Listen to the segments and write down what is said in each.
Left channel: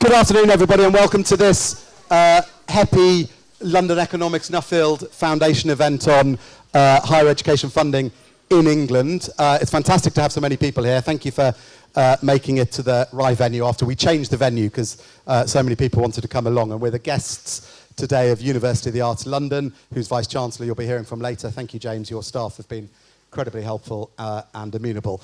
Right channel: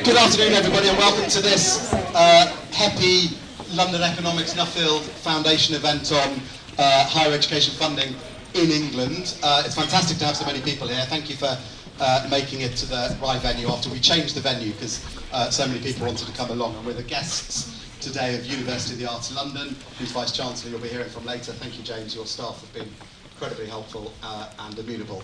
Good afternoon, everybody, and welcome to this HEPI London Economics Nuffield Foundation event on higher education funding in England. It's fantastic to have so many people here. Thank you for making it to the right venue after we changed the venue because so many people wanted to come along. And we're the guests today of University of the Arts London, whose Vice-Chancellor you'll be hearing from later. Thank you, James. Your staff have been incredibly helpful and amenable.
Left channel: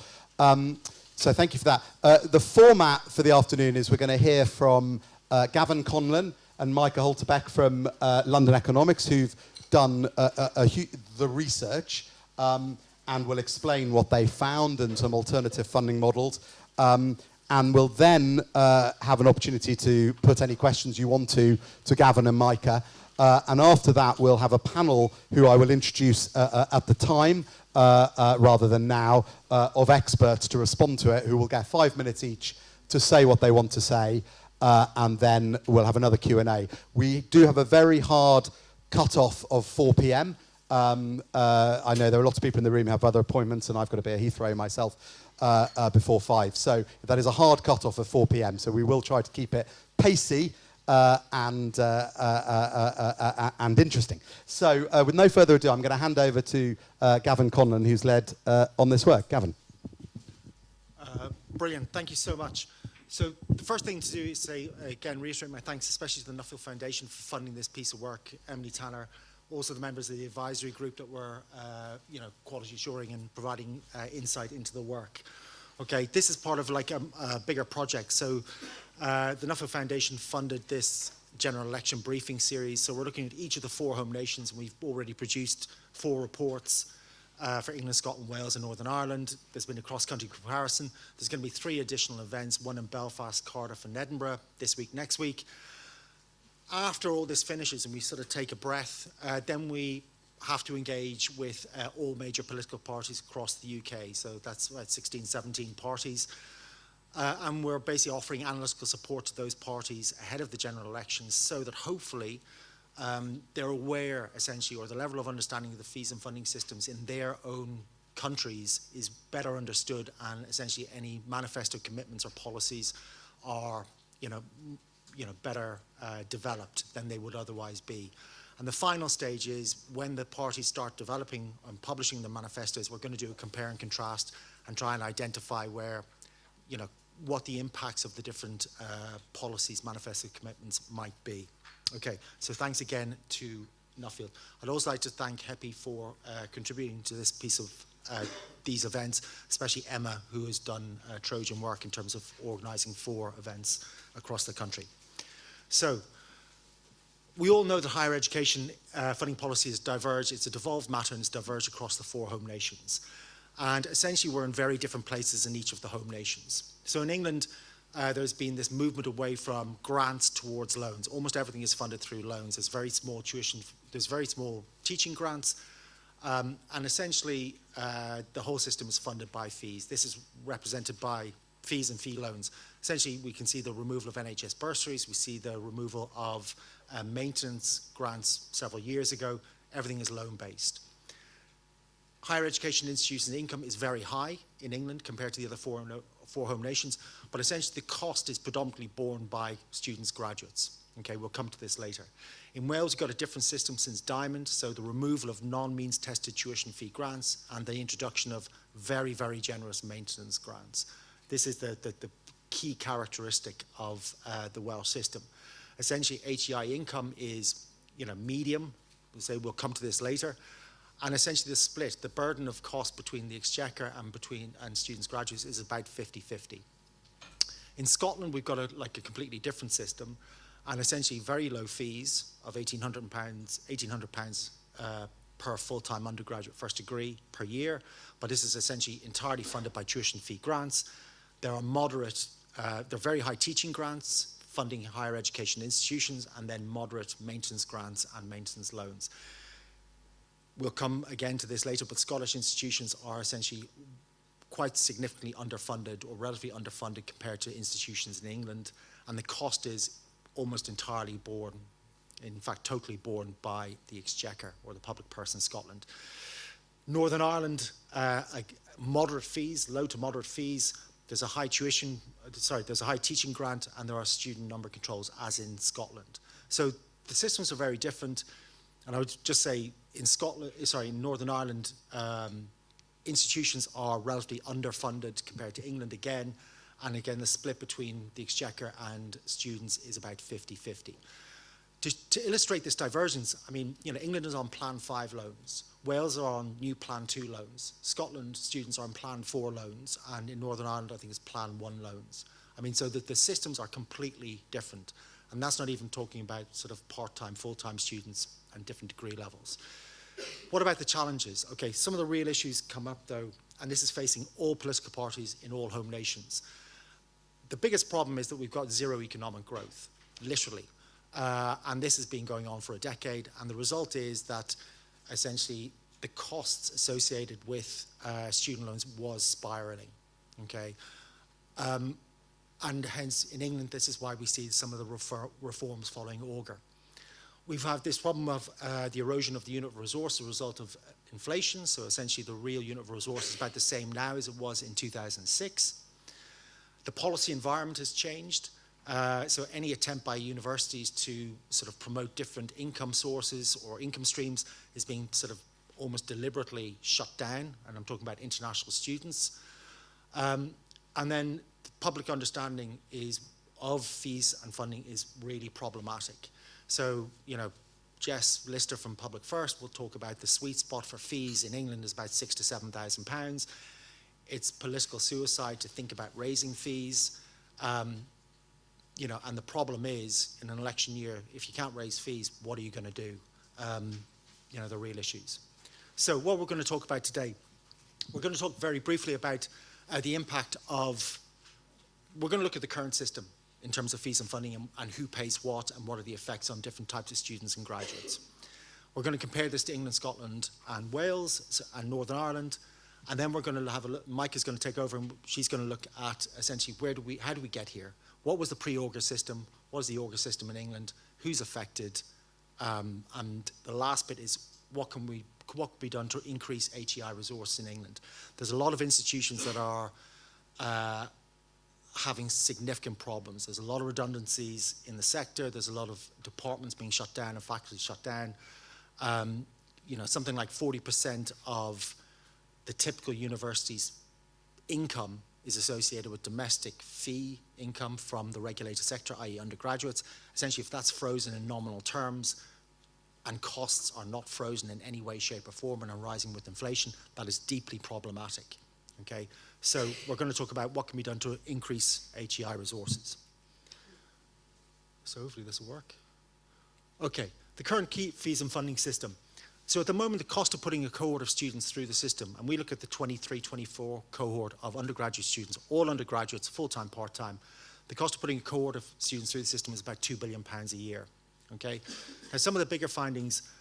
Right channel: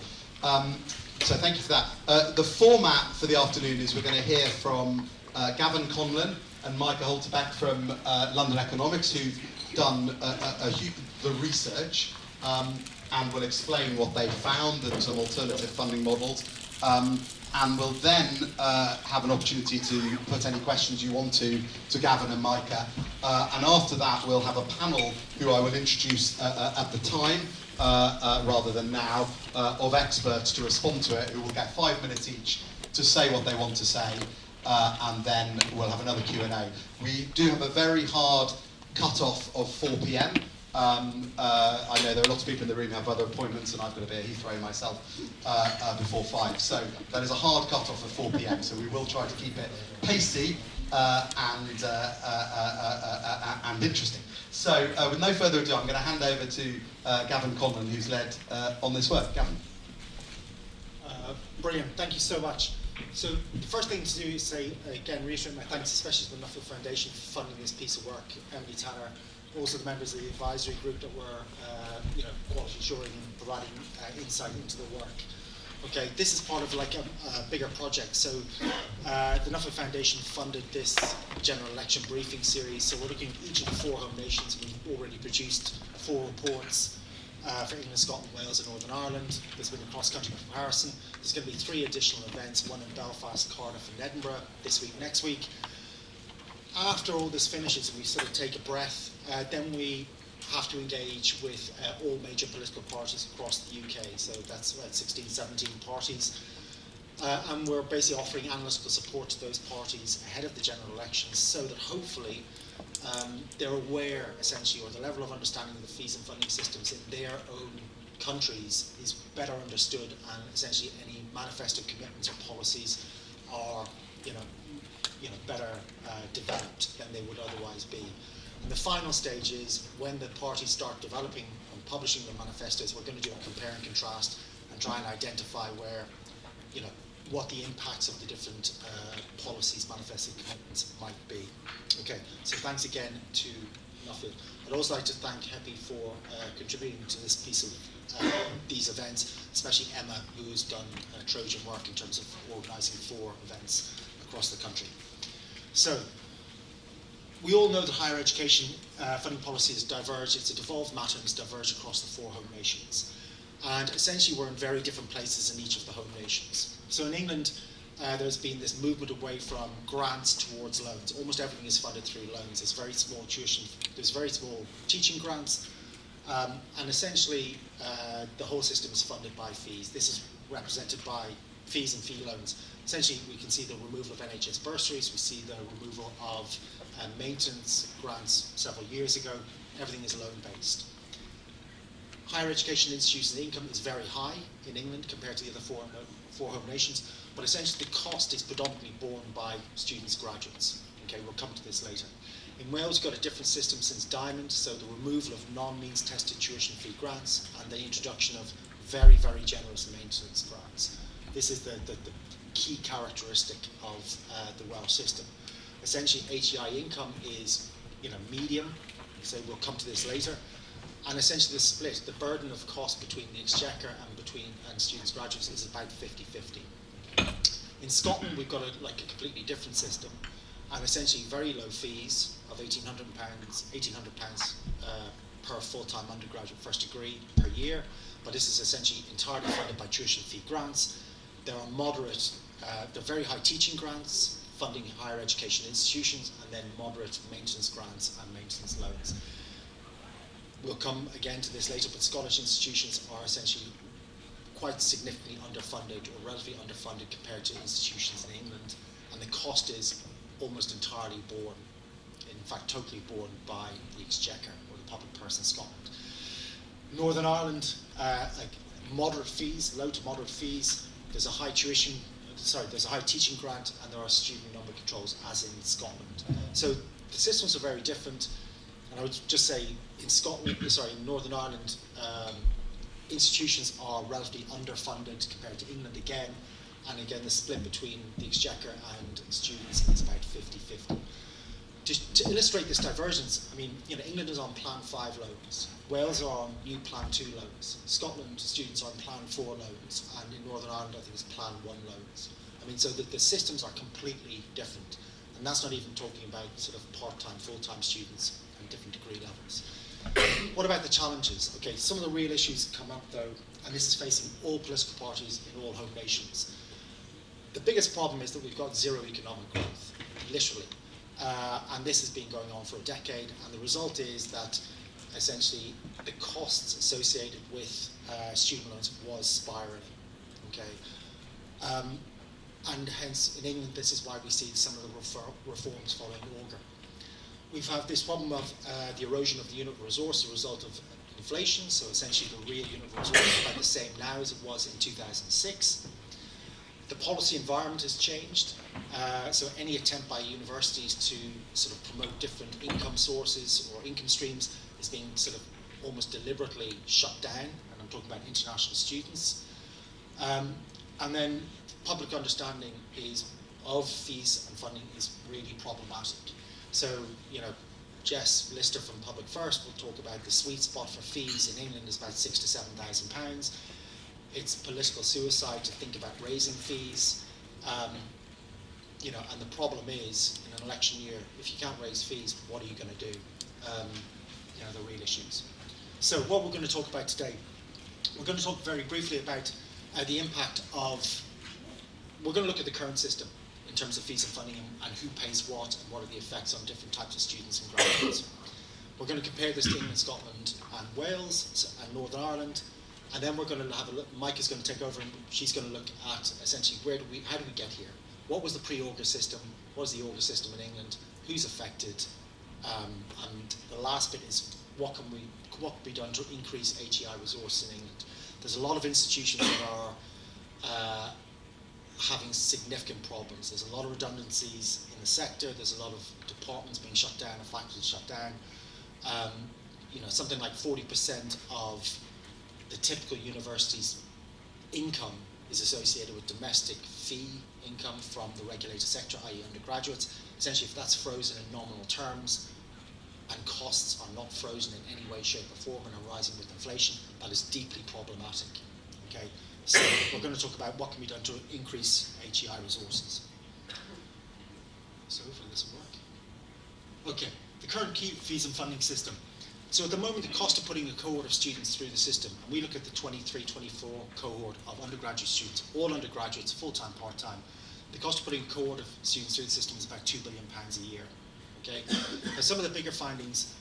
So thank you for that. The format for the afternoon is we're going to hear from Gavin Conlon and Micah Holterbeck from London Economics, who've done the research and will explain what they found and some alternative funding models. And we'll then have an opportunity to put any questions you want to Gavin and Micah. And after that, we'll have a panel who I will introduce at the time, rather than now, of experts to respond to it, who will get 5 minutes each to say what they want to say, and then we'll have another Q&A. We do have a very hard cut-off of 4 p.m. I know there are lots of people in the room who have other appointments, and I've got to be at Heathrow myself before 5. So that is a hard cut-off of 4 p.m. So we will try to keep it pacey and interesting. So with no further ado, I'm going to hand over to Gavin Conlon, who's led on this work. Gavin. Brilliant, thank you so much. So the first thing to do is say, again, reiterate my thanks especially to the Nuffield Foundation for funding this piece of work. Emily Tanner, also the members of the advisory group that were quality assuring and providing insight into the work. Okay, this is part of like a bigger project. So the Nuffield Foundation funded this general election briefing series. So we're looking at each of the 4 home nations, and we've already produced 4 reports for England, Scotland, Wales, and Northern Ireland. There's been a cross-country comparison. There's going to be 3 additional events, one in Belfast, Cardiff, and Edinburgh this week, next week. After all this finishes and we sort of take a breath, then we have to engage with all major political parties across the UK. So that's 16, 17 parties. And we're basically offering analytical support to those parties ahead of the general elections so that hopefully they're aware, essentially, or the level of understanding of the fees and funding systems in their own countries is better understood, and essentially any manifesto commitments or policies are better developed than they would otherwise be. And the final stage is when the parties start developing and publishing the manifestos, we're going to do a compare and contrast and try and identify where, what the impacts of the different policies, manifesto commitments might be. Okay, so thanks again to Nuffield. I'd also like to thank HEPI for contributing to this piece of these events, especially Emma, who's done Trojan work in terms of organising 4 events across the country. So, we all know that higher education funding policy has diverged. It's a devolved matter and it's diverged across the 4 home nations. And essentially we're in very different places in each of the home nations. So in England, there's been this movement away from grants towards loans. Almost everything is funded through loans. There's very small tuition, there's very small teaching grants, and essentially the whole system is funded by fees. This is represented by fees and fee loans. Essentially, we can see the removal of NHS bursaries, we see the removal of maintenance grants several years ago. Everything is loan-based. Higher education institution income is very high in England compared to the other 4 home nations, but essentially the cost is predominantly borne by students, graduates. Okay, we'll come to this later. In Wales, we've got a different system since Diamond, so the removal of non-means tested tuition fee grants and the introduction of very, very generous maintenance grants. This is the key characteristic of the Welsh system. Essentially, HEI income is medium, so we'll come to this later. And essentially the split, the burden of cost between the Exchequer and students, graduates is about 50-50. In Scotland, we've got a completely different system, and essentially very low fees of £1,800 per full-time undergraduate first degree per year, but this is essentially entirely funded by tuition fee grants. There are moderate, there are very high teaching grants, funding higher education institutions, and then moderate maintenance grants and maintenance loans. We'll come again to this later, but Scottish institutions are essentially quite significantly underfunded or relatively underfunded compared to institutions in England, and the cost is almost entirely borne, in fact totally borne by the Exchequer or the public purse in Scotland. Northern Ireland, moderate fees, low to moderate fees. There's a high tuition there's a high teaching grant, and there are student number controls, as in Scotland. So the systems are very different, and I would just say in Northern Ireland, institutions are relatively underfunded compared to England again, and again the split between the Exchequer and students is about 50-50. To illustrate this divergence, I mean, England is on Plan 5 loans, Wales are on new Plan 2 loans, Scotland students are on Plan 4 loans, and in Northern Ireland I think it's Plan 1 loans. I mean, so the systems are completely different, and that's not even talking about sort of part-time, full-time students and different degree levels. What about the challenges? Okay, some of the real issues come up though, and this is facing all political parties in all home nations. The biggest problem is that we've got zero economic growth, literally. And this has been going on for a decade, and the result is that essentially the costs associated with student loans was spiraling. Okay, and hence in England this is why we see some of the reforms following Auger. We've had this problem of the erosion of the unit of resource as a result of inflation, so essentially the real unit of resource is about the same now as it was in 2006. The policy environment has changed. So any attempt by universities to sort of promote different income sources or income streams is being sort of almost deliberately shut down, and I'm talking about international students. And then public understanding of fees and funding is really problematic. So, Jess Lister from Public First will talk about the sweet spot for fees in England is about £6,000 to £7,000. It's political suicide to think about raising fees. And the problem is, in an election year, if you can't raise fees, what are you going to do? The real issues. So what we're going to talk about today, we're going to talk very briefly about the impact of, we're going to look at the current system in terms of fees and funding and who pays what and what are the effects on different types of students and graduates. We're going to compare this to England, Scotland and Wales and Northern Ireland, and then we're going to have a look, Mike is going to take over and she's going to look at essentially how did we get here? What was the pre-Auger system? What is the Auger system in England? Who's affected? And the last bit is what can be done to increase HEI resource in England? There's a lot of institutions that are having significant problems. There's a lot of redundancies in the sector. There's a lot of departments being shut down and faculty shut down. Something like 40% of the typical university's income is associated with domestic fee income from the regulated sector, i.e. undergraduates. Essentially, if that's frozen in nominal terms and costs are not frozen in any way, shape or form and are rising with inflation, that is deeply problematic. Okay, so we're going to talk about what can be done to increase HEI resources. So hopefully this will work. Okay, the current key fees and funding system. So at the moment, the cost of putting a cohort of students through the system, and we look at the 23-24 cohort of undergraduate students, all undergraduates, full-time, part-time, the cost of putting a cohort of students through the system is about £2 billion a year. Okay, and some of the bigger findings.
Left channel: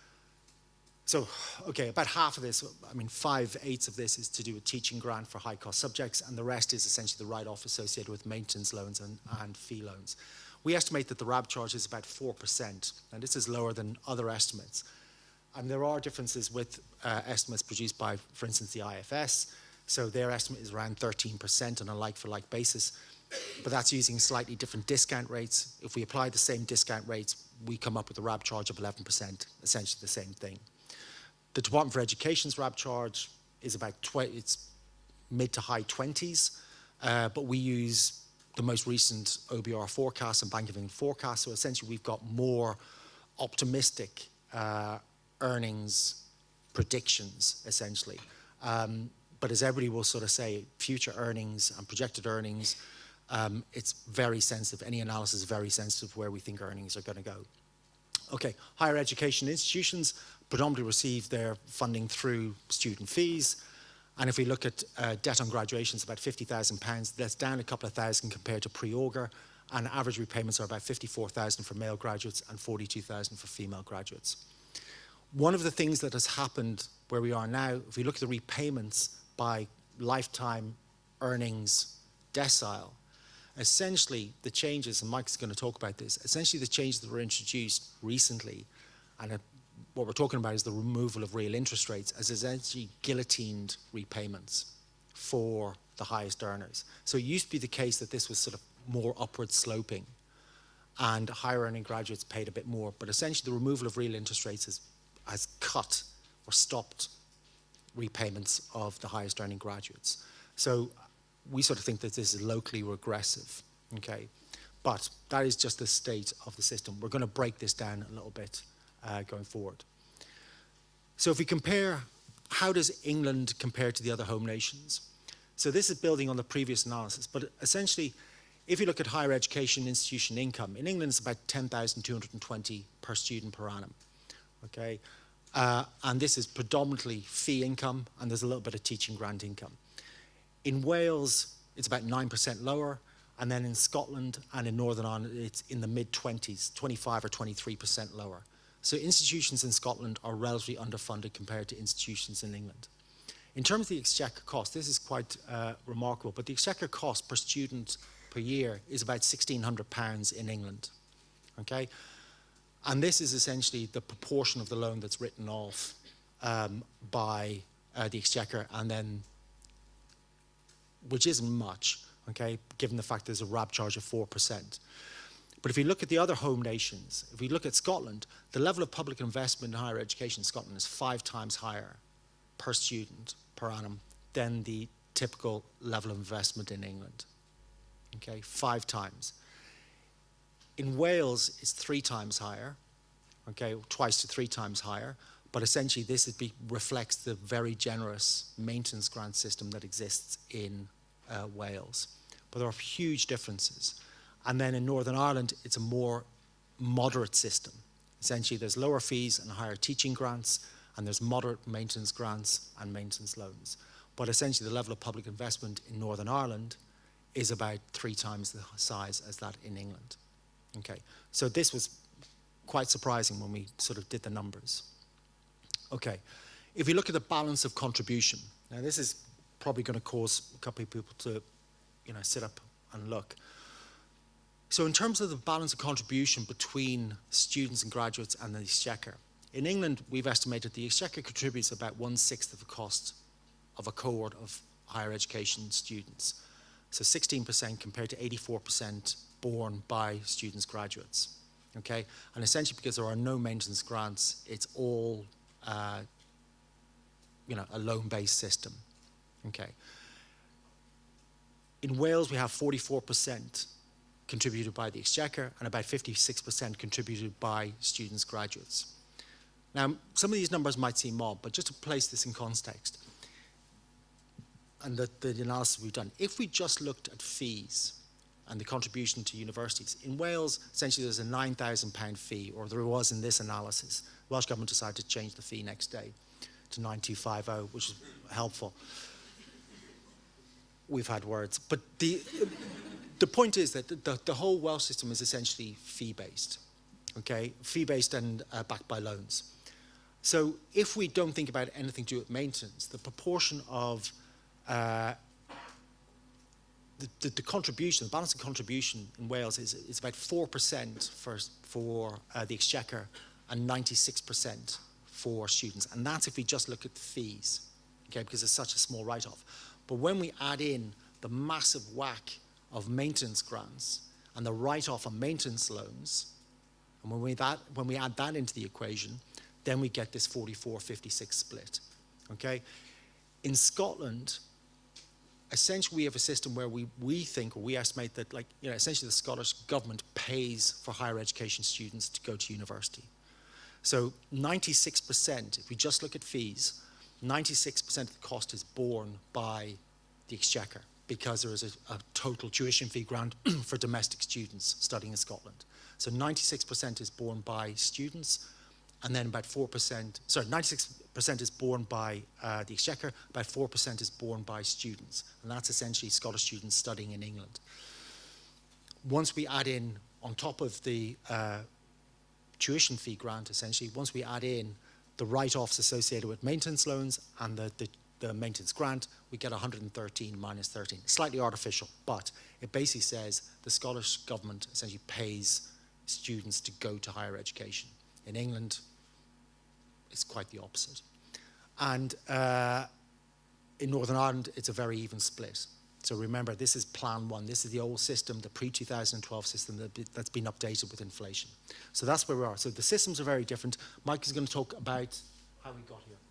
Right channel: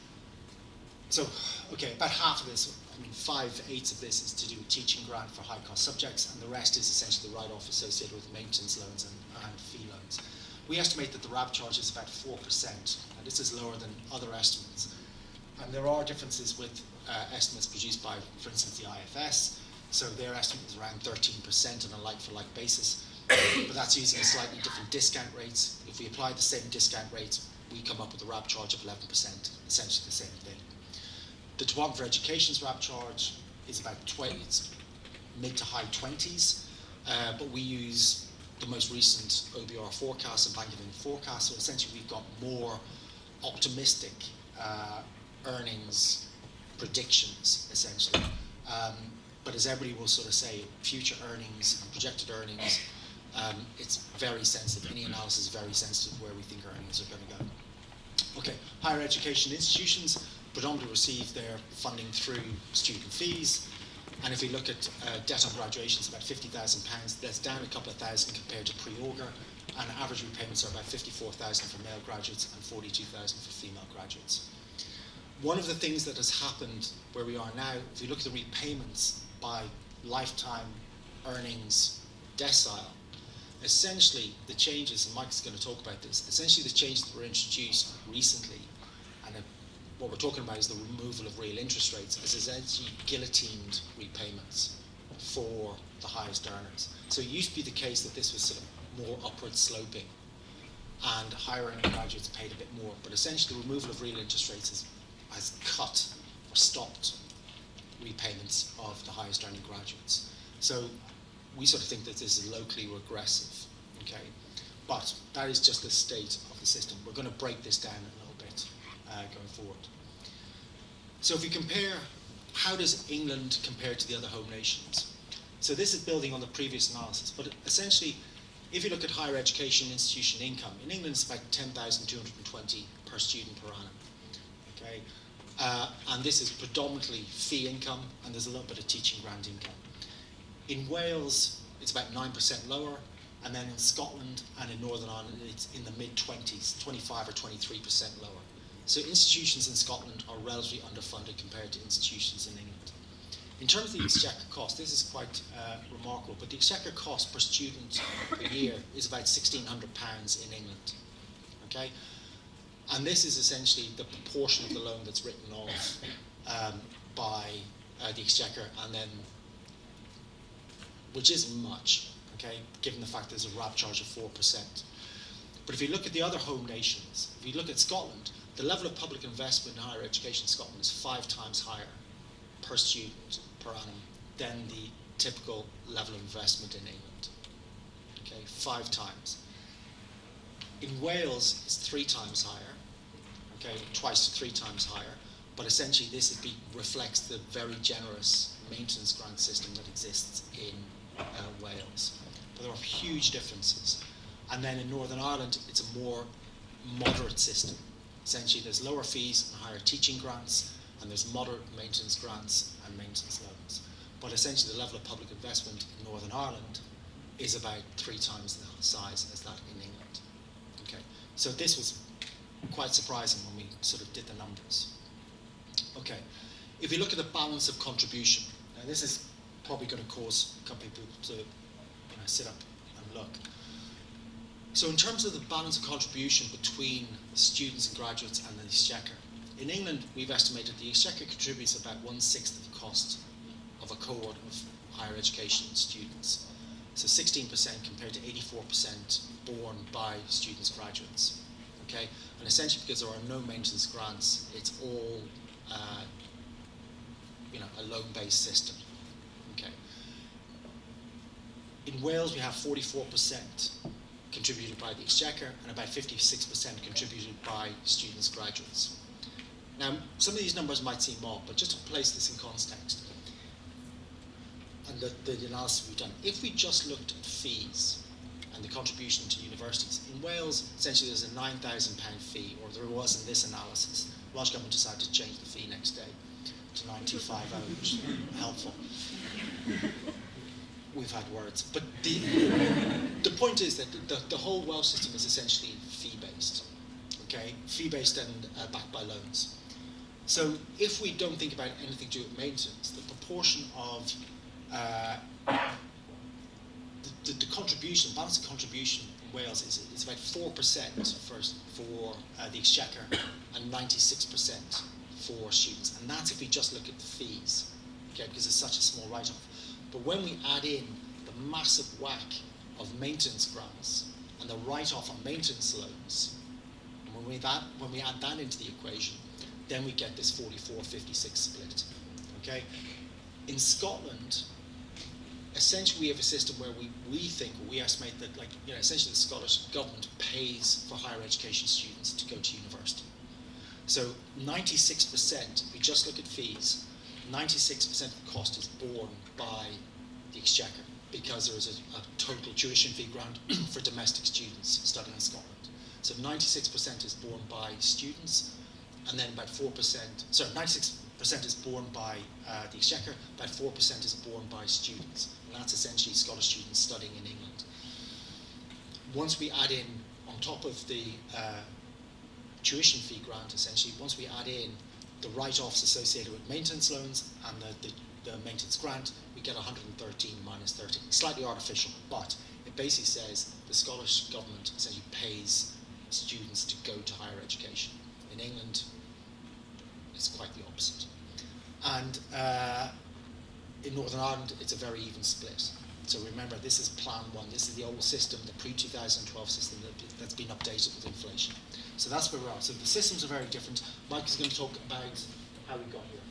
So, about half of this, 5/8 of this is to do with teaching grant for high-cost subjects, and the rest is essentially the write-off associated with maintenance loans and fee loans. We estimate that the RAB charge is about 4%, and this is lower than other estimates. And there are differences with estimates produced by, for instance, the IFS. So their estimate is around 13% on a like-for-like basis, but that's using slightly different discount rates. If we apply the same discount rates, we come up with a RAB charge of 11%, essentially the same thing. The Department for Education's RAB charge is about it's mid to high 20s, but we use the most recent OBR forecast and Bank of England forecast, so essentially we've got more optimistic earnings predictions, essentially. But as everybody will sort of say, future earnings and projected earnings, it's very sensitive. Any analysis is very sensitive where we think earnings are going to go. Okay, higher education institutions predominantly receive their funding through student fees. And if we look at debt on graduation, it's about £50,000. That's down a couple of thousand compared to pre-Auger. And average repayments are about £54,000 for male graduates and £42,000 for female graduates. One of the things that has happened where we are now, if we look at the repayments by lifetime earnings decile, essentially the changes, and Mike's going to talk about this, essentially the changes that were introduced recently, and what we're talking about is the removal of real interest rates, has essentially guillotined repayments for the highest earners. So it used to be the case that this was sort of more upward sloping, and higher earning graduates paid a bit more, but essentially the removal of real interest rates has cut or stopped repayments of the highest earning graduates. So we sort of think that this is locally regressive, okay? But that is just the state of the system. We're going to break this down a little bit going forward. So if we compare, how does England compare to the other home nations? So this is building on the previous analysis, but essentially, if you look at higher education institution income, in England it's about 10,220 per student per annum, okay? And this is predominantly fee income, and there's a little bit of teaching grant income. In Wales, it's about 9% lower, and then in Scotland and in Northern Ireland, it's in the mid-20s, 25 or 23% lower. So institutions in Scotland are relatively underfunded compared to institutions in England. In terms of the Exchequer cost, this is quite remarkable, but the Exchequer cost per student per year is about £1,600 in England, okay? And this is essentially the proportion of the loan that's written off by the Exchequer, and then, which isn't much, okay, given the fact there's a RAB charge of 4%. But if you look at the other home nations, if we look at Scotland, the level of public investment in higher education in Scotland is 5 times higher per student per annum than the typical level of investment in England. Okay, 5 times. In Wales, it's 3 times higher, okay, twice to 3 times higher, but essentially this reflects the very generous maintenance grant system that exists in Wales. But there are huge differences. And then in Northern Ireland, it's a more moderate system. Essentially, there's lower fees and higher teaching grants, and there's moderate maintenance grants and maintenance loans. But essentially, the level of public investment in Northern Ireland is about 3 times the size as that in England. Okay, so this was quite surprising when we sort of did the numbers. Okay, if we look at the balance of contribution, now this is probably going to cause a couple of people to, sit up and look. So in terms of the balance of contribution between students and graduates and the Exchequer, in England we've estimated the Exchequer contributes about 1/6 of the cost of a cohort of higher education students. So 16% compared to 84% borne by students, graduates. Okay, and essentially because there are no maintenance grants, it's all a loan-based system. Okay. In Wales, we have 44% contributed by the Exchequer and about 56% contributed by students, graduates. Now, some of these numbers might seem odd, but just to place this in context, and the analysis we've done, if we just looked at fees and the contribution to universities, in Wales, essentially there's a £9,000 fee, or there was in this analysis. The Welsh Government decided to change the fee next day to 9,250, which is helpful. We've had words. But the point is that the whole Welsh system is essentially fee-based, okay? Fee-based and backed by loans. So if we don't think about anything to do with maintenance, the proportion of the contribution, the balance of contribution in Wales is about 4% for the Exchequer and 96% for students. And that's if we just look at fees, okay, because it's such a small write-off. But when we add in the massive whack of maintenance grants and the write-off of maintenance loans, when we add that into the equation, then we get this 44-56 split. Okay? In Scotland, essentially we have a system where we think, or we estimate that essentially the Scottish government pays for higher education students to go to university. So 96%, if we just look at fees, 96% of the cost is borne by the Exchequer because there is a total tuition fee grant for domestic students studying in Scotland. So 96% is borne by students, and then about 96% is borne by the Exchequer, about 4% is borne by students, and that's essentially Scottish students studying in England. Once we add in, on top of the tuition fee grant, essentially, once we add in the write-offs associated with maintenance loans and the maintenance grant, we get 113 minus 13. Slightly artificial, but it basically says the Scottish government essentially pays students to go to higher education. In England, it's quite the opposite. And in Northern Ireland, it's a very even split. So remember, this is Plan 1. This is the old system, the pre-2012 system that's been updated with inflation. So that's where we are. So the systems are very different. Mike is going to talk about how we got here.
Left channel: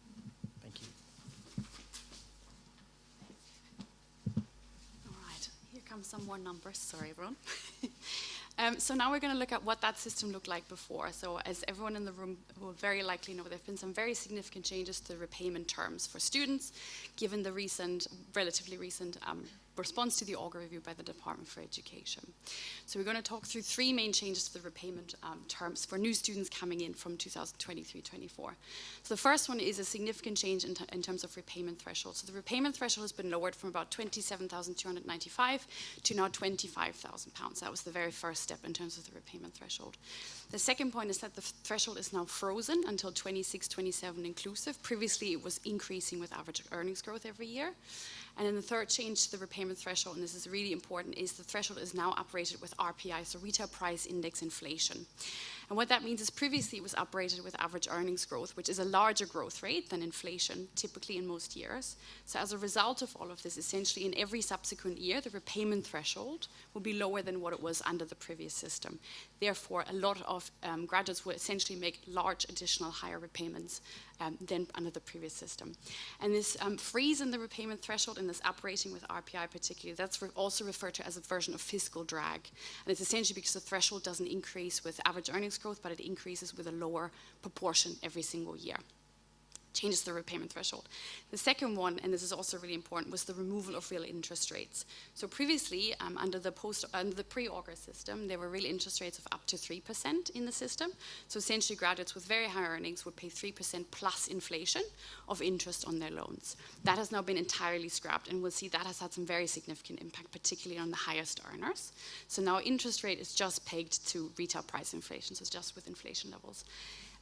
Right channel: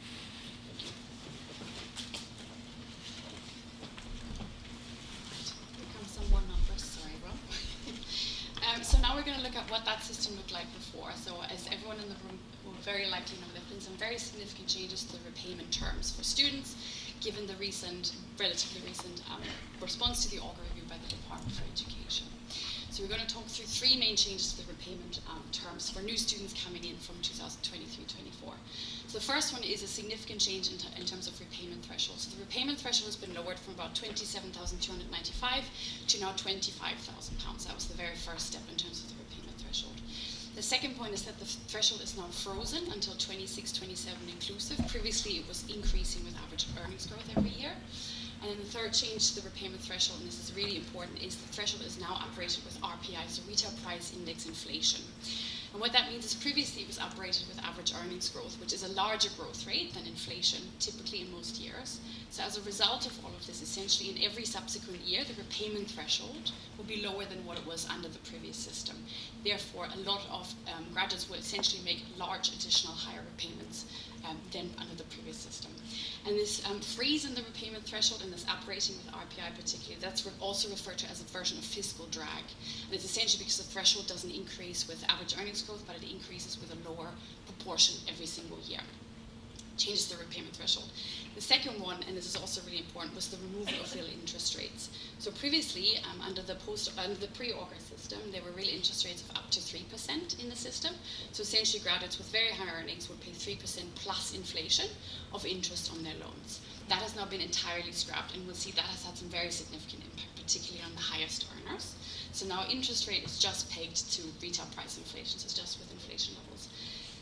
Some more numbers, sorry, Ron. So now we're going to look at what that system looked like before. So as everyone in the room will very likely know, there have been some very significant changes to the repayment terms for students, given the relatively recent response to the Auger review by the Department for Education. So we're going to talk through three main changes to the repayment terms for new students coming in from 2023-24. So the first one is a significant change in terms of repayment thresholds. So the repayment threshold has been lowered from about £27,295 to now £25,000. That was the very first step in terms of the repayment threshold. The second point is that the threshold is now frozen until 26-27 inclusive. Previously, it was increasing with average earnings growth every year. And then the third change to the repayment threshold, and this is really important, is the threshold is now operated with RPI, so retail price index inflation. And what that means is previously it was operated with average earnings growth, which is a larger growth rate than inflation, typically in most years. So as a result of all of this, essentially in every subsequent year, the repayment threshold will be lower than what it was under the previous system. Therefore, a lot of graduates would essentially make large additional higher repayments than under the previous system. And this freeze in the repayment threshold and this operating with RPI particularly, that's also referred to as a version of fiscal drag. And it's essentially because the threshold doesn't increase with average earnings growth, but it increases with a lower proportion every single year. Changes the repayment threshold. The second one, and this is also really important, was the removal of real interest rates. So previously, under the pre-Auger system, there were real interest rates of up to 3% in the system. So essentially, graduates with very high earnings would pay 3% plus inflation of interest on their loans. That has now been entirely scrapped, and we'll see that has had some very significant impact, particularly on the highest earners. So now interest rate is just pegged to retail price inflation, so just with inflation levels.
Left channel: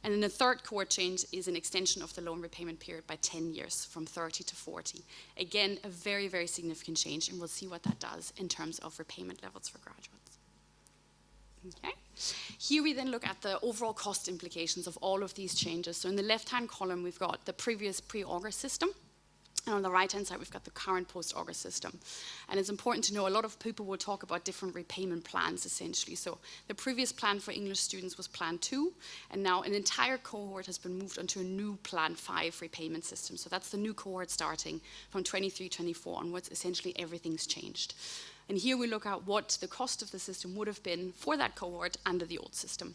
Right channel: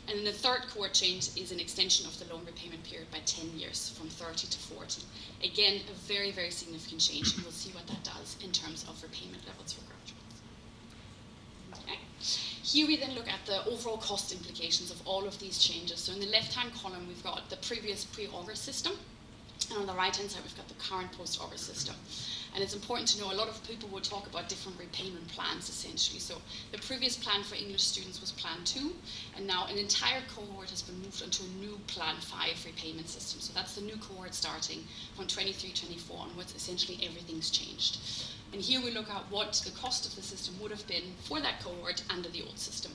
And the third core change is an extension of the loan repayment period by 10 years, from 30 to 40. Again, a very, very significant change, and we'll see what that does in terms of repayment levels for graduates. Okay. Here we then look at the overall cost implications of all of these changes. So in the left-hand column, we've got the previous pre-Auger system, and on the right-hand side, we've got the current post-Auger system. And it's important to know a lot of people will talk about different repayment plans, essentially. So the previous plan for English students was Plan 2, and now an entire cohort has been moved onto a new Plan 5 repayment system. So that's the new cohort starting from 23-24 onwards. Essentially, everything's changed. And here we look at what the cost of the system would have been for that cohort under the old system.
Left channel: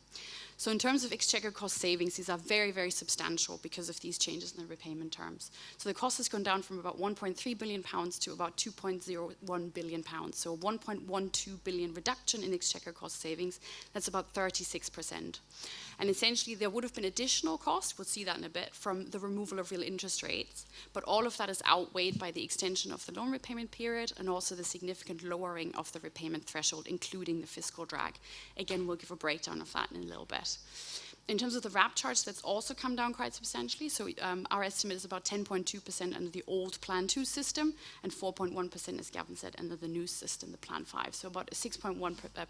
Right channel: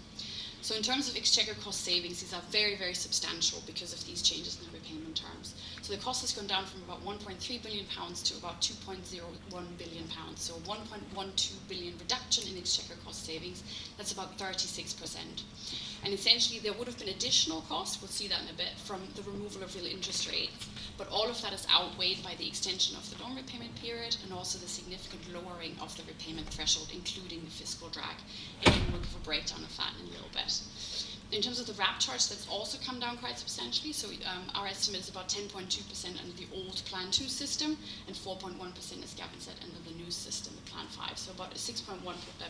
So in terms of Exchequer cost savings, these are very, very substantial because of these changes in the repayment terms. So the cost has gone down from about £1.3 billion to about £2.01 billion. So 1.12 billion reduction in Exchequer cost savings. That's about 36%. And essentially, there would have been additional costs, we'll see that in a bit, from the removal of real interest rates. But all of that is outweighed by the extension of the loan repayment period and also the significant lowering of the repayment threshold, including the fiscal drag. Again, we'll give a breakdown of that in a little bit. In terms of the RAP charge, that's also come down quite substantially. So our estimate is about 10.2% under the old Plan 2 system and 4.1%, as Gavin said, under the new system, the Plan 5. So about a 6.1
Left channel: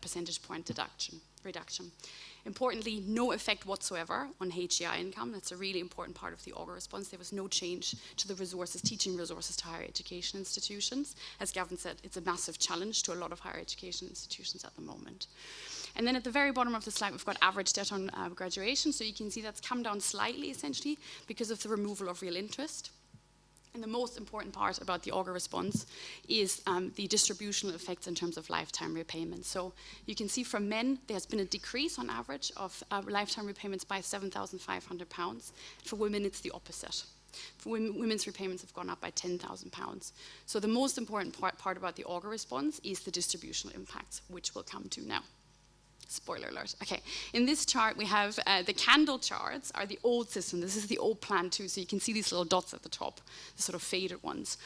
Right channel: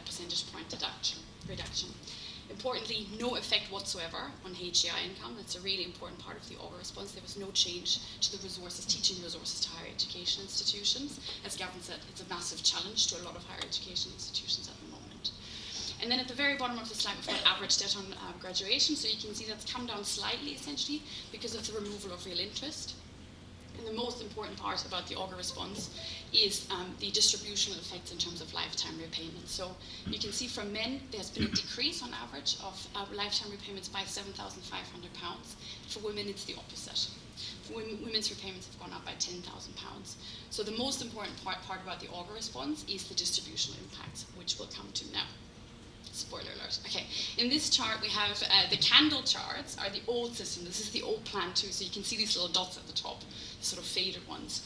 percentage point reduction. Importantly, no effect whatsoever on HEI income. That's a really important part of the Auger response. There was no change to the resources, teaching resources to higher education institutions. As Gavin said, it's a massive challenge to a lot of higher education institutions at the moment. And then at the very bottom of the slide, we've got average debt on graduation. So you can see that's come down slightly, essentially, because of the removal of real interest. And the most important part about the Auger response is the distributional effects in terms of lifetime repayments. So you can see for men, there's been a decrease on average of lifetime repayments by £7,500. For women, it's the opposite. For women's repayments have gone up by £10,000. So the most important part about the Auger response is the distributional impacts, which we'll come to now. Spoiler alert. Okay, in this chart we have the candle charts are the old system. This is the old Plan 2, so you can see these little dots at the top, sort of faded ones.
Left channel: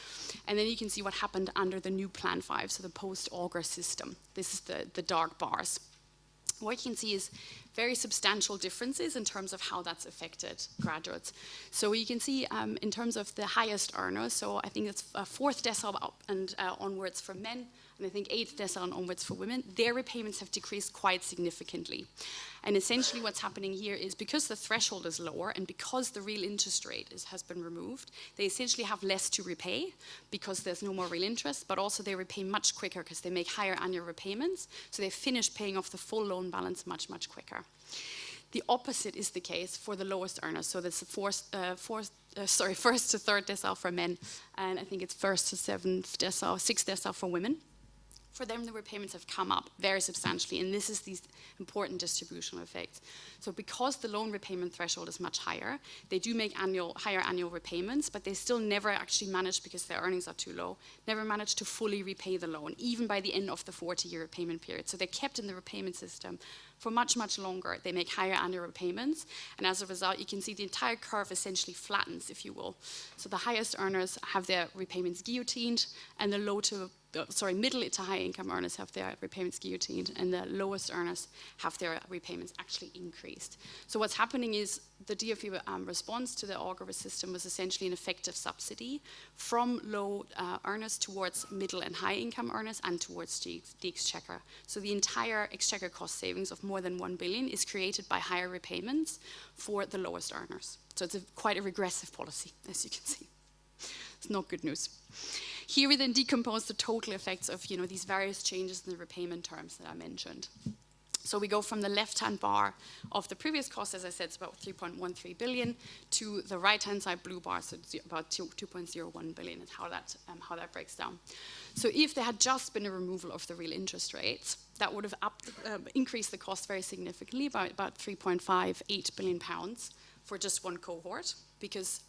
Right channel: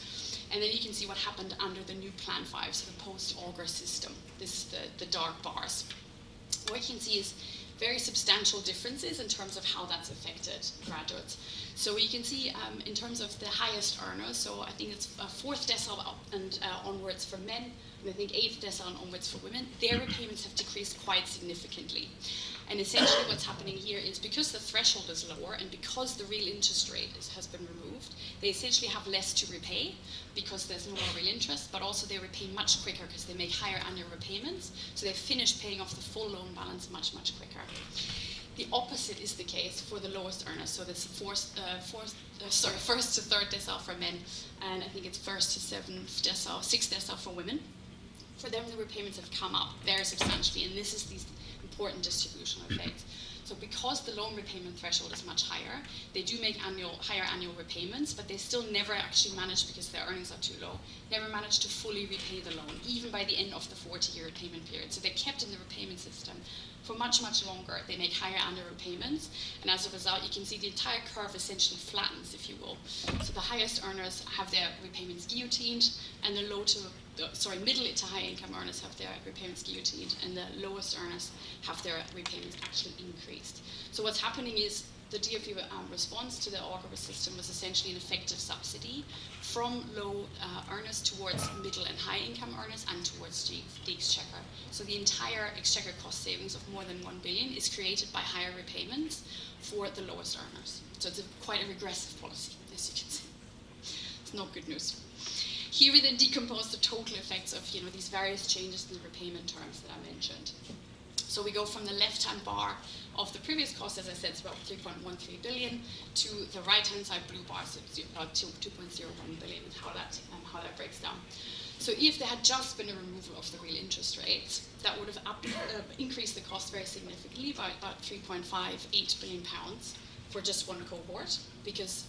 And then you can see what happened under the new Plan 5, so the post-Auger system. This is the dark bars. What you can see is very substantial differences in terms of how that's affected graduates. So you can see in terms of the highest earners, so I think it's 4th decile up and onwards for men, and I think 8th decile onwards for women, their repayments have decreased quite significantly. And essentially what's happening here is because the threshold is lower and because the real interest rate has been removed, they essentially have less to repay because there's no more real interest, but also they repay much quicker because they make higher annual repayments, so they finish paying off the full loan balance much, much quicker. The opposite is the case for the lowest earners. So this first to third decile for men, and I think it's first to sixth decile for women. For them, the repayments have come up very substantially, and this is these important distributional effects. So because the loan repayment threshold is much higher, they do make higher annual repayments, but they still never actually manage, because their earnings are too low, never manage to fully repay the loan, even by the end of the 40-year repayment period. So they're kept in the repayment system for much, much longer. They make higher annual repayments, and as a result, you can see the entire curve essentially flattens, if you will. So the highest earners have their repayments guillotined, and the middle to high income earners have their repayments guillotined, and the lowest earners have their repayments actually increased. So what's happening is the DFE response to the auger system was essentially an effective subsidy from low earners towards middle and high income earners and towards the Exchequer. So the entire Exchequer cost savings of more than 1 billion is created by higher repayments for the lowest earners. So it's quite a regressive policy, as you can see. It's not good news. Here we then decompose the total effects of these various changes in the repayment terms that I mentioned. So we go from the left-hand bar of the previous cost, as I said, it's about 3.13 billion, to the right-hand side blue bar, so it's about 2.01 billion, how that breaks down. So if there had just been a removal of the real interest rates, that would have increased the cost very significantly by about 3.58 billion pounds for just one cohort, because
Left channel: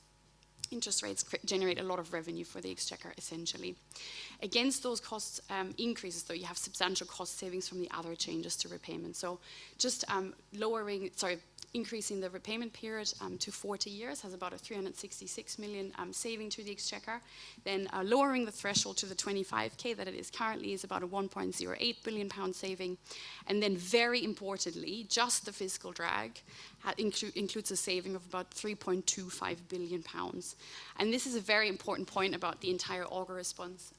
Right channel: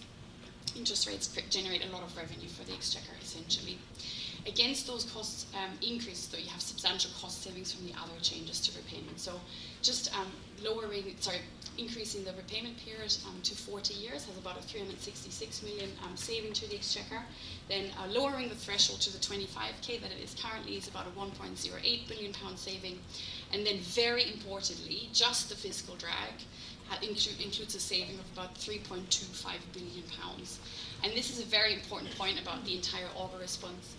interest rates generate a lot of revenue for the Exchequer, essentially. Against those cost increases, though, you have substantial cost savings from the other changes to repayment. So just increasing the repayment period to 40 years has about a 366 million saving to the Exchequer. Then lowering the threshold to the 25k that it is currently is about a 1.08 billion pound saving. And then very importantly, just the fiscal drag includes a saving of about 3.25 billion pounds. And this is a very important point about the entire auger response.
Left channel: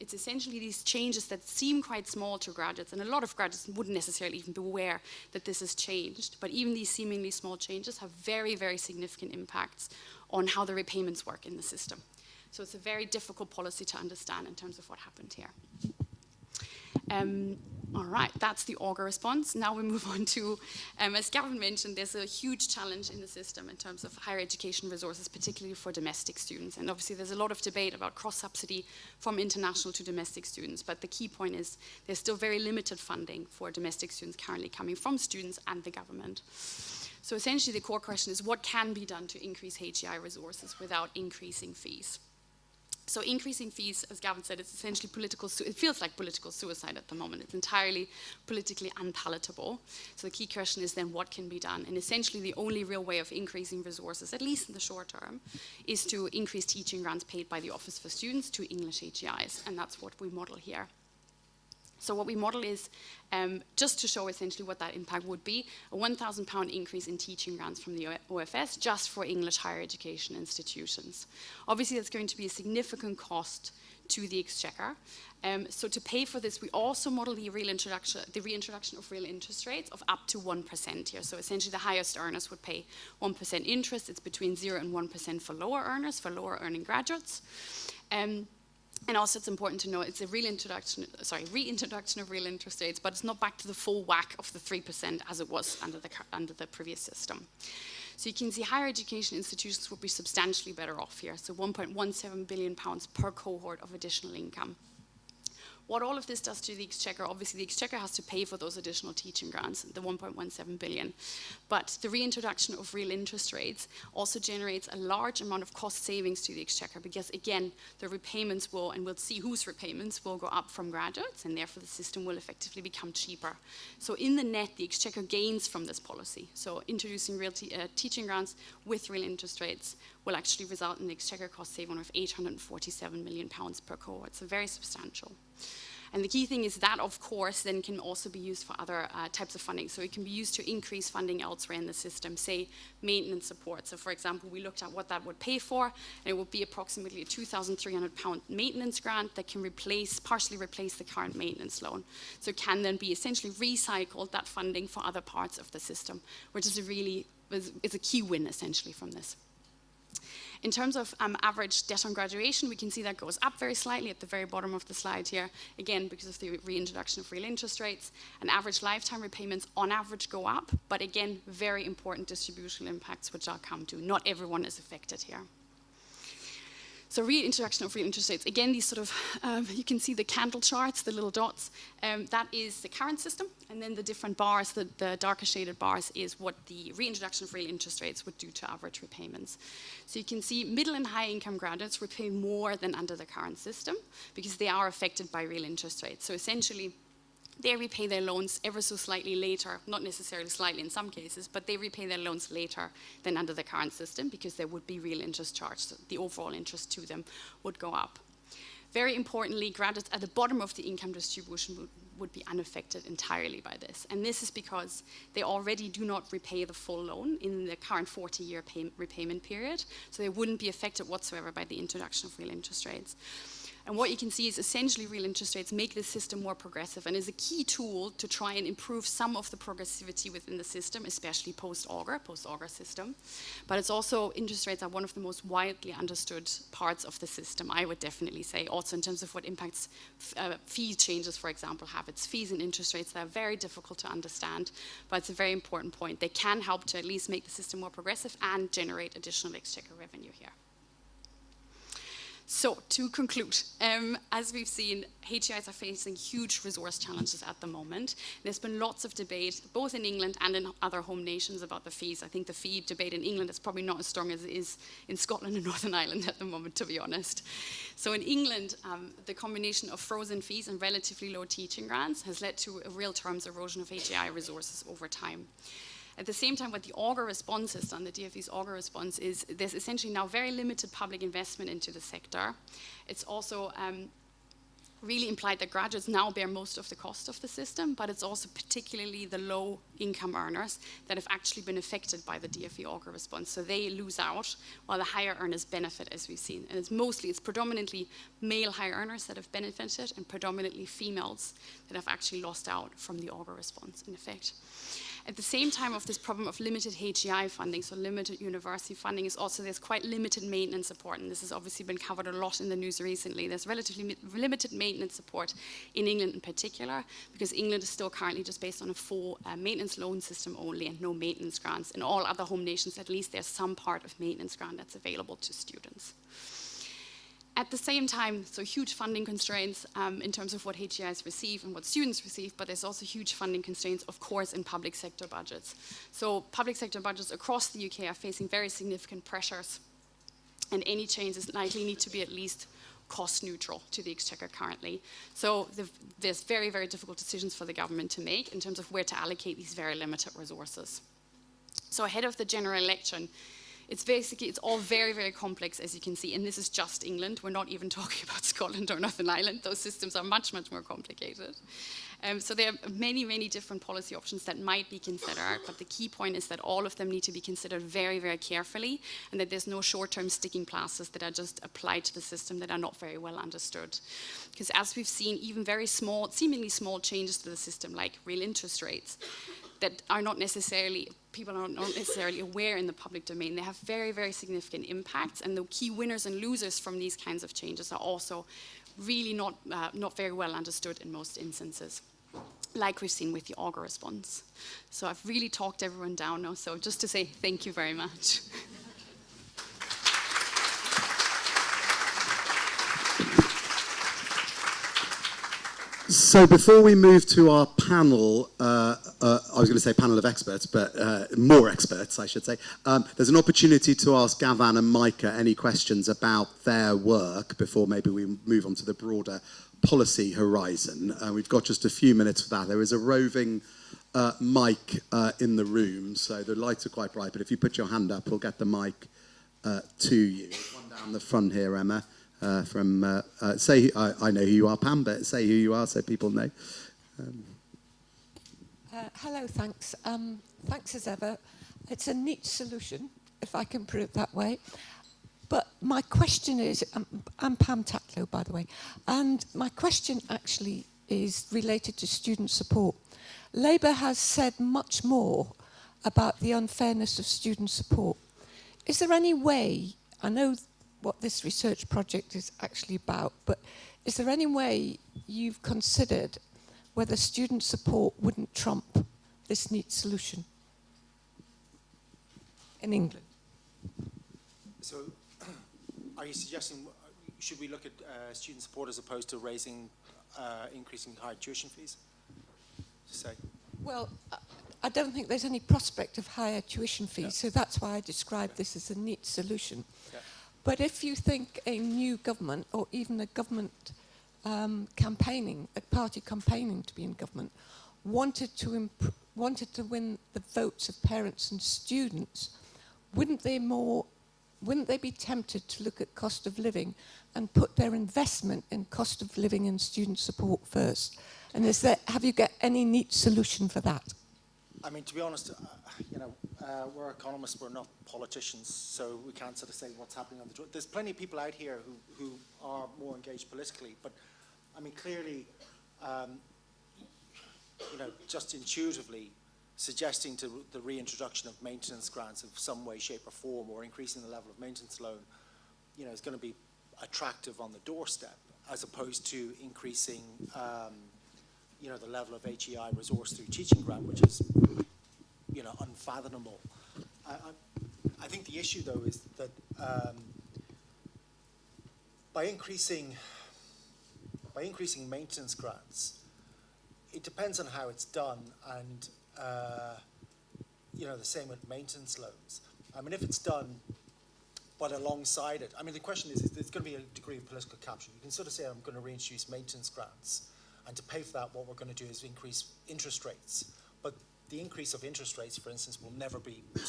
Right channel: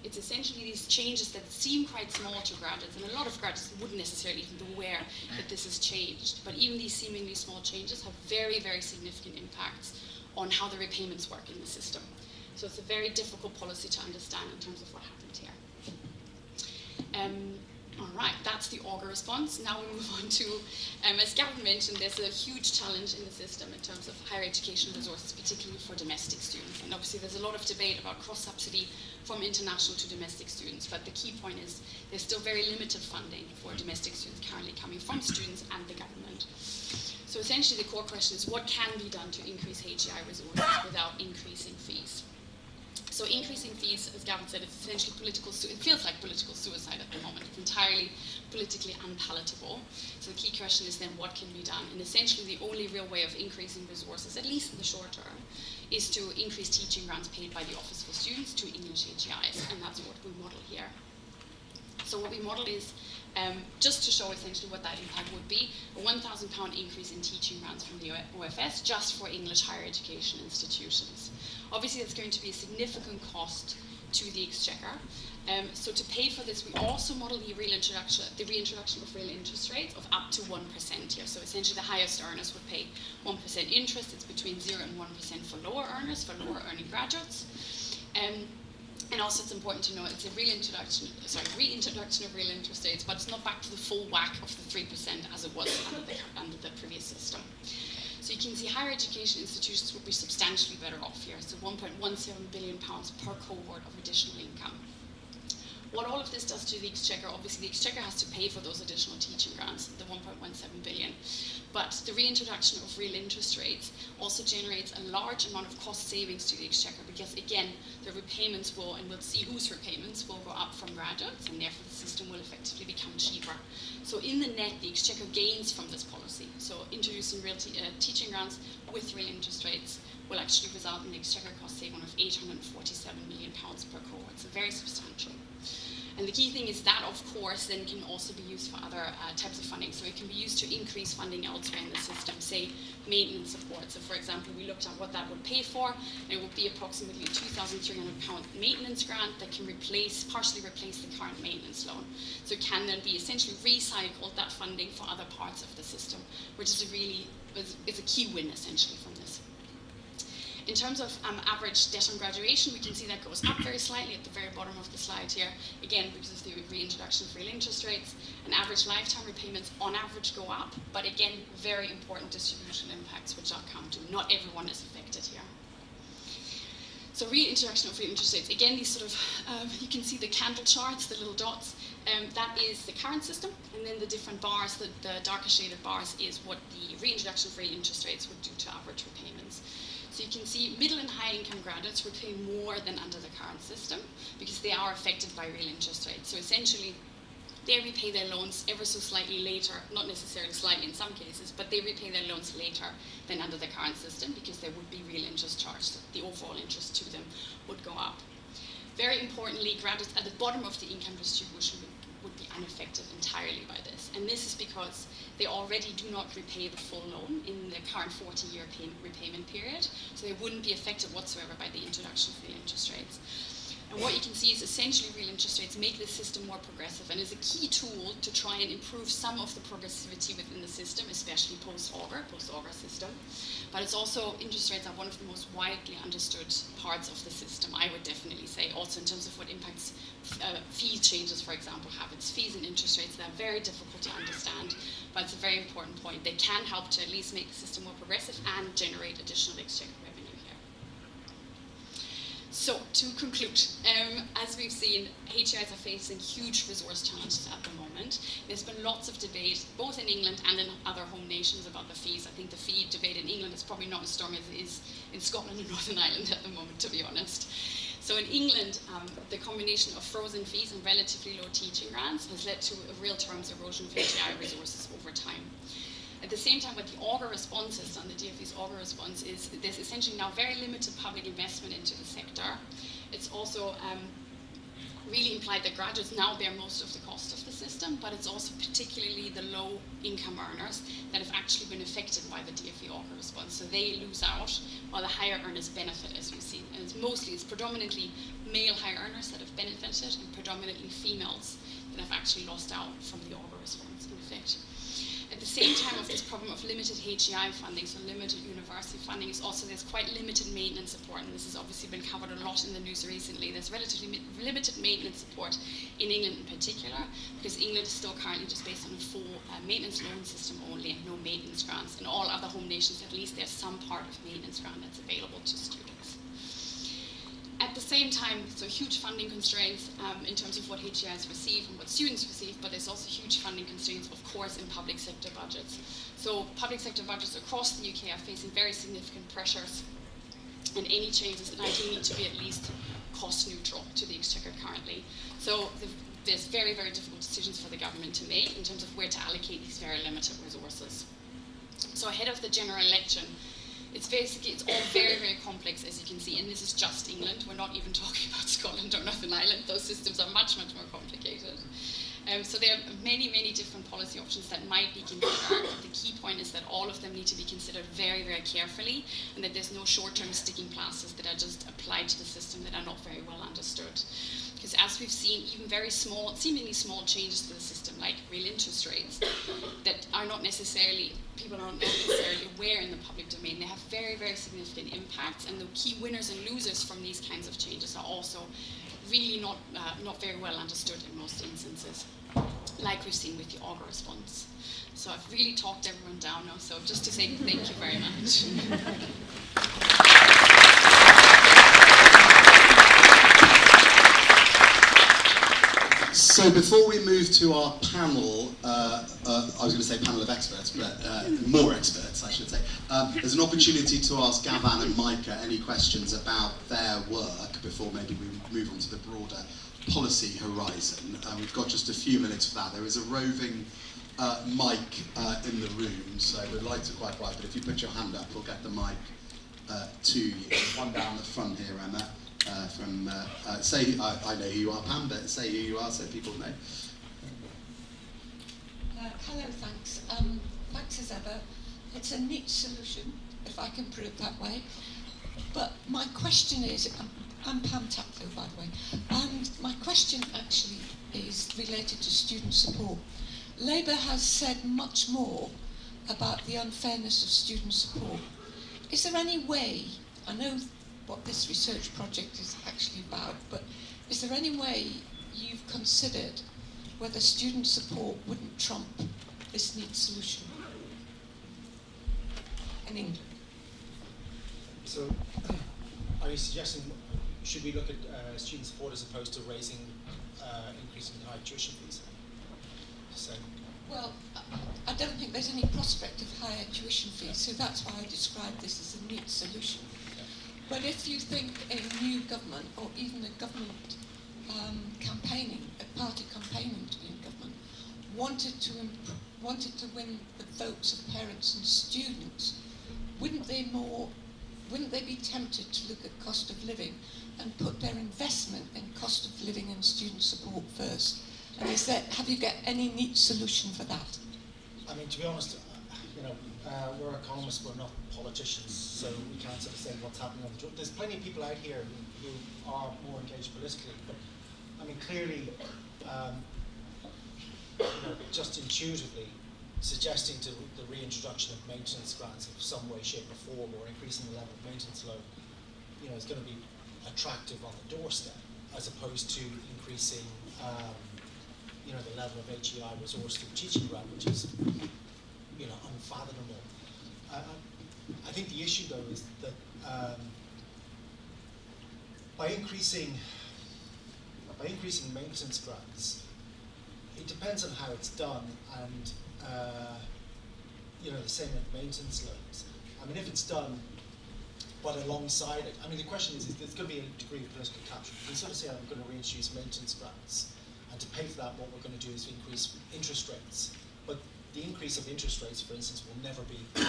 It's essentially these changes that seem quite small to graduates, and a lot of graduates wouldn't necessarily even be aware that this has changed, but even these seemingly small changes have very, very significant impacts on how the repayments work in the system. So it's a very difficult policy to understand in terms of what happened here. All right, that's the auger response. Now we move on to, as Gavin mentioned, there's a huge challenge in the system in terms of higher education resources, particularly for domestic students. And obviously there's a lot of debate about cross-subsidy from international to domestic students, but the key point is there's still very limited funding for domestic students currently coming from students and the government. So essentially the core question is, what can be done to increase HEI resources without increasing fees? So increasing fees, as Gavin said, is essentially it feels like political suicide at the moment. It's entirely politically unpalatable. So the key question is then, what can be done? And essentially the only real way of increasing resources, at least in the short term, is to increase teaching grants paid by the Office for Students to English HEIs, and that's what we model here. So what we model is, just to show essentially what that impact would be, a £1,000 increase in teaching grants from the OFS just for English higher education institutions. Obviously, it's going to be a significant cost to the Exchequer. So to pay for this, we also model the reintroduction of real interest rates of up to 1% here. So essentially, the highest earners would pay 1% interest. It's between 0 and 1% for lower earners, for lower earning graduates. And also, it's important to know it's a reintroduction of real interest rates, but it's not back to the full whack of the 3% as it was under the previous system. So you can see higher education institutions will be substantially better off here, so £1.17 billion per cohort of additional income. What all of this does to the Exchequer, obviously the Exchequer has to pay for those additional teaching grants, the 1.17 billion. But the reintroduction of real interest rates also generates a large amount of cost savings to the Exchequer, because again, the repayments will, and we'll see whose repayments will go up from graduates, and therefore the system will effectively become cheaper. So in the net, the Exchequer gains from this policy. So introducing real teaching grants with real interest rates will actually result in the Exchequer cost saving of £847 million per cohort. So very substantial. And the key thing is that, of course, then can also be used for other types of funding. So it can be used to increase funding elsewhere in the system, say maintenance support. So for example, we looked at what that would pay for, and it would be approximately a £2,300 maintenance grant that can partially replace the current maintenance loan. So it can then be essentially recycled, that funding, for other parts of the system, which is a key win essentially from this. In terms of average debt on graduation, we can see that goes up very slightly at the very bottom of the slide here, again because of the reintroduction of real interest rates, and average lifetime repayments on average go up, but again, very important distributional impacts which I'll come to. Not everyone is affected here. So reintroduction of real interest rates, again, these sort of, you can see the candle charts, the little dots. That is the current system, and then the different bars, the darker shaded bars, is what the reintroduction of real interest rates would do to average repayments. So you can see middle and high income graduates repay more than under the current system because they are affected by real interest rates. So essentially, they repay their loans ever so slightly later, not necessarily slightly in some cases, but they repay their loans later than under the current system because there would be real interest charged. The overall interest to them would go up. Very importantly, graduates at the bottom of the income distribution would be unaffected entirely by this. And this is because they already do not repay the full loan in the current 40-year repayment period, so they wouldn't be affected whatsoever by the introduction of real interest rates. And what you can see is essentially real interest rates make the system more progressive and is a key tool to try and improve some of the progressivity within the system, especially post-Auger system. But it's also, interest rates are one of the most widely understood parts of the system, I would definitely say, also in terms of what impacts fee changes, for example, have. It's fees and interest rates that are very difficult to understand, but it's a very important point. They can help to at least make the system more progressive and generate additional exchequer revenue here. So, to conclude, as we've seen, HEIs are facing huge resource challenges at the moment. There's been lots of debate, both in England and in other home nations, about the fees. I think the fee debate in England is probably not as strong as it is in Scotland and Northern Ireland at the moment, to be honest. So in England, the combination of frozen fees and relatively low teaching grants has led to a real terms erosion of HEI resources over time. At the same time, what the Auger response is, on the DfE's Auger response, is there's essentially now very limited public investment into the sector. It's also really implied that graduates now bear most of the cost of the system, but it's also particularly the low income earners that have actually been affected by the DfE Auger response. So they lose out while the higher earners benefit, as we've seen. And it's predominantly male high earners that have benefited and predominantly females that have actually lost out from the Auger response, in effect. At the same time of this problem of limited HEI funding, so limited university funding, is also there's quite limited maintenance support, and this has obviously been covered a lot in the news recently. There's relatively limited maintenance support in England in particular, because England is still currently just based on a full maintenance loan system only and no maintenance grants. In all other home nations, at least, there's some part of maintenance grant that's available to students. At the same time, so huge funding constraints in terms of what HEIs receive and what students receive, but there's also huge funding constraints, of course, in public sector budgets. So public sector budgets across the UK are facing very significant pressures, and any changes likely need to be at least cost neutral to the Exchequer currently. So there's very, very difficult decisions for the government to make in terms of where to allocate these very limited resources. So ahead of the general election, it's all very, very complex, as you can see, and this is just England. We're not even talking about Scotland or Northern Ireland. Those systems are much, much more complicated. So there are many, many different policy options that might be considered. The key point is that all of them need to be considered very, very carefully, and that there's no short-term sticking plasters that are just applied to the system that are not very well understood. Because as we've seen, even very small, seemingly small changes to the system, like real interest rates, that are not necessarily, people are not necessarily aware in the public domain, they have very, very significant impacts, and the key winners and losers from these kinds of changes are also really not very well understood in most instances, like we've seen with the Auger response. So I've really talked everyone down now, so just to say thank you very much. So before we move to our panel, I was going to say panel of experts, but more experts, I should say. There's an opportunity to ask Gavan and Micah any questions about their work before maybe we move on to the broader policy horizon. We've got just a few minutes for that. There is a roving mic in the room, so the lights are quite bright, but if you put your hand up, we'll get the mic to you. Come down the front here, Emma. I know who you are, Pam, but say who you are so people know. Hello, thanks. Thanks as ever. It's a neat solution, if I can put it that way. But my question is, I'm Pam Taplow, by the way, and my question actually is related to student support. Labour has said much more about the unfairness of student support. Is there any way, I know what this research project is actually about, but is there any way you've considered whether student support wouldn't trump this neat solution in England? So, are you suggesting should we look at student support as opposed to increasing higher tuition fees? Well, I don't think there's any prospect of higher tuition fees, so that's why I describe this as a neat solution. Okay. But if you think a new government, or even a government campaigning, a party campaigning to be in government, wanted to win the votes of parents and students, wouldn't they be tempted to look at cost of living and put their investment in cost of living and student support first? And have you got any neat solution for that? I mean, to be honest, we're economists, we're not politicians, so we can't sort of say what's happening. There's plenty of people out here who are more engaged politically, but I mean, clearly, just intuitively, suggesting to the reintroduction of maintenance grants in some way, shape, or form, or increasing the level of maintenance loan, is going to be attractive on the doorstep, as opposed to increasing, the level of HEI resource through teaching grant, which is, unfathomable. I think the issue, though, is that by increasing maintenance grants, it depends on how it's done, and the same with maintenance loans. I mean, if it's done well alongside it, I mean, the question is, there's going to be a degree of political capture. You can sort of say, I'm going to reintroduce maintenance grants, and to pay for that, what we're going to do is increase interest rates. But the increase of interest rates, for instance, will never be the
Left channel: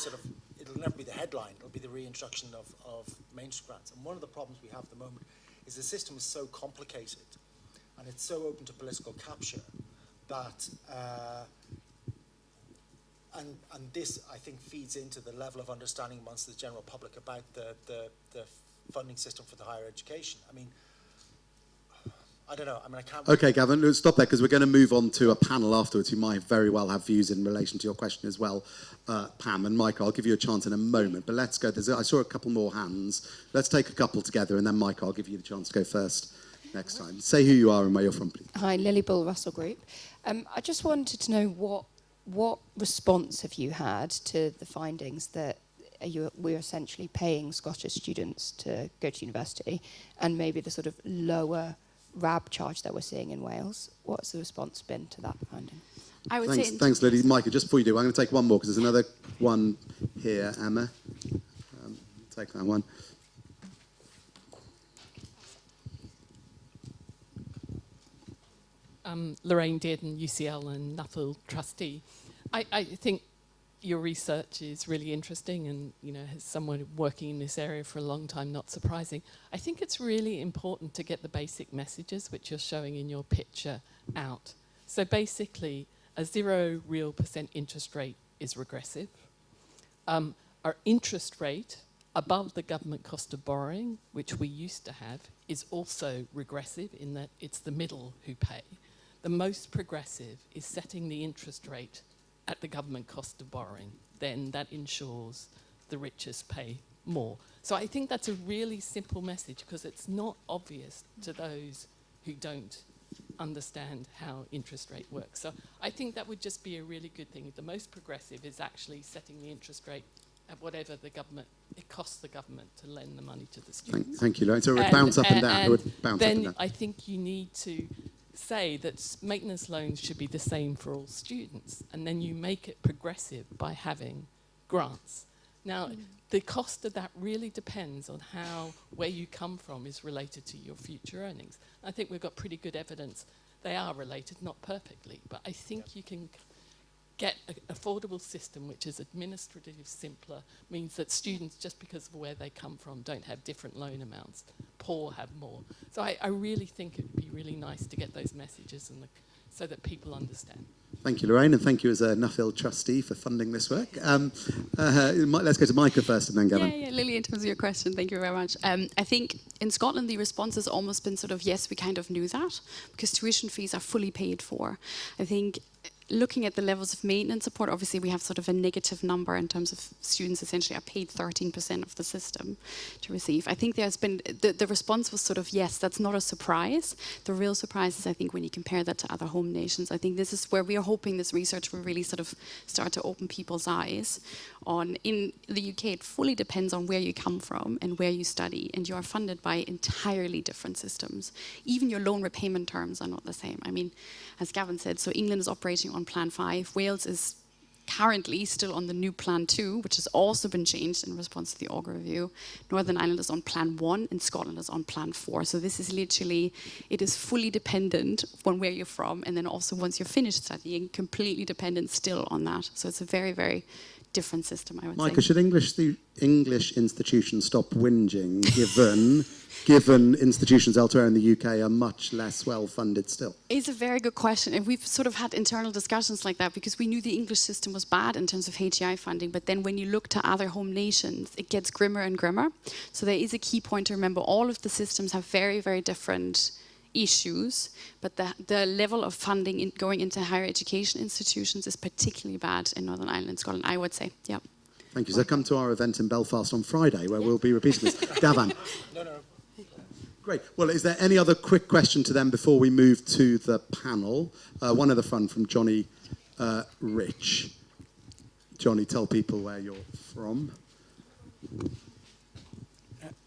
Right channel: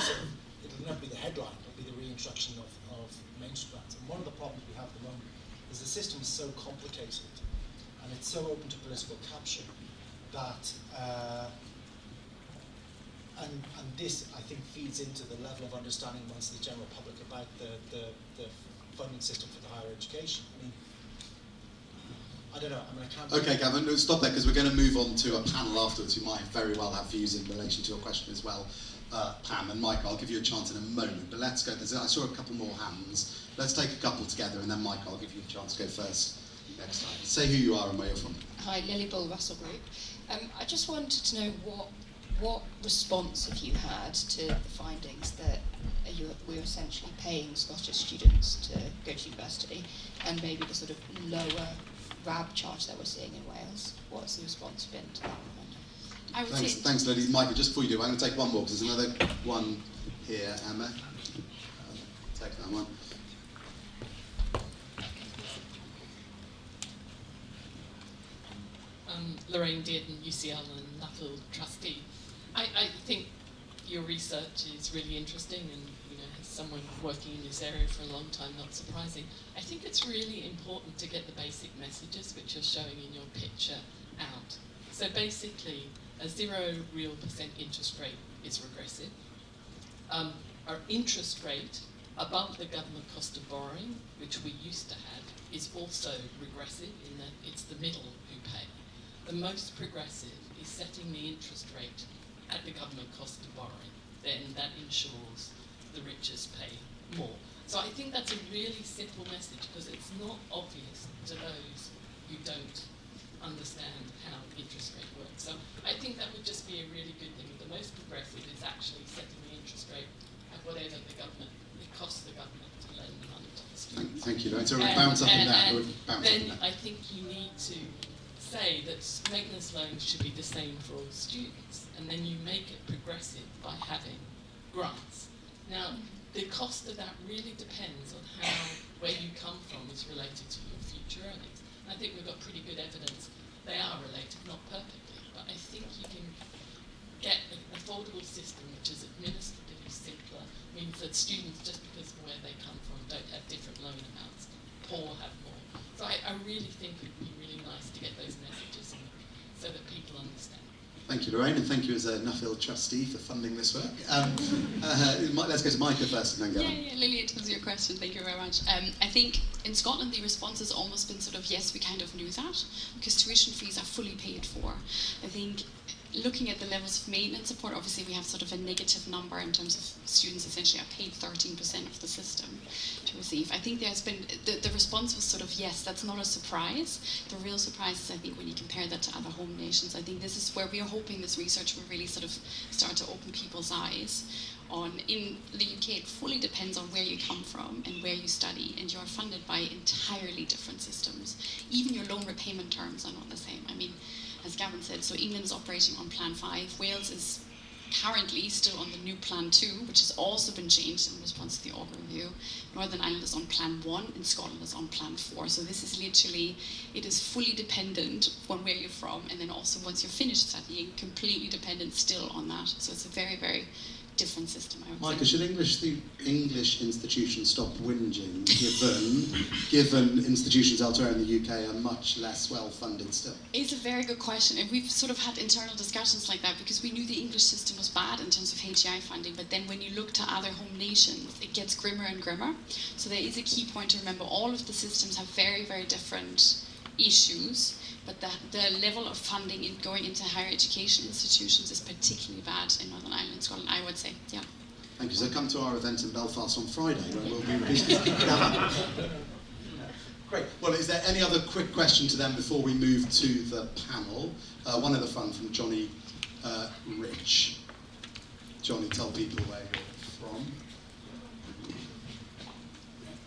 headline. It'll be the reintroduction of maintenance grants. And one of the problems we have at the moment is the system is so complicated and it's so open to political capture that, and this, I think, feeds into the level of understanding amongst the general public about the funding system for the higher education. I mean, I don't know. I mean, I can't. Okay, Gavin, let's stop there because we're going to move on to a panel afterwards. You might very well have views in relation to your question as well, Pam and Mike. I'll give you a chance in a moment, but let's go. I saw a couple more hands. Let's take a couple together, and then Mike, I'll give you a chance to go first next time. Say who you are and where you're from. Hi, Lily Bull, Russell Group. I just wanted to know what response have you had to the findings that we're essentially paying Scottish students to go to university, and maybe the sort of lower RAB charge that we're seeing in Wales? What's the response been to that finding? Thanks, Lily. Michael, just before you do, I'm going to take one more because there's another one here, Emma. Take that one. Lorraine Dearden, UCL and Nuffield trustee. I think your research is really interesting, and as someone working in this area for a long time, not surprising. I think it's really important to get the basic messages which you're showing in your picture out. So basically, a 0% real interest rate is regressive. Our interest rate above the government cost of borrowing, which we used to have, is also regressive in that it's the middle who pay. The most progressive is setting the interest rate at the government cost of borrowing. Then that ensures the richest pay more. So I think that's a really simple message because it's not obvious to those who don't understand how interest rate works. So I think that would just be a really good thing. The most progressive is actually setting the interest rate at whatever it costs the government to lend the money to the students. Thank you, Lorraine. So bounce up and down. Then I think you need to say that maintenance loans should be the same for all students, and then you make it progressive by having grants. Now, the cost of that really depends on where you come from is related to your future earnings. I think we've got pretty good evidence they are related, not perfectly, but I think you can get an affordable system which is administratively simpler, means that students, just because of where they come from, don't have different loan amounts. poor have more. So I really think it would be really nice to get those messages in so that people understand. Thank you, Lorraine, and thank you as a Nuffield trustee for funding this work. Let's go to Micah first and then Gavin. Yeah, Lily, in terms of your question, thank you very much. I think in Scotland the response has almost been sort of, yes, we kind of knew that, because tuition fees are fully paid for. I think looking at the levels of maintenance support, obviously we have sort of a negative number in terms of students essentially are paid 13% of the system to receive. I think there's been, the response was sort of, yes, that's not a surprise. The real surprise is, I think, when you compare that to other home nations. I think this is where we are hoping this research will really sort of start to open people's eyes on. In the UK, it fully depends on where you come from and where you study, and you are funded by entirely different systems. Even your loan repayment terms are not the same. I mean, as Gavin said, so England is operating on Plan 5. Wales is currently still on the new Plan 2, which has also been changed in response to the Auger review. Northern Ireland is on Plan 1 and Scotland is on Plan 4. So this is literally, it is fully dependent on where you're from, and then also once you're finished studying, completely dependent still on that. So it's a very, very different system, I would Micah, say. should English institutions stop whinging, given institutions elsewhere in the UK are much less well-funded still? It's a very good question, and we've sort of had internal discussions like that because we knew the English system was bad in terms of HEI funding, but then when you look to other home nations, it gets grimmer and grimmer. So there is a key point to remember. All of the systems have very, very different issues, but the level of funding going into higher education institutions is particularly bad in Northern Ireland and Scotland, I would say, yeah. Thank you. So come to our event in Belfast on Friday, where we'll be repeating it. Gavin. Great. Well, is there any other quick question to them before we move to the panel? One other fun from Johnny Rich. Johnny, tell people where you're from.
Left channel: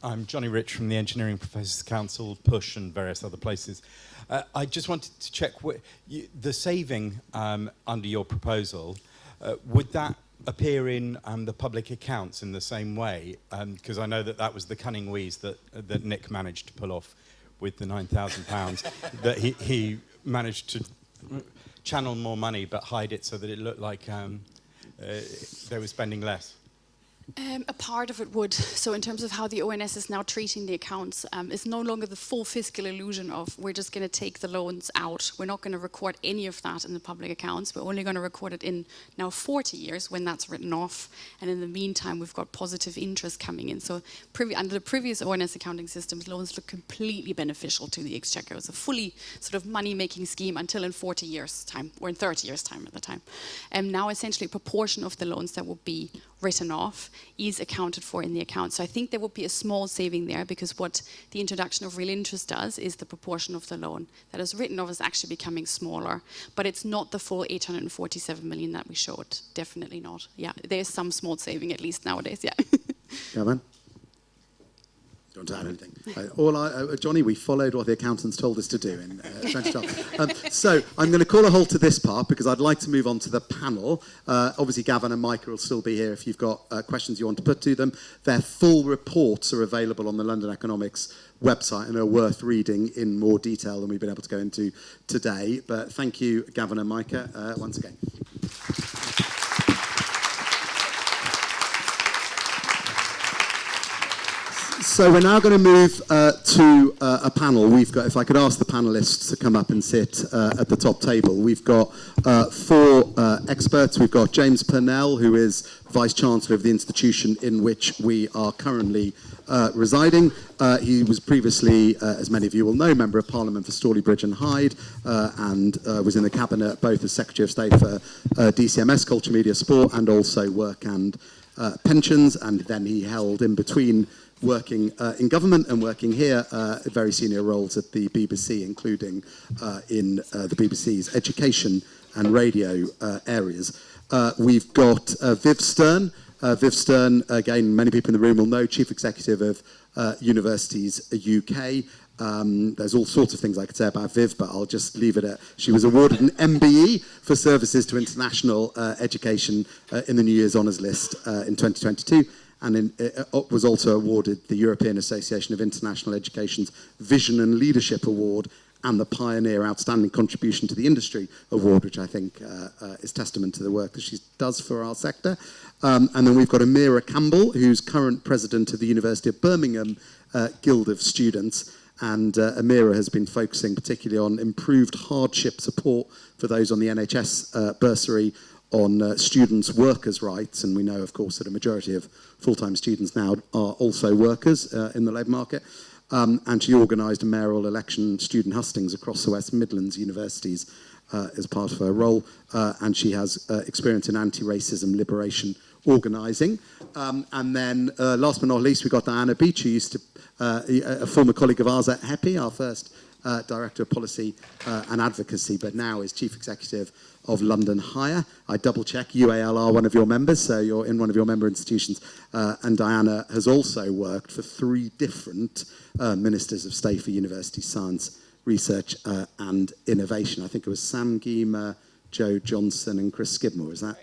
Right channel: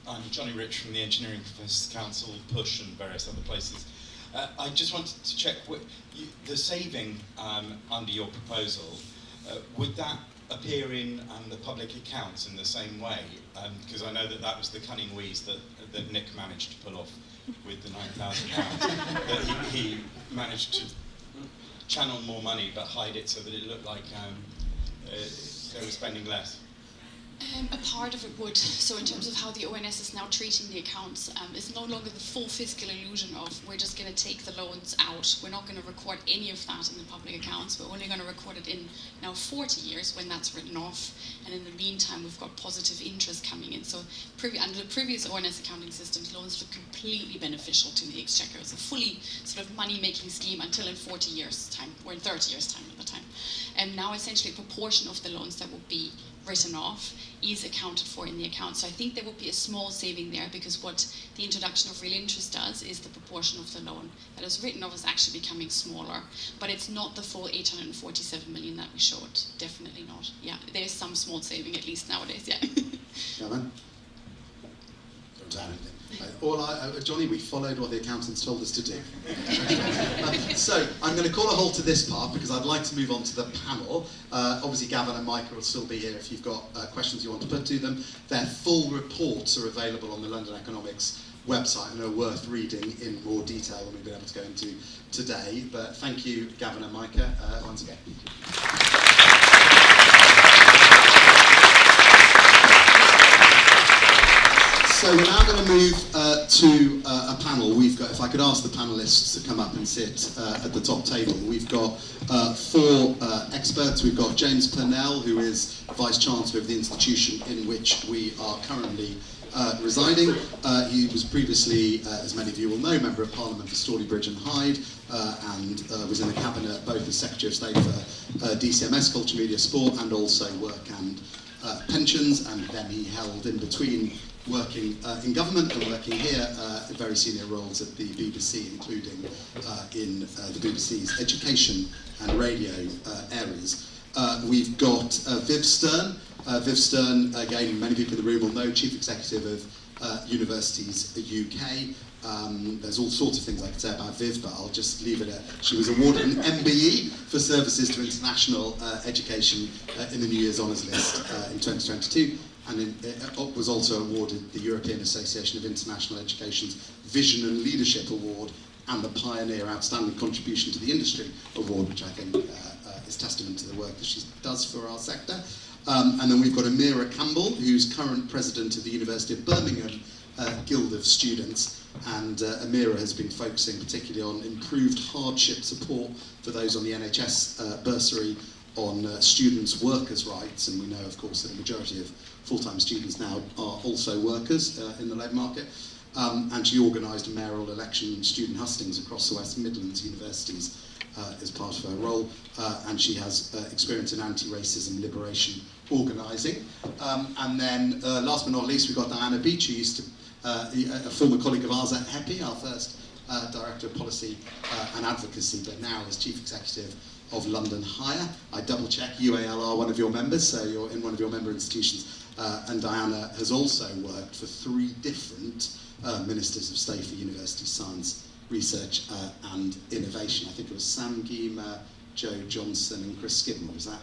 I'm Johnny Rich from the Engineering Professors Council, PUSH and various other places. I just wanted to check, the saving under your proposal, would that appear in the public accounts in the same way? Because I know that was the cunning wheeze that Nick managed to pull off with the £9,000, that he managed to channel more money but hide it so that it looked like they were spending less. A part of it would. So in terms of how the ONS is now treating the accounts, it's no longer the full fiscal illusion of we're just going to take the loans out. We're not going to record any of that in the public accounts. We're only going to record it in now 40 years when that's written off. And in the meantime, we've got positive interest coming in. So under the previous ONS accounting systems, loans look completely beneficial to the Exchequer. It's a fully sort of money-making scheme until in 40 years' time, or in 30 years' time at the time. And now essentially a proportion of the loans that will be written off is accounted for in the account. So I think there will be a small saving there, because what the introduction of real interest does is the proportion of the loan that is written off is actually becoming smaller. But it's not the full 847 million that we showed. Definitely not. Yeah, there's some small saving at least nowadays, yeah. Gavin? Johnny, we followed what the accountants told us to do. So I'm going to call a halt to this part because I'd like to move on to the panel. Obviously, Gavin and Michael will still be here if you've got questions you want to put to them. Their full reports are available on the London Economics website and are worth reading in more detail than we've been able to go into today. But thank you, Gavin and Micah, once again. So we're now going to move to a panel. We've got, if I could ask the panellists to come up and sit at the top table. We've got four experts. We've got James Purnell, who is Vice-Chancellor of the institution in which we are currently residing. He was previously, as many of you will know, Member of Parliament for Stalybridge and Hyde, and was in the Cabinet both as Secretary of State for DCMS, Culture, Media, Sport, and also Work and Pensions, and then he held in between working in government and working here very senior roles at the BBC, including in the BBC's education and radio areas. We've got Viv Stern. Viv Stern, again, many people in the room will know, Chief Executive of Universities UK. There's all sorts of things I could say about Viv, but I'll just leave it at she was awarded an MBE for services to international education in the New Year's Honours List in 2022. And was also awarded the European Association of International Education's Vision and Leadership Award and the Pioneer Outstanding Contribution to the Industry Award, which I think is testament to the work that she does for our sector. And then we've got Amira Campbell, who's current president of the University of Birmingham Guild of Students, and Amira has been focusing particularly on improved hardship support for those on the NHS bursary, on students' workers' rights, and we know, of course, that a majority of full-time students now are also workers in the labour market. And she organised a mayoral election student hustings across the West Midlands universities as part of her role, and she has experience in anti-racism liberation organising. And then, last but not least, we've got Diana Beach, who used to, a former colleague of ours at HEPI, our first Director of Policy and Advocacy, but now is Chief Executive of London Hire. I double-check, UAL are one of your members, so you're in one of your member institutions. And Diana has also worked for 3 different Ministers of State for University Science, Research and Innovation. I think it was Sam Geema, Joe Johnson and Chris Skidmore, is that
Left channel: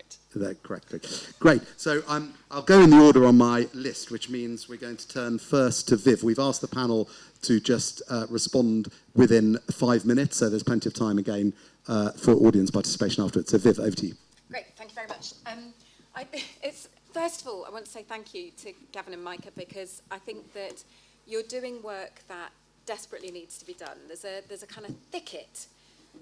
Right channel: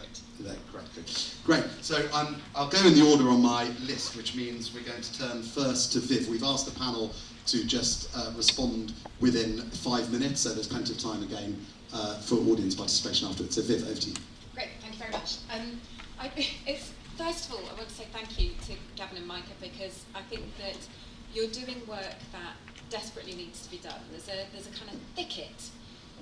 correct? Good. Great, so I'll go in the order on my list, which means we're going to turn first to Viv. We've asked the panel to just respond within 5 minutes, so there's plenty of time again for audience participation afterwards. So Viv, over to you. Great, thank you very much. First of all, I want to say thank you to Gavin and Micah, because I think that you're doing work that desperately needs to be done. There's a kind of thicket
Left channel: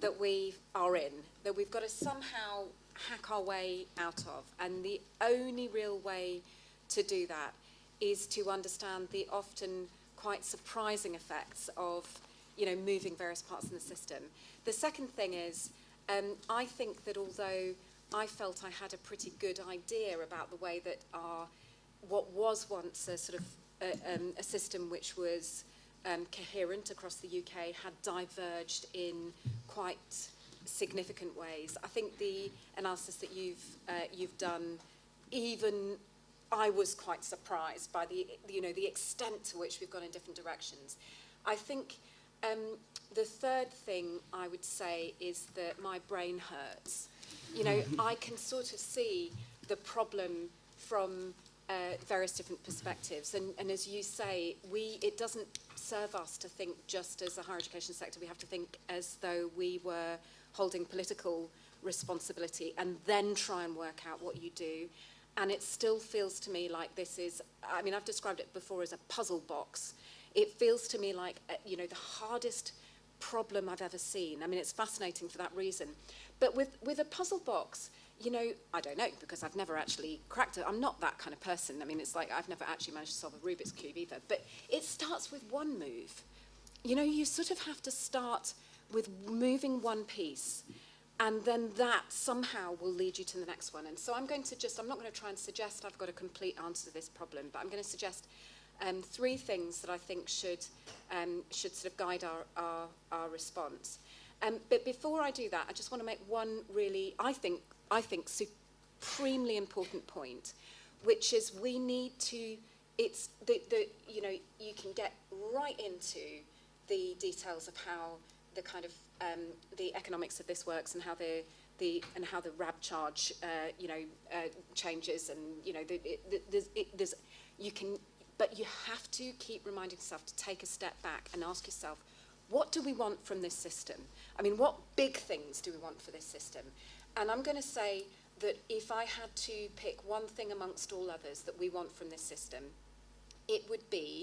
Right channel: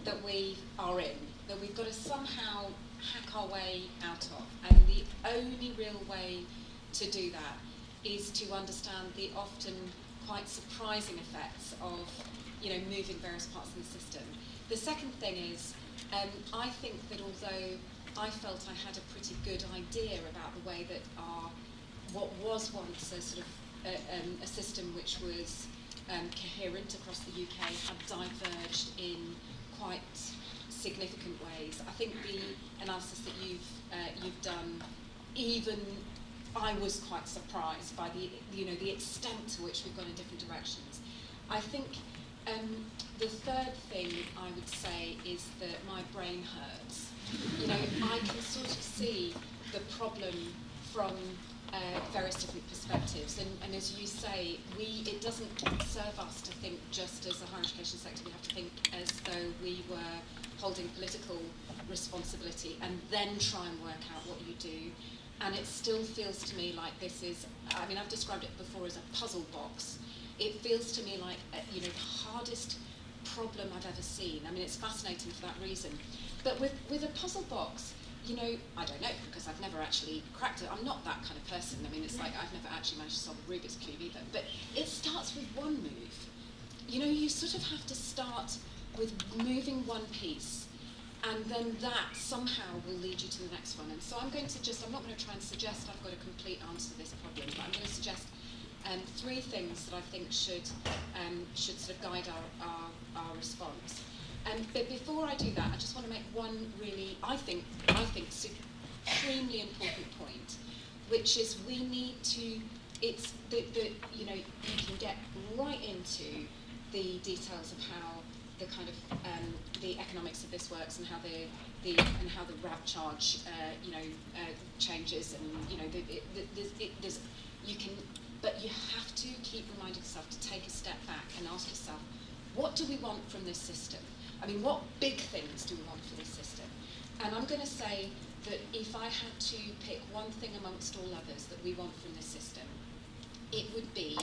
that we are in, that we've got to somehow hack our way out of, and the only real way to do that is to understand the often quite surprising effects of, moving various parts of the system. The second thing is, I think that although I felt I had a pretty good idea about the way that what was once a sort of a system which was coherent across the UK had diverged in quite significant ways. I think the analysis that you've done, even I was quite surprised by the extent to which we've gone in different directions. I think the third thing I would say is that my brain hurts. I can sort of see the problem from various different perspectives, and as you say, it doesn't serve us to think just as a higher education sector. We have to think as though we were holding political responsibility and then try and work out what you do. And it still feels to me like this is, I've described it before as a puzzle box. It feels to me like the hardest problem I've ever seen. It's fascinating for that reason. But with a puzzle box, I don't know, because I've never actually cracked it. I'm not that kind of person. It's like I've never actually managed to solve a Rubik's Cube either. But it starts with one move. You sort of have to start with moving one piece, and then that somehow will lead you to the next one. And so I'm not going to try and suggest I've got a complete answer to this problem, but I'm going to suggest 3 things that I think should sort of guide our response. But before I do that, I just want to make one really, I think, supremely important point, which is we need to. It's you can get right into the details of how the kind of the economics of this works and how the RAB charge changes, and but you have to keep reminding yourself to take a step back and ask yourself, what do we want from this system? What big things do we want for this system? And I'm going to say that if I had to pick one thing amongst all others that we want from this system, it would be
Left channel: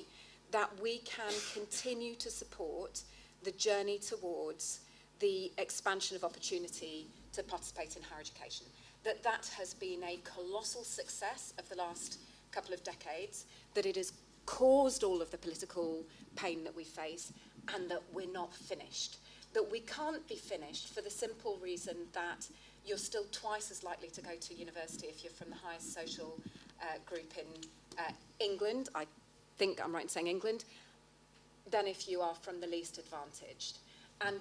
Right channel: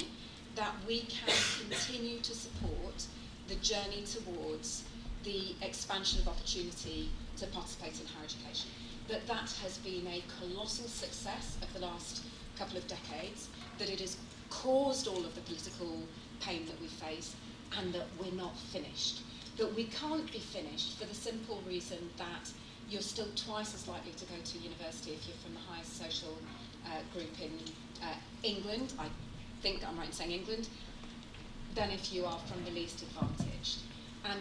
that we can continue to support the journey towards the expansion of opportunity to participate in higher education. That has been a colossal success of the last couple of decades, that it has caused all of the political pain that we face, and that we're not finished. That we can't be finished for the simple reason that you're still twice as likely to go to university if you're from the highest social group in England, I think I'm right in saying England, than if you are from the least advantaged. And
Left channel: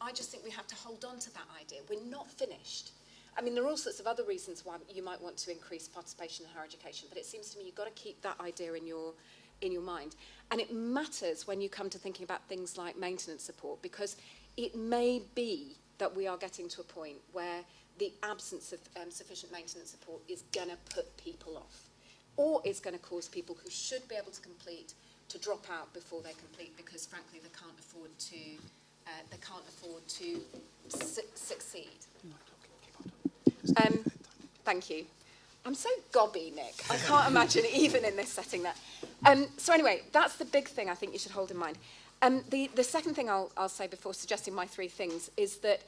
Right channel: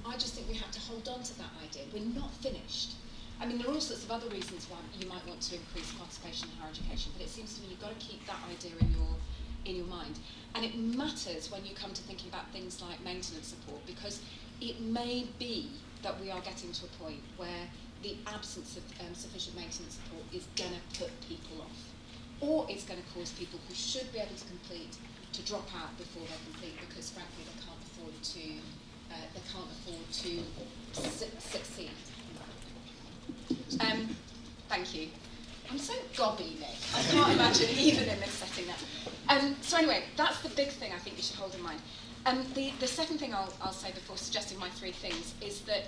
I just think we have to hold on to that idea. We're not finished. There are all sorts of other reasons why you might want to increase participation in higher education, but it seems to me you've got to keep that idea in your mind. And it matters when you come to thinking about things like maintenance support, because it may be that we are getting to a point where the absence of sufficient maintenance support is going to put people off, or it's going to cause people who should be able to complete to drop out before they're complete, because frankly they can't afford to succeed. Thank you. I'm so gobby, Nick. I can't imagine even in this setting there. So anyway, that's the big thing I think you should hold in mind. The second thing I'll say before suggesting my three things is that,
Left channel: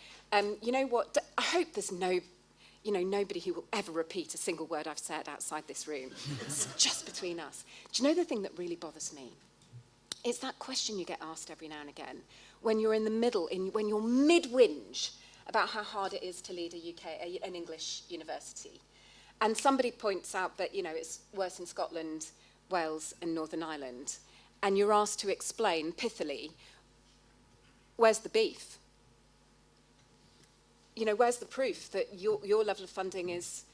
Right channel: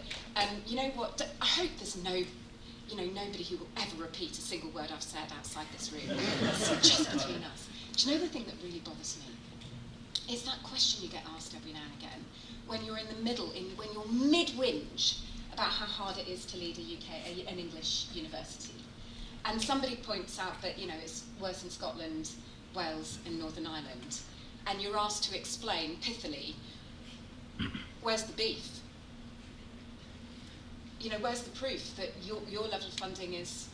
you know what, I hope there's nobody who will ever repeat a single word I've said outside this room. It's just between us. Do you know the thing that really bothers me? It's that question you get asked every now and again when you're in the middle, when you're mid-whinge about how hard it is to lead an English university. And somebody points out that, you know, it's worse in Scotland, Wales and Northern Ireland. And you're asked to explain pithily, where's the beef? You know, where's the proof that your level of funding is,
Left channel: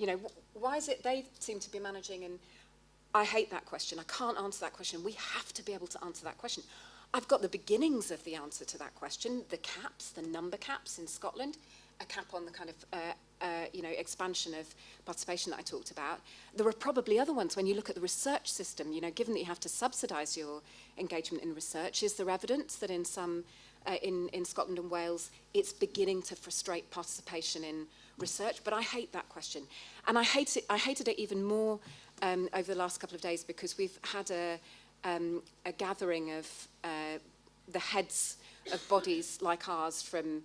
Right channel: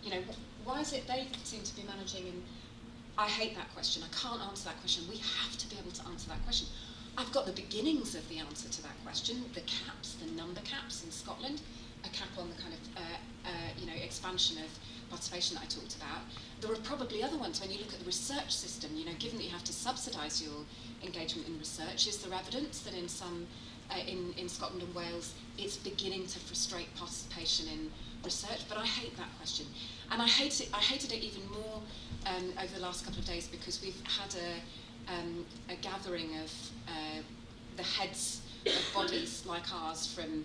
you know, why is it they seem to be managing? And I hate that question. I can't answer that question. We have to be able to answer that question. I've got the beginnings of the answer to that question, the caps, the number caps in Scotland, a cap on the kind of, expansion of participation that I talked about. There are probably other ones when you look at the research system, you know, given that you have to subsidise your engagement in research, is there evidence that in some, in Scotland and Wales, it's beginning to frustrate participation in research? But I hate that question. And I hated it even more over the last couple of days because we've had a gathering of the heads of bodies like ours from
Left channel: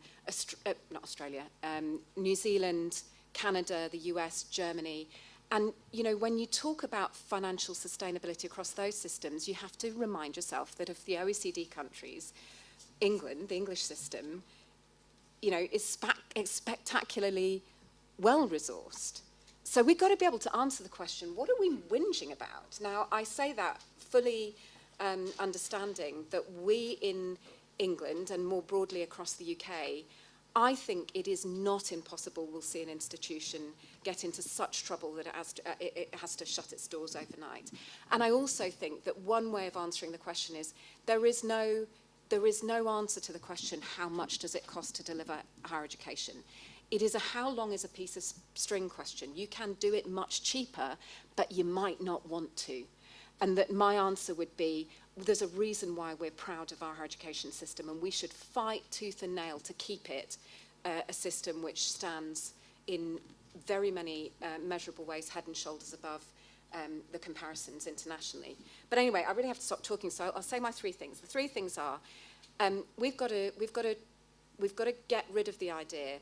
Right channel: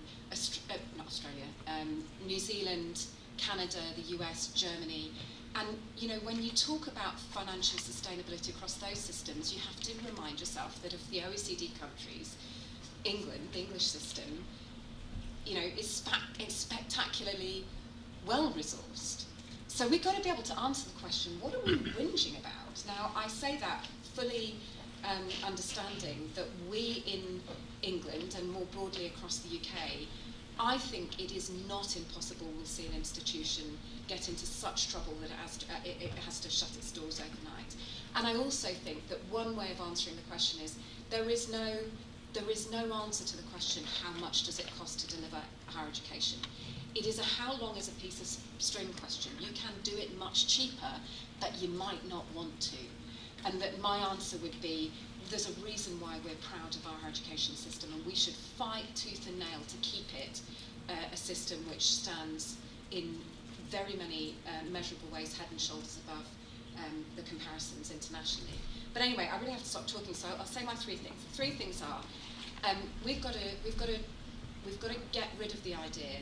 not Australia, New Zealand, Canada, the US, Germany. And, you know, when you talk about financial sustainability across those systems, you have to remind yourself that of the OECD countries, England, the English system, you know, is spectacularly well-resourced. So we've got to be able to answer the question, what are we whinging about? Now, I say that fully understanding that we in England and more broadly across the UK, I think it is not impossible we'll see an institution get into such trouble that it has to shut its doors overnight. And I also think that one way of answering the question is there is no answer to the question, how much does it cost to deliver higher education? It is a how long is a piece of string question. You can do it much cheaper, but you might not want to. And that my answer would be, there's a reason why we're proud of our higher education system, and we should fight tooth and nail to keep it a system which stands in very many measurable ways head and shoulders above the comparisons internationally. But anyway, I really have to stop talking, so I'll say my three things. The three things are, we've got to get rid of the idea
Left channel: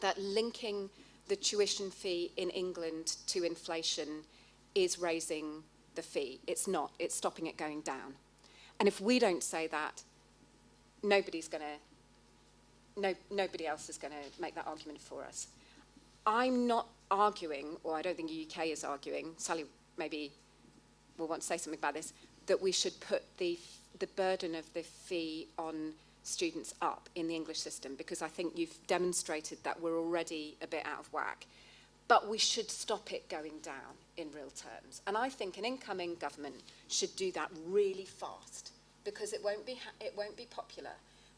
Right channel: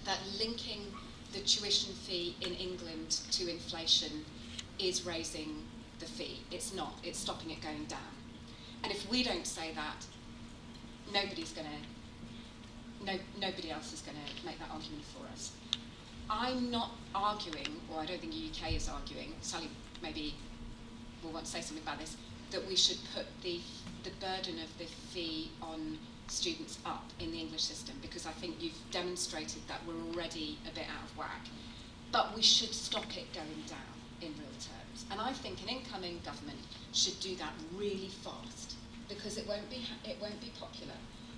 that linking the tuition fee in England to inflation is raising the fee. It's not. It's stopping it going down. And if we don't say that, nobody else is going to make that argument for us. I'm not arguing, or I don't think the UK is arguing, Sally maybe will want to say something about this, that we should put the burden of the fee on students up in the English system, because I think you've demonstrated that we're already a bit out of whack. But we should stop it going down in real terms. And I think an incoming government should do that really fast, because it won't be popular.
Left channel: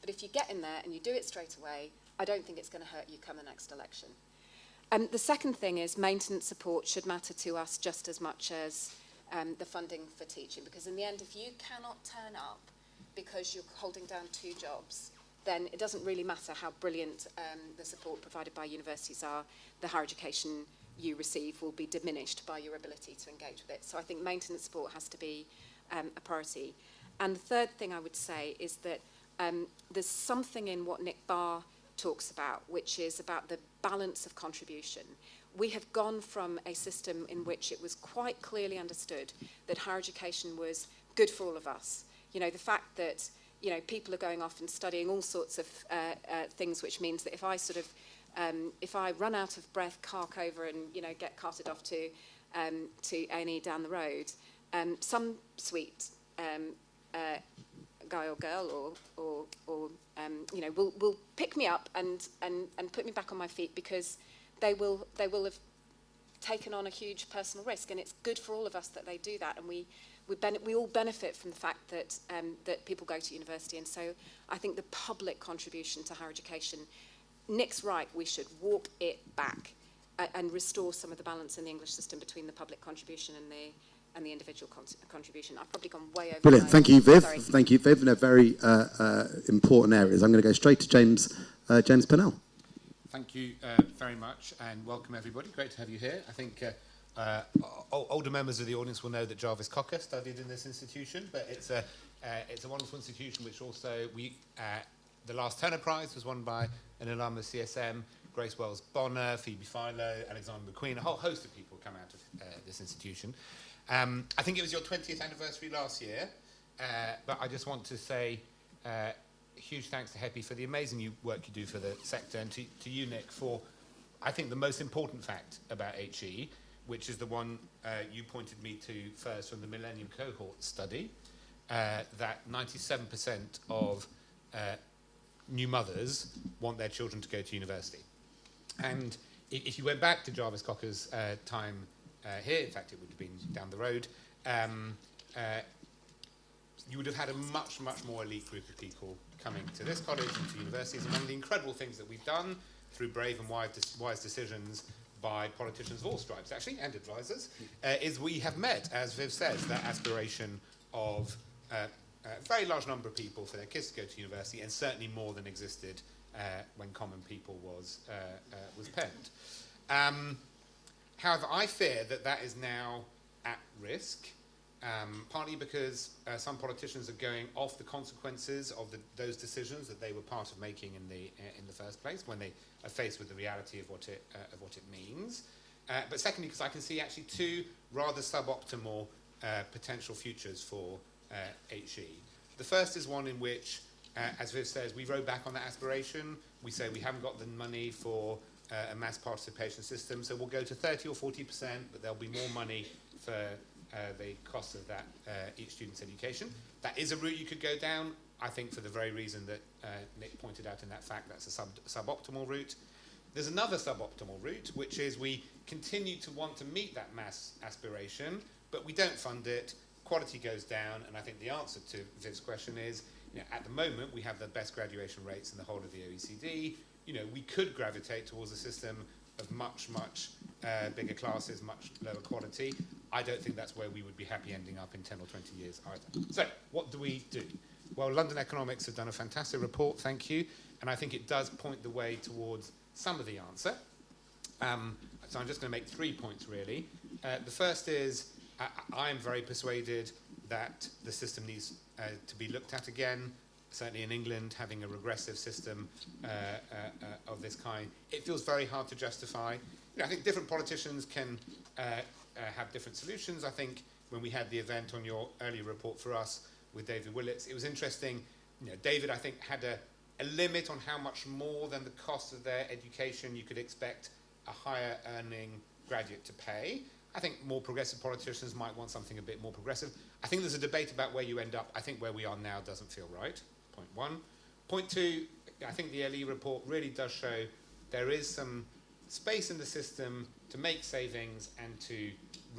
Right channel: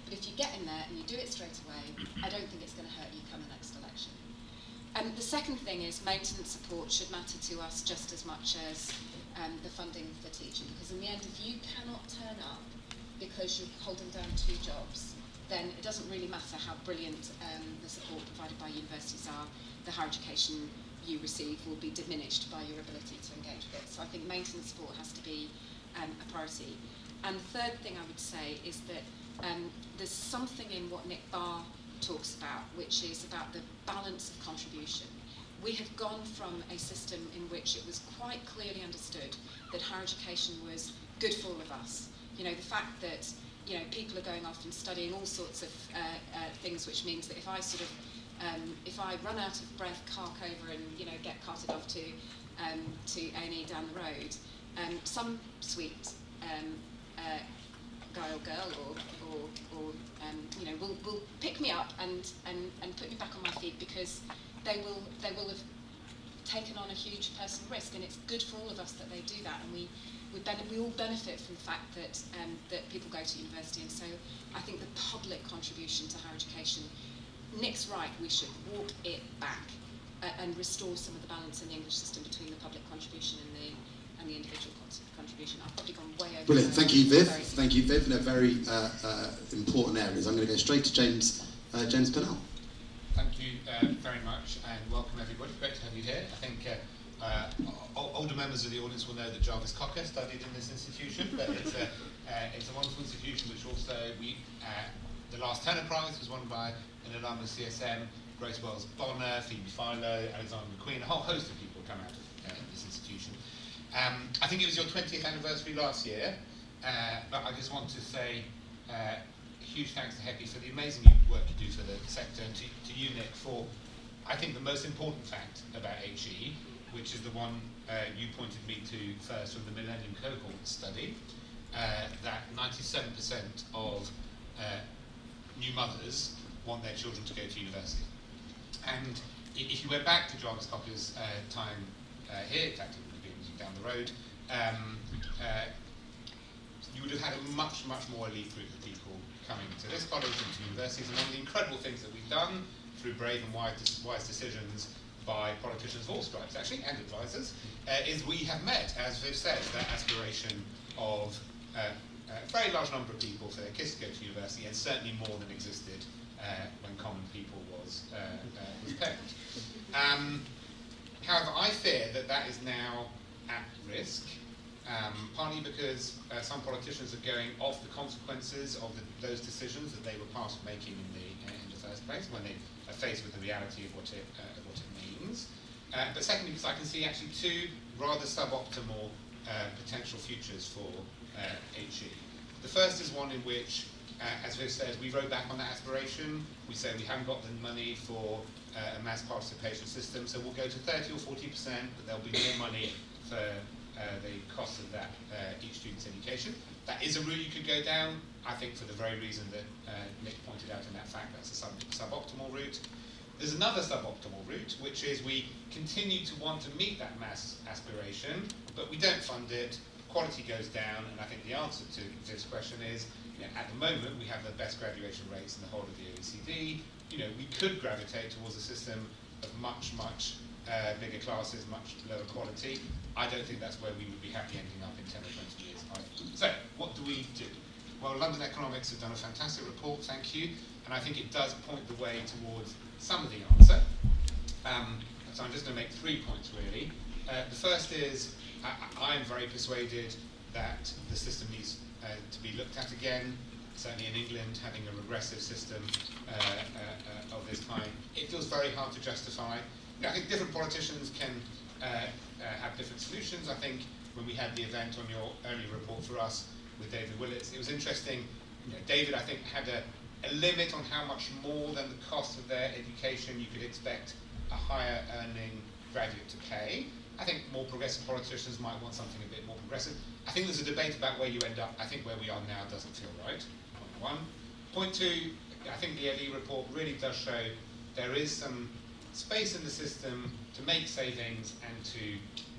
But if you get in there and you do it straight away, I don't think it's going to hurt you come the next election. The second thing is maintenance support should matter to us just as much as the funding for teaching, because in the end, if you cannot turn up because you're holding down two jobs, then it doesn't really matter how brilliant the support provided by universities are. The higher education you receive will be diminished by your ability to engage with it. So I think maintenance support has to be a priority. And the third thing I would say is that there's something in what Nick Barr talks about, which is about the balance of contribution. We have gone from a system in which it was quite clearly understood that higher education was good for all of us. You know, the fact that, you know, people are going off and studying all sorts of things, which means that if I if I run out of breath, cark over and, you know, get carted off to A&E down the road, some sweet guy or girl or you know, will pick me up and put me back on my feet, because they will have taken on a huge personal risk, and it's good for all of us that they do that, and we all benefit from the fact that people go to university. And so I think the public contribution to higher education, Nick's right, we should walk it back and restore some of the balance in the English system between the public contribution and the individual contribution. I've probably gone way over. Brilliant. Thank you, Viv. Thank you, Viv, in a very important areas. I'm going to go straight to James Pennell. Thank you very much, and welcome everybody. Great to have you here. think older members of the audience will know that Jarvis Cocker studied in this institution, but it's a wonderful institution which also, the last Tenor Prize was won by an alumnus CSM, Grace Wells Bonner, Phoebe Philo, Alexander McQueen, a whole host of people come out of this institution. I think it was your 20th anniversary last year, but I just want to say huge thanks to HEPI for the amazing work you do for the sector, and to you, Nick, for, I think, the most important fact about HE, which is the one you pointed me to first from the Millennium Cohort study, that 97% of new mothers want their children to go to university. And if you went back to Jarvis Cocker's time here, in fact it would have been down the road, you would have had a much, much more elite group of people coming to this college and to universities. And one of the incredible things that we've done through brave and wise decisions by politicians of all stripes, actually, and advisors, is we have met, as we've said, that aspiration of a very large number of people for their kids to go to university, and certainly more than existed when Common People was penned. However, I fear that that is now at risk, partly because some politicians are going off the consequences of those decisions that they were part of making in the first place, when they are faced with the reality of what it means. But secondly, because I can see actually two rather suboptimal potential futures for HE. The first is one in which, as we said, we rode back on that aspiration. We said we haven't got the money for a mass participation system, so we'll go to 30 or 40%, but there'll be more money for the cost of that each student's education. That is a route you could go down, I think, for the very reason that Nick pointed out in that fact, that's a suboptimal route. There's another suboptimal route, which is we continue to want to meet that mass aspiration, but we don't fund it, quality goes down, and I think the answer to this question is, at the moment we have the best graduation rates in the whole of the OECD. We could gravitate towards a system of much, much bigger classes, much lower quality. I don't think that's where we would be happy ending up in 10 or 20 years' time. So, what do we do? Well, London Economics have done a fantastic report, thank you, and I think it does point the way towards some of the answer. So I'm just going to make 3 points, really. The first is, I'm very persuaded that the system needs to be looked at again. Certainly in England, having a regressive system of this kind, it feels very hard to justify. I think different politicians can have different solutions. I think when we had the event on your earlier report for us with David Willits, it was interesting. David, I think, had a limit on how much more than the cost of their education you could expect a higher earning graduate to pay. I think more progressive politicians might want something a bit more progressive. I think there's a debate about where you end up. I think where we are now doesn't feel right. Point one. Point two, I think the AE report really does show there is some space in the system to make savings and to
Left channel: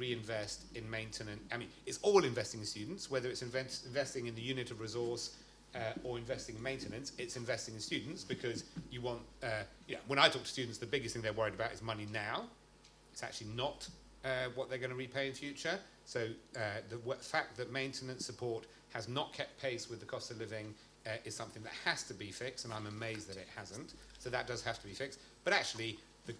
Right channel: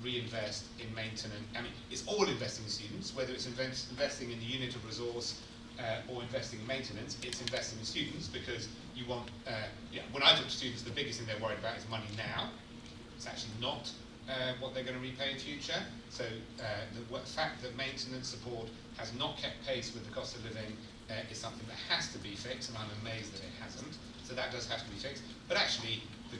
reinvest in maintenance. I mean, it's all investing in students, whether it's investing in the unit of resource or investing in maintenance, it's investing in students, because you want, when I look at students, the biggest thing they're worried about is money now. It's actually not what they're going to repay in future. So the fact that maintenance support has not kept pace with the cost of living is something that has to be fixed, and I'm amazed that it hasn't. So that does have to be fixed. But actually, the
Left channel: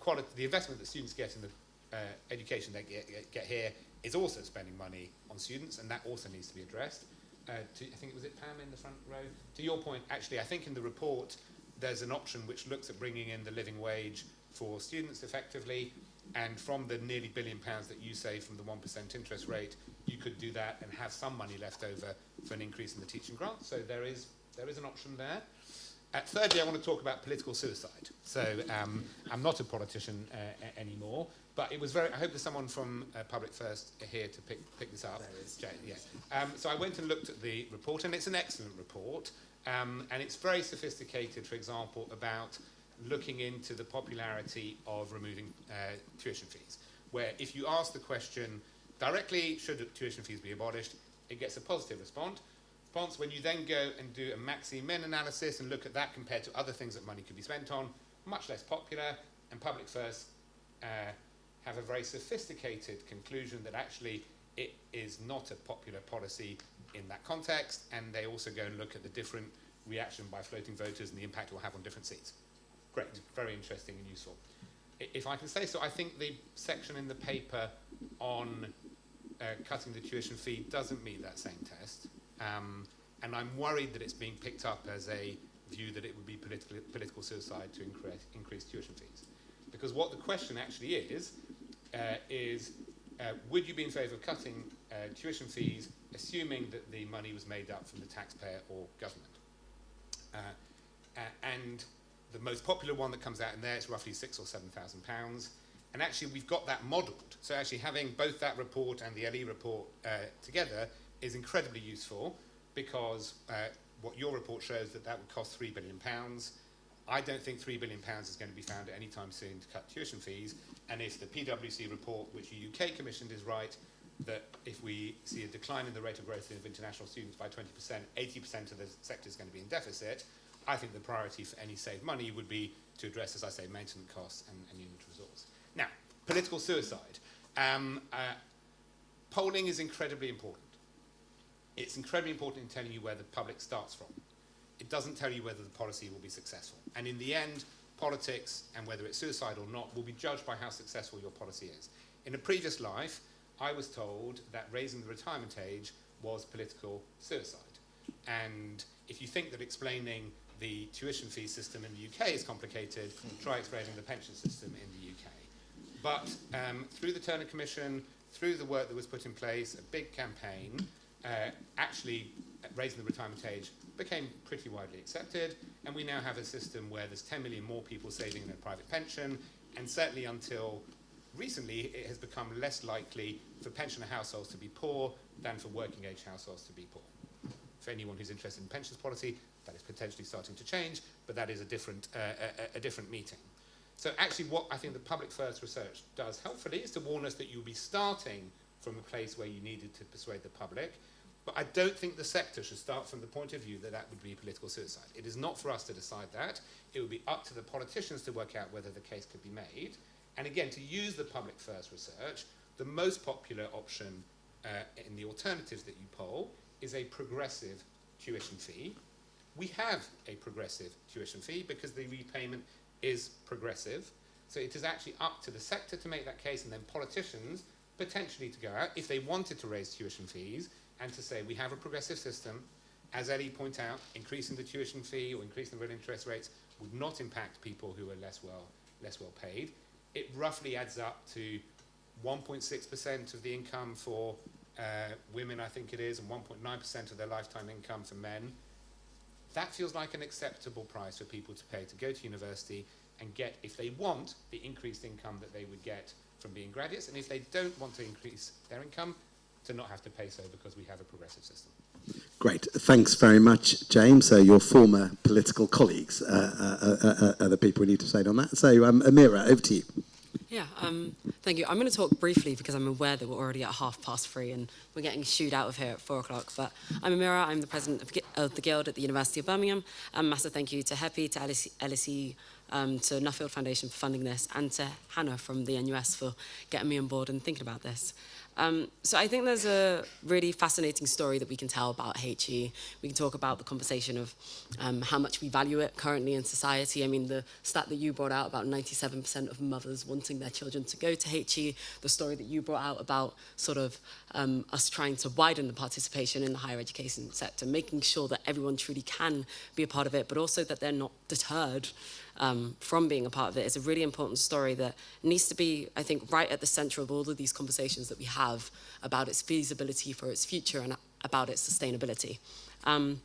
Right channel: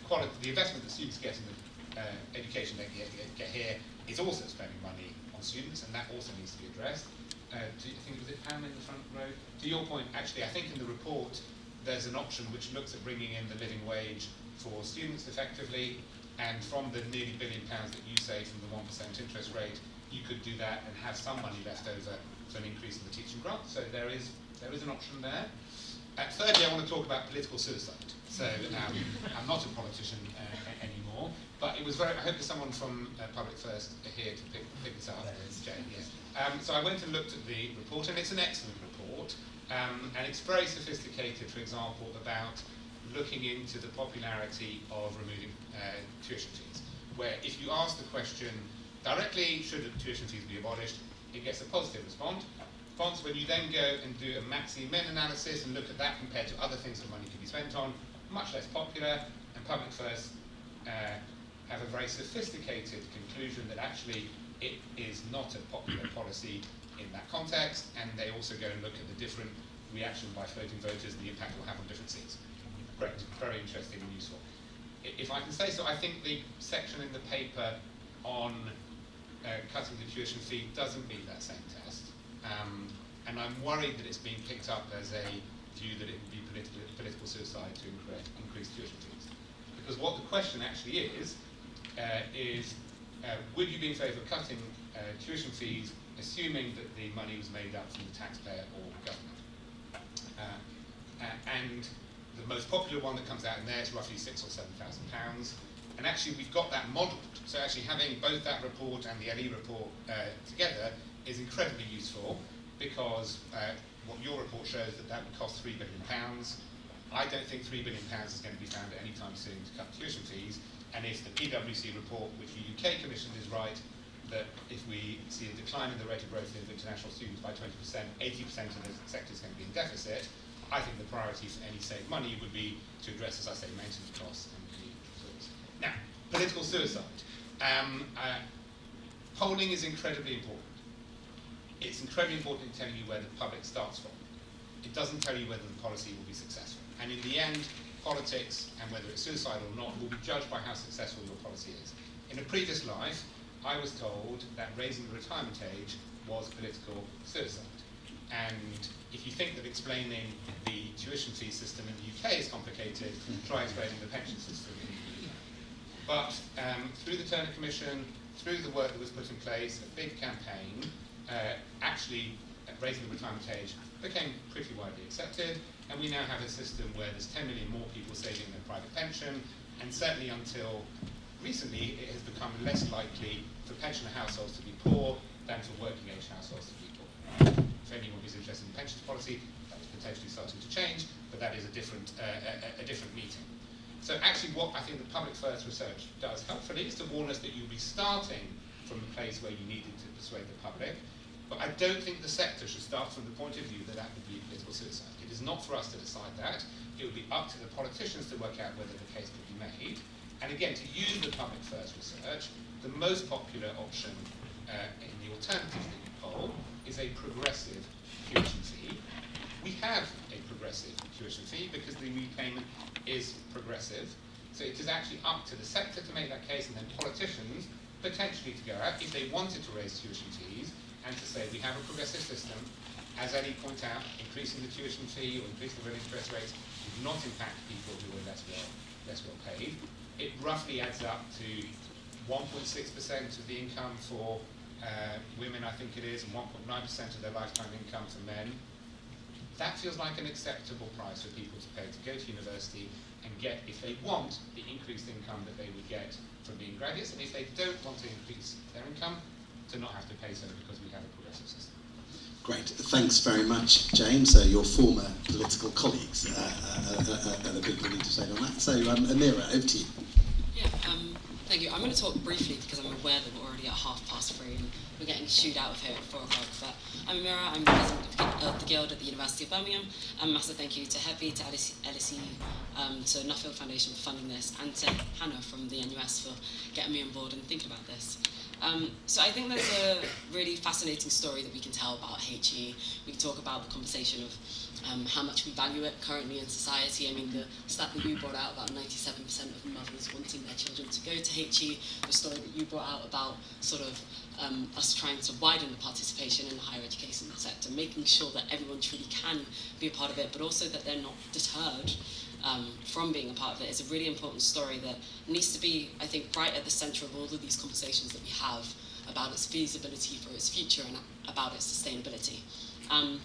investment the students get in the education they get here is also spending money on students, and that also needs to be addressed. Do you think was it Pam in the front row? To your point, actually, I think in the report there's an option which looks at bringing in the living wage for students effectively, and from the nearly £1 billion that you say from the 1% interest rate, you could do that and have some money left over for an increase in the teaching grant. So there is an option there. Thirdly, I want to talk about political suicide. So I'm not a politician anymore, but it was I hope there's someone from Public First here to pick this up. So I went and looked at the report, and it's an excellent report, and it's very sophisticated, for example, about looking into the popularity of removing tuition fees, where if you ask the question directly, should tuition fees be abolished, it gets a positive response. When you then go and do a maxi-min analysis and look at that compared to other things that money can be spent on, much less popular, and Public First have a very sophisticated conclusion that actually it is not a popular policy in that context, and they also go and look at the different reaction by floating voters and the impact it will have on different seats. Great, very interesting and useful. if I can say so, I think the section in the paper on cutting the tuition fee doesn't meet that same test. And I'm worried that it's being picked up as a view that it would be political suicide to increase tuition fees. Because what the question actually is would you be in favour of cutting tuition fees, assuming that the money was made up from the taxpayer or government? And the most popular one that comes out in there is roughly £6,000 or £7,000. And actually we've got that model. So actually having both that report and the LE report together is incredibly useful, because what your report shows that would cost £3 billion. I don't think £3 billion is going to be found at any time soon to cut tuition fees. And if the PwC report, which the UK Commission is right, that if we see a decline in the rate of growth of international students by 20%, 80% of the sector is going to be in deficit, I think the priority for any saved money would be to address, as I say, maintenance costs and interest. Now, political suicide. Polling is incredibly important. It's incredibly important to tell you where the public starts from. It doesn't tell you whether the policy will be successful. And in the end, politics, and whether it's suicidal or not, will be judged by how successful your policy is. In a previous life, I was told that raising the retirement age was political suicide. And if you think that explaining the tuition fee system in the UK is complicated, try explaining the pension system in the UK. But through the Turner Commission, through the work that was put in place, a big campaign, actually raising the retirement age became pretty widely accepted, and we now have a system where there's 10 million more people saving their private pension, and certainly until recently it has become less likely for pensioner households to be poor than for working age households to be poor. If anyone is interested in pension policy, that's potentially starting to change, but that is a different meeting. So actually what I think the public first research does, hopefully, is to warn us that you'll be starting from a place where you needed to persuade the public, but I don't think the sector should start from the point of view that that would be political suicide. It is not for us to decide that. It would be up to the politicians to work out whether the case could be made. And again, to use the public first research, the most popular option in the alternative that you poll is a progressive tuition fee. We have a progressive tuition fee because the repayment is progressive. So it is actually up to the sector to make that case, and then politicians potentially to go out, if they wanted to raise tuition fees, and to say we have a progressive system, as Eddie pointed out, increasing the tuition fee or increasing real interest rates would not impact people who are less well paid. It roughly adds up to 1.6% of the income for women, I think it is, and 1.9% of their lifetime income for men. That feels like an acceptable price for people to pay to go to university and get, if they want, the increased income that they would get from being graduates, and if they don't want to increase their income, to not have to pay so because we have a progressive system. Great, thanks very much, James. So your former political colleagues are the people who need to say on that. So Amira, over to you. Yeah, thank you. I'm going to talk briefly because I'm aware that we're already at 3:30 and we're getting shooed out of here at 4 o'clock. But I'm Amira, I'm president of the Guild at the University of Birmingham. Massive thank you to HEPI, to LSE, to Nuffield Foundation for funding this, and to Hannah from the NUS for getting me on board and thinking about this. So I think there's a really fascinating story that we can tell about HE. We can talk about the conversation of how much we value it currently in society. I mean, the stat that you brought out about 97% of mothers wanting their children to go to HE, the story that you brought out about sort of us trying to widen the participation in the higher education sector, making sure that everyone truly can be a part of it, but also that they're not deterred from being a part of it. It's a really important story that needs to be, I think, right at the centre of all of these conversations that we have about its feasibility for its future and about its sustainability. And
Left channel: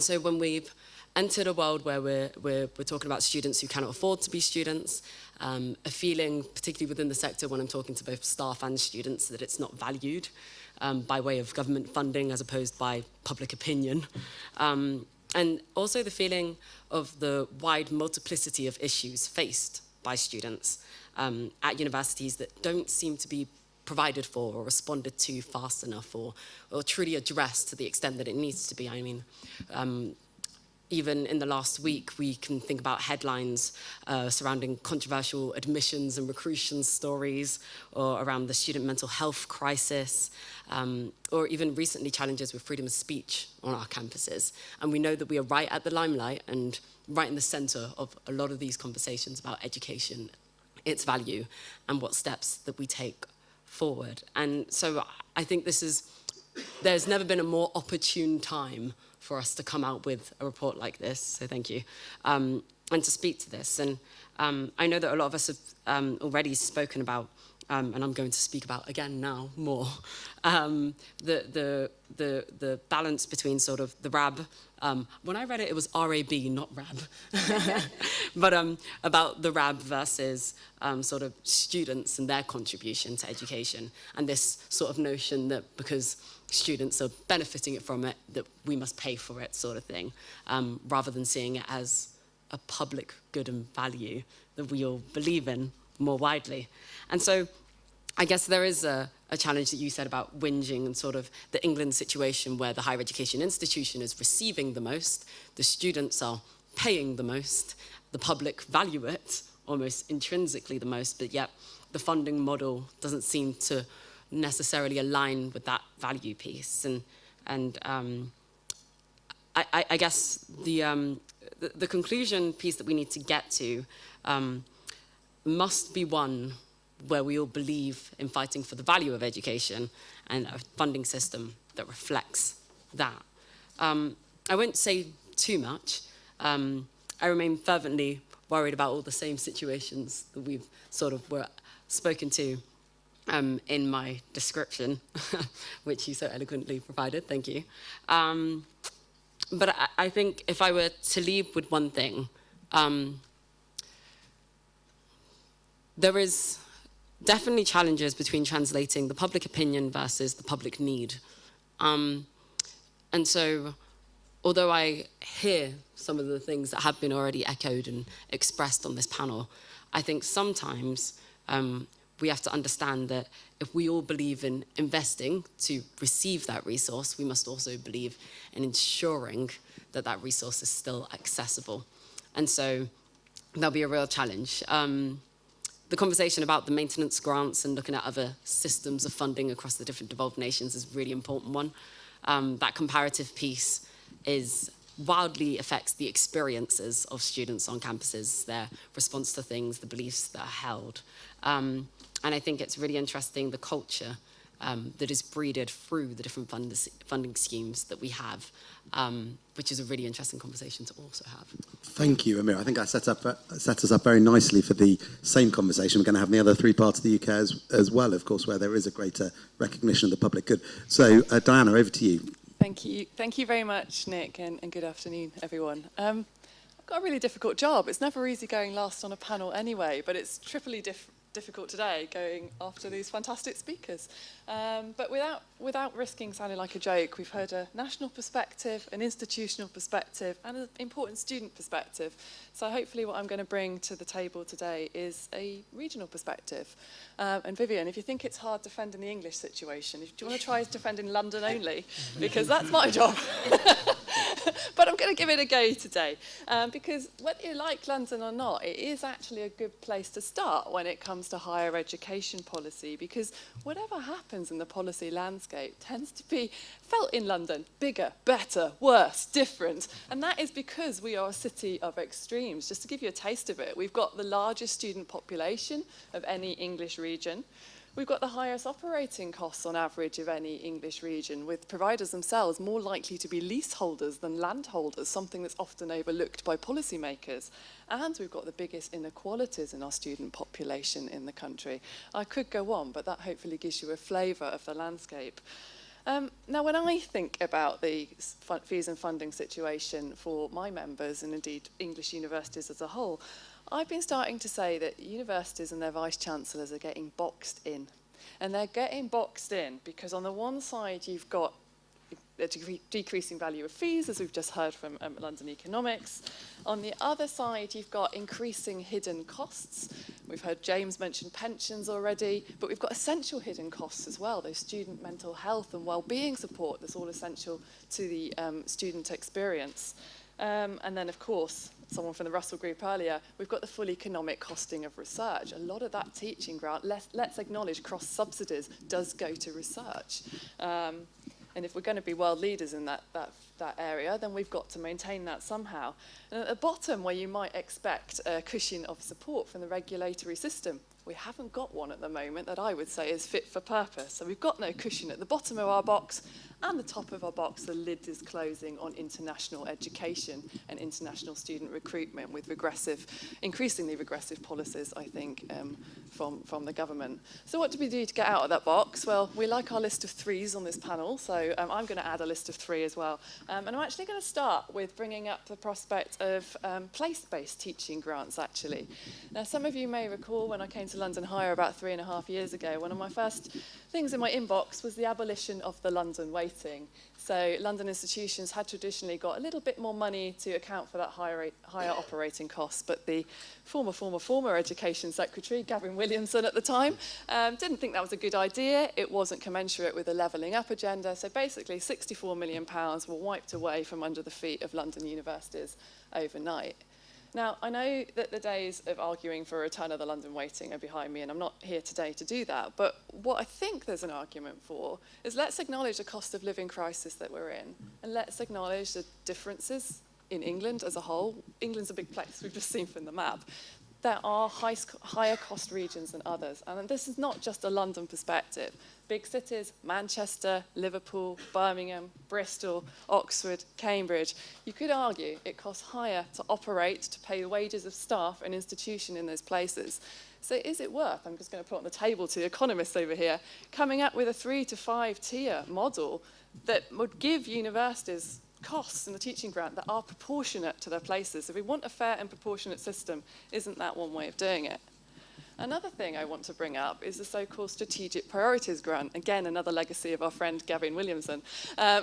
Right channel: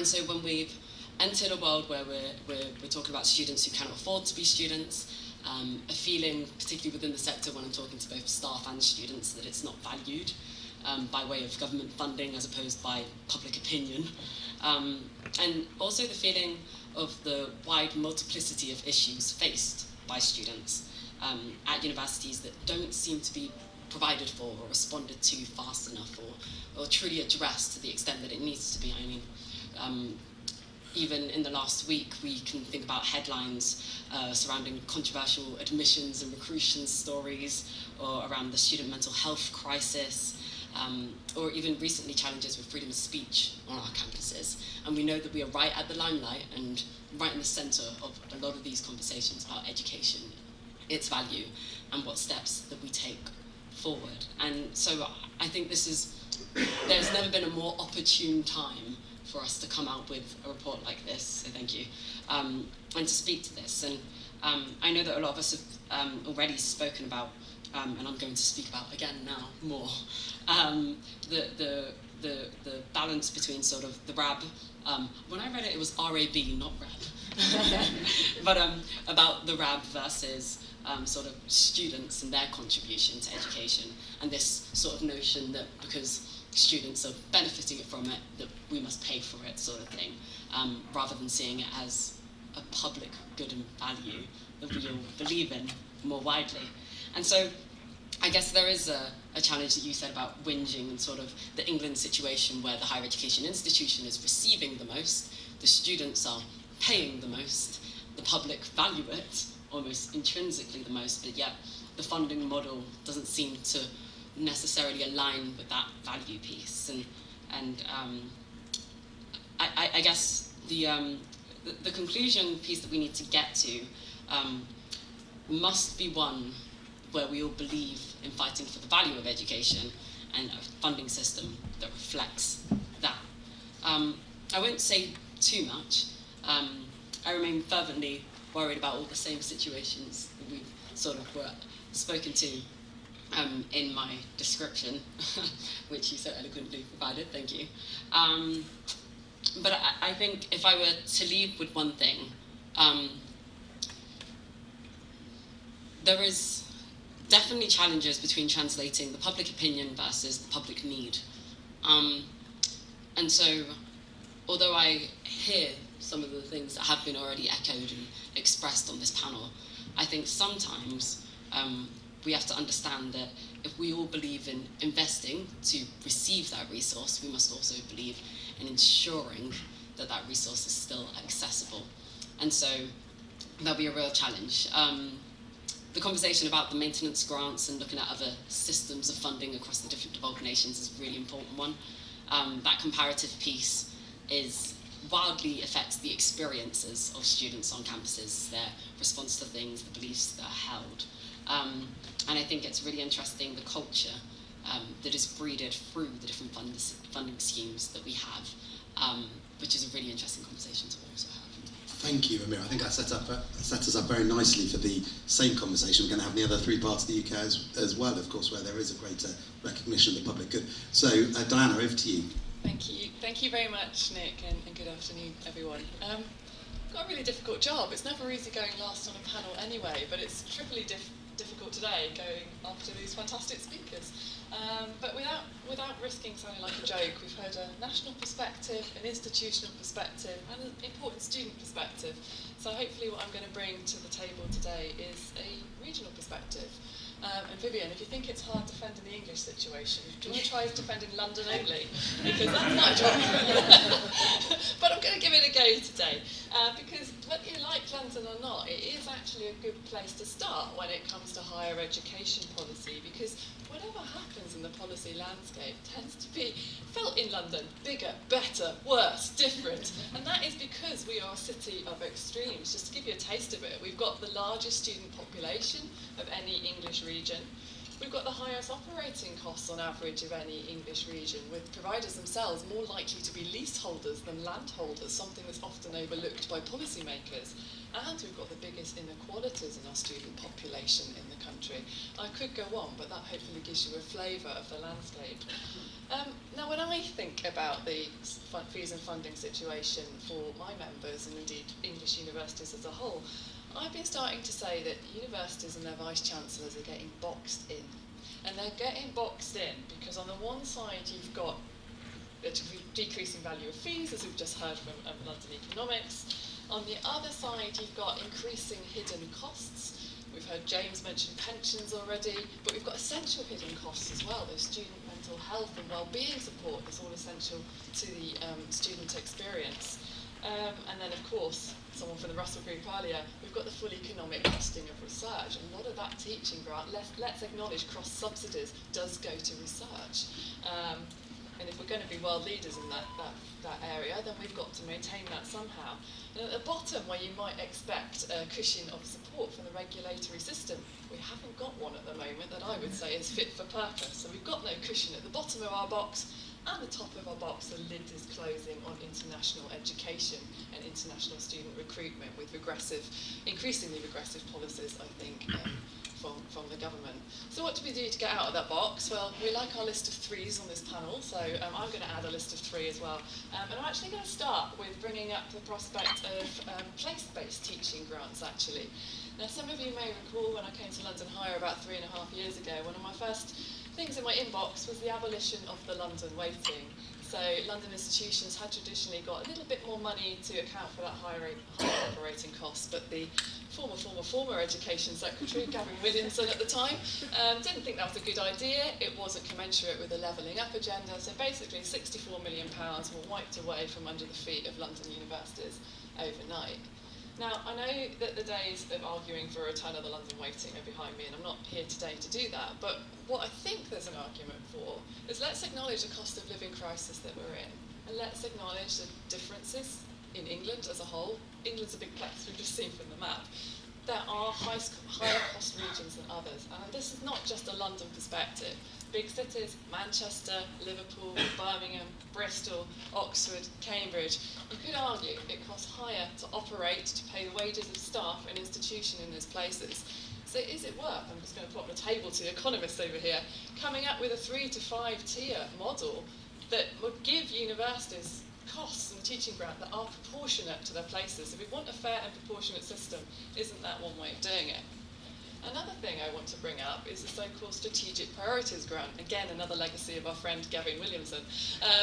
so when we've entered a world where we're talking about students who cannot afford to be students, a feeling, particularly within the sector when I'm talking to both staff and students, that it's not valued by way of government funding as opposed by public opinion. And also the feeling of the wide multiplicity of issues faced by students at universities that don't seem to be provided for or responded to fast enough or truly addressed to the extent that it needs to be. I mean, even in the last week, we can think about headlines surrounding controversial admissions and recruitment stories, or around the student mental health crisis, or even recently challenges with freedom of speech on our campuses. And we know that we are right at the limelight and right in the centre of a lot of these conversations about education its value and what steps that we take forward. And so I think there's never been a more opportune time for us to come out with a report like this, so thank you, and to speak to this. And I know that a lot of us have already spoken about, and I'm going to speak about again now more, the balance between sort of the RAB. When I read it, it was RAB, not RAB. But about the RAB versus sort of students and their contribution to education, and this sort of notion that because students are benefiting from it, that we must pay for it, sort of thing, rather than seeing it as a public good and value that we all believe in more widely. And so I guess there is a challenge that you said about whinging and sort of the England situation where the higher education institution is receiving the most, the students are paying the most, the public value it almost intrinsically the most, but yet the funding model doesn't seem to necessarily align with that value piece. And I guess the conclusion piece that we need to get to must be one where we all believe in fighting for the value of education and a funding system that reflects that. I won't say too much. I remain fervently worried about all the same situations that we've sort of were spoken to in my description, which you so eloquently provided, thank you. But I think if I were to leave with one thing, there is definitely challenges between translating the public opinion versus the public need. And so, although I hear some of the things that have been already echoed and expressed on this panel, I think sometimes we have to understand that if we all believe in investing to receive that resource, we must also believe in ensuring that that resource is still accessible. And so that'll be a real challenge. The conversation about the maintenance grants and looking at other systems of funding across the different developed nations is a really important one. That comparative piece wildly affects the experiences of students on campuses, their response to things, the beliefs that are held. And I think it's really interesting the culture that is breeded through the different funding schemes that we have, which is a really interesting conversation to also have. Thank you, Amir. I think that sets us up very nicely for the same conversation we're going to have in the other three parts of the UK as well, of course, where there is a greater recognition of the public good. So, Diana, over to you. Thank you. Thank you very much, Nick, and good afternoon, everyone. I've got a really difficult job. It's never easy going last on a panel anyway, but it's triply difficult today going after these fantastic speakers. But without risking sounding like a joke, we've heard a national perspective, an institutional perspective, and an important student perspective. So hopefully what I'm going to bring to the table today is a regional perspective. And Vivian, if you think it's hard defending the English situation, do you want to try defending London only? Because that's my job. But I'm going to give it a go today. Because whether you like London or not, it is actually a good place to start when it comes to higher education policy. Because whatever happens in the policy landscape tends to be felt in London: bigger, better, worse, different. And that is because we are a city of extremes. Just to give you a taste of it, we've got the largest student population of any English region. We've got the highest operating costs on average of any English region, with providers themselves more likely to be leaseholders than landholders, something that's often overlooked by policymakers. And we've got the biggest inequalities in our student population in the country. I could go on, but that hopefully gives you a flavour of the landscape. Now, when I think about the fees and funding situation for my members, and indeed English universities as a whole, I've been starting to say that universities and their vice-chancellors are getting boxed in. And they're getting boxed in because on the one side you've got the decreasing value of fees, as we've just heard from London Economics. On the other side you've got increasing hidden costs. We've heard James mention pensions already, but we've got essential hidden costs as well. There's student mental health and well-being support that's all essential to the student experience. And then, of course, someone from the Russell Group earlier, we've got the full economic costing of research. A lot of that teaching grant, let's acknowledge cross-subsidies, does go to research. And if we're going to be world leaders in that area, then we've got to maintain that somehow. And at the bottom, where you might expect a cushion of support from the regulatory system, we haven't got one at the moment that I would say is fit for purpose. So we've got no cushion at the bottom of our box, and the top of our box, the lid is closing on international education and international student recruitment with increasingly regressive policies, I think, from the government. So what do we do to get out of that box? Well, we like our list of threes on this panel, so I'm going to add a list of three as well. And I'm actually going to start with bringing up the prospect of place-based teaching grants, actually. Now, some of you may recall when I came to London Higher about 3.5 years ago, one of my first things in my inbox was the abolition of the London waiting. So London institutions had traditionally got a little bit more money to account for that higher operating cost, but the former Education Secretary, Gavin Williamson at the time, didn't think that was a good idea. It wasn't commensurate with the levelling up agenda, so basically £64 million were wiped away from under the feet of London universities overnight. Now, I know that the days of arguing for a return of the London waiting are behind me, and I'm not here today to do that, but what I think there's an argument for is let's acknowledge the cost of living crisis that we're in, and let's acknowledge the differences in England as a whole. England's a big place, we've just seen from the map. There are higher cost regions than others, and this is not just a London perspective. Big cities, Manchester, Liverpool, Birmingham, Bristol, Oxford, Cambridge, you could argue it costs higher to operate, to pay the wages of staff and institution in those places. So is it worth, I'm just going to put on the table to economists over here, coming up with a 3 to 5 tier model that would give universities costs in the teaching grant that are proportionate to their places? If we want a fair and proportionate system, isn't that one way of doing it? Another thing I want to bring up is the so-called Strategic Priorities Grant, again another legacy of our friend Gavin Williamson,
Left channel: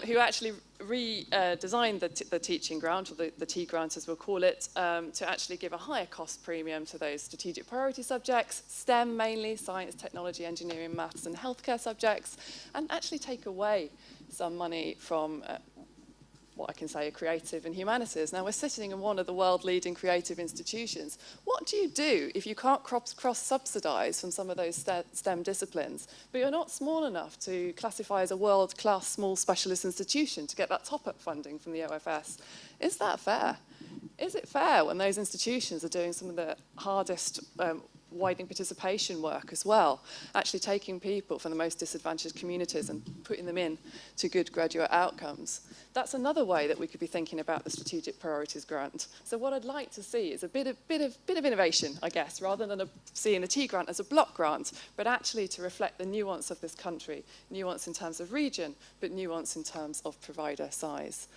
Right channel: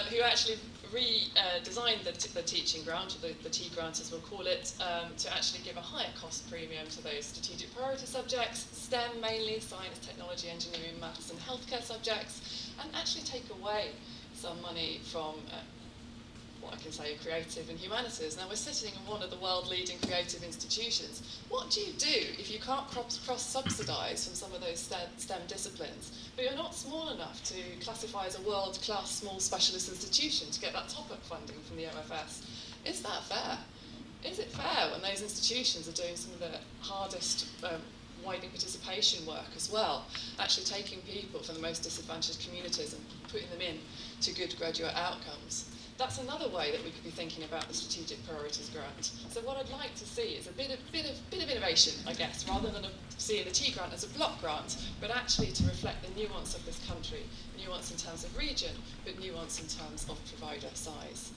who actually redesigned the teaching grant, or the T grant as we'll call it, to actually give a higher cost premium to those strategic priority subjects, STEM mainly, science, technology, engineering, maths and healthcare subjects, and actually take away some money from what I can say are creative and humanities. Now we're sitting in one of the world-leading creative institutions. What do you do if you can't cross-subsidise from some of those STEM disciplines, but you're not small enough to classify as a world-class small specialist institution to get that top-up funding from the OFS? Is that fair? Is it fair when those institutions are doing some of the hardest widening participation work as well, actually taking people from the most disadvantaged communities and putting them in to good graduate outcomes? That's another way that we could be thinking about the Strategic Priorities Grant. So what I'd like to see is a bit of innovation, I guess, rather than seeing a T grant as a block grant, but actually to reflect the nuance of this country, nuance in terms of region, but nuance in terms of provider size.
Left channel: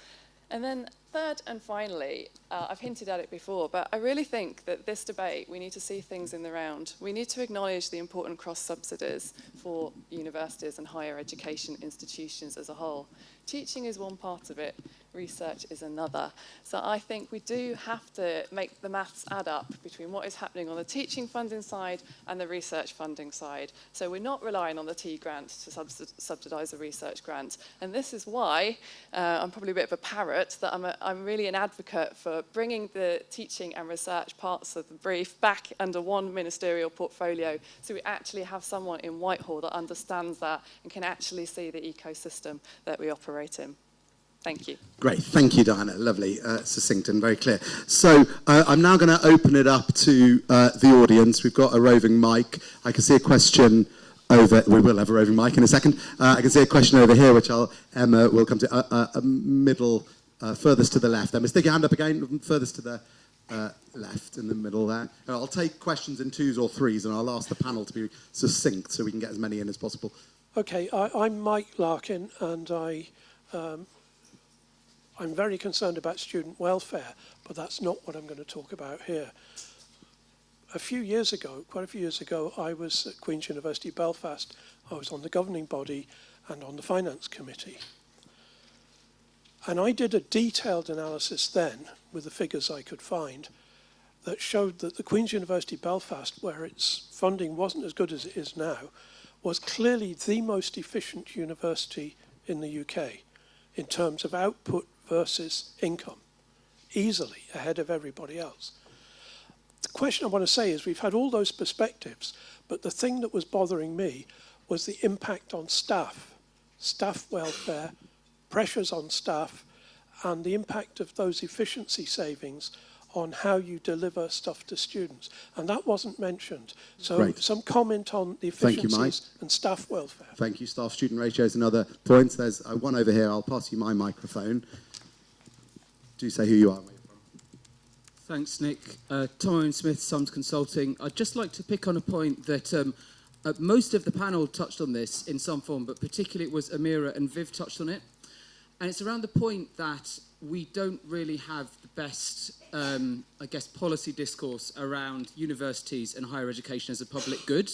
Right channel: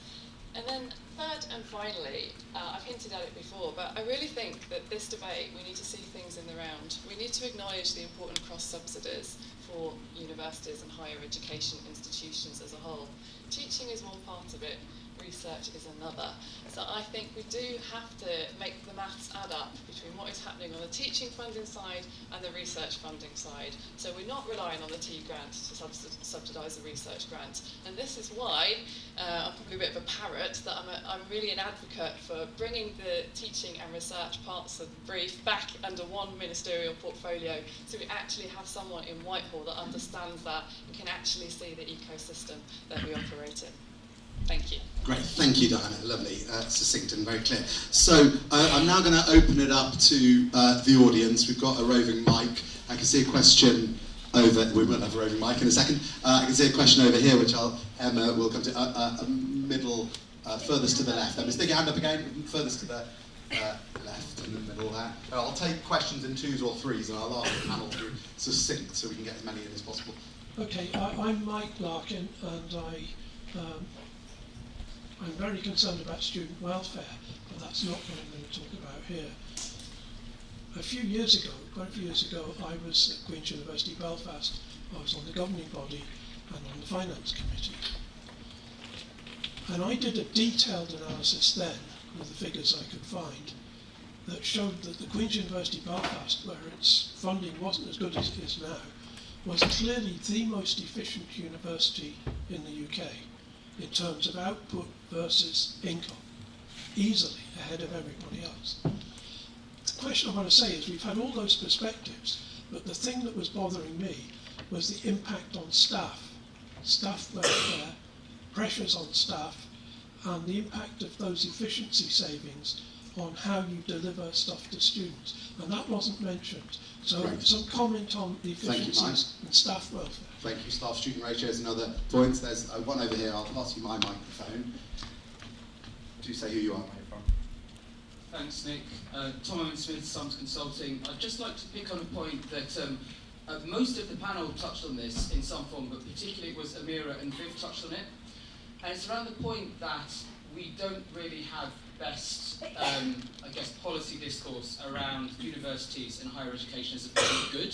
And then third and finally, I've hinted at it before, but I really think that this debate, we need to see things in the round. We need to acknowledge the important cross-subsidies for universities and higher education institutions as a whole. Teaching is one part of it, research is another. So I think we do have to make the maths add up between what is happening on the teaching funding side and the research funding side. So we're not relying on the T grants to subsidise the research grants. And this is why I'm probably a bit of a parrot, that I'm really an advocate for bringing the teaching and research parts of the brief back under one ministerial portfolio, so we actually have someone in Whitehall that understands that and can actually see the ecosystem that we operate in. Thank you. Great, thank you, Diana. Lovely, succinct and very clear. So I'm now going to open it up to the audience. We've got a roving mic. I can see a question over. We will have a roving mic in a second. I can see a question over here, which Emma will come to. Middle, furthest to the left. Emma, stick your hand up again. Furthest to the left, in the middle there. So I'll take questions in 2s or 3s, and I'll ask the panel to be succinct so we can get as many in as possible. Okay, I'm Mike Larkin, and I'm very concerned about student welfare, but that's not what I'm going to talk about here. Quite a few years ago, I was at Queen's University Belfast. I was on the governing body and on the finance committee. And I did a detailed analysis then, with the figures I could find, that showed that the Queen's University Belfast, where its funding wasn't as good as it is now, was clearly the most efficient university in the UK in terms of output versus income, easily ahead of everybody else. The question I want to say is we've had all those perspectives, but the thing that was bothering me was the impact on staff welfare pressures on staff, and the impact of those efficiency savings on how you deliver stuff to students. And that wasn't mentioned. So Great. some comment on the Thank you, Mike. efficiencies and staff welfare. Thank you. Staff-student ratio is another point. There's one over here. I'll pass you my microphone. Do say who you are. Thanks, Nick. Tom Owen Smith, Sums Consulting. I'd just like to pick on a point that most of the panel touched on this in some form, but particularly it was Amira and Viv touched on it. And it's around the point that we don't really have best, I guess, policy discourse around universities and higher education as a public good.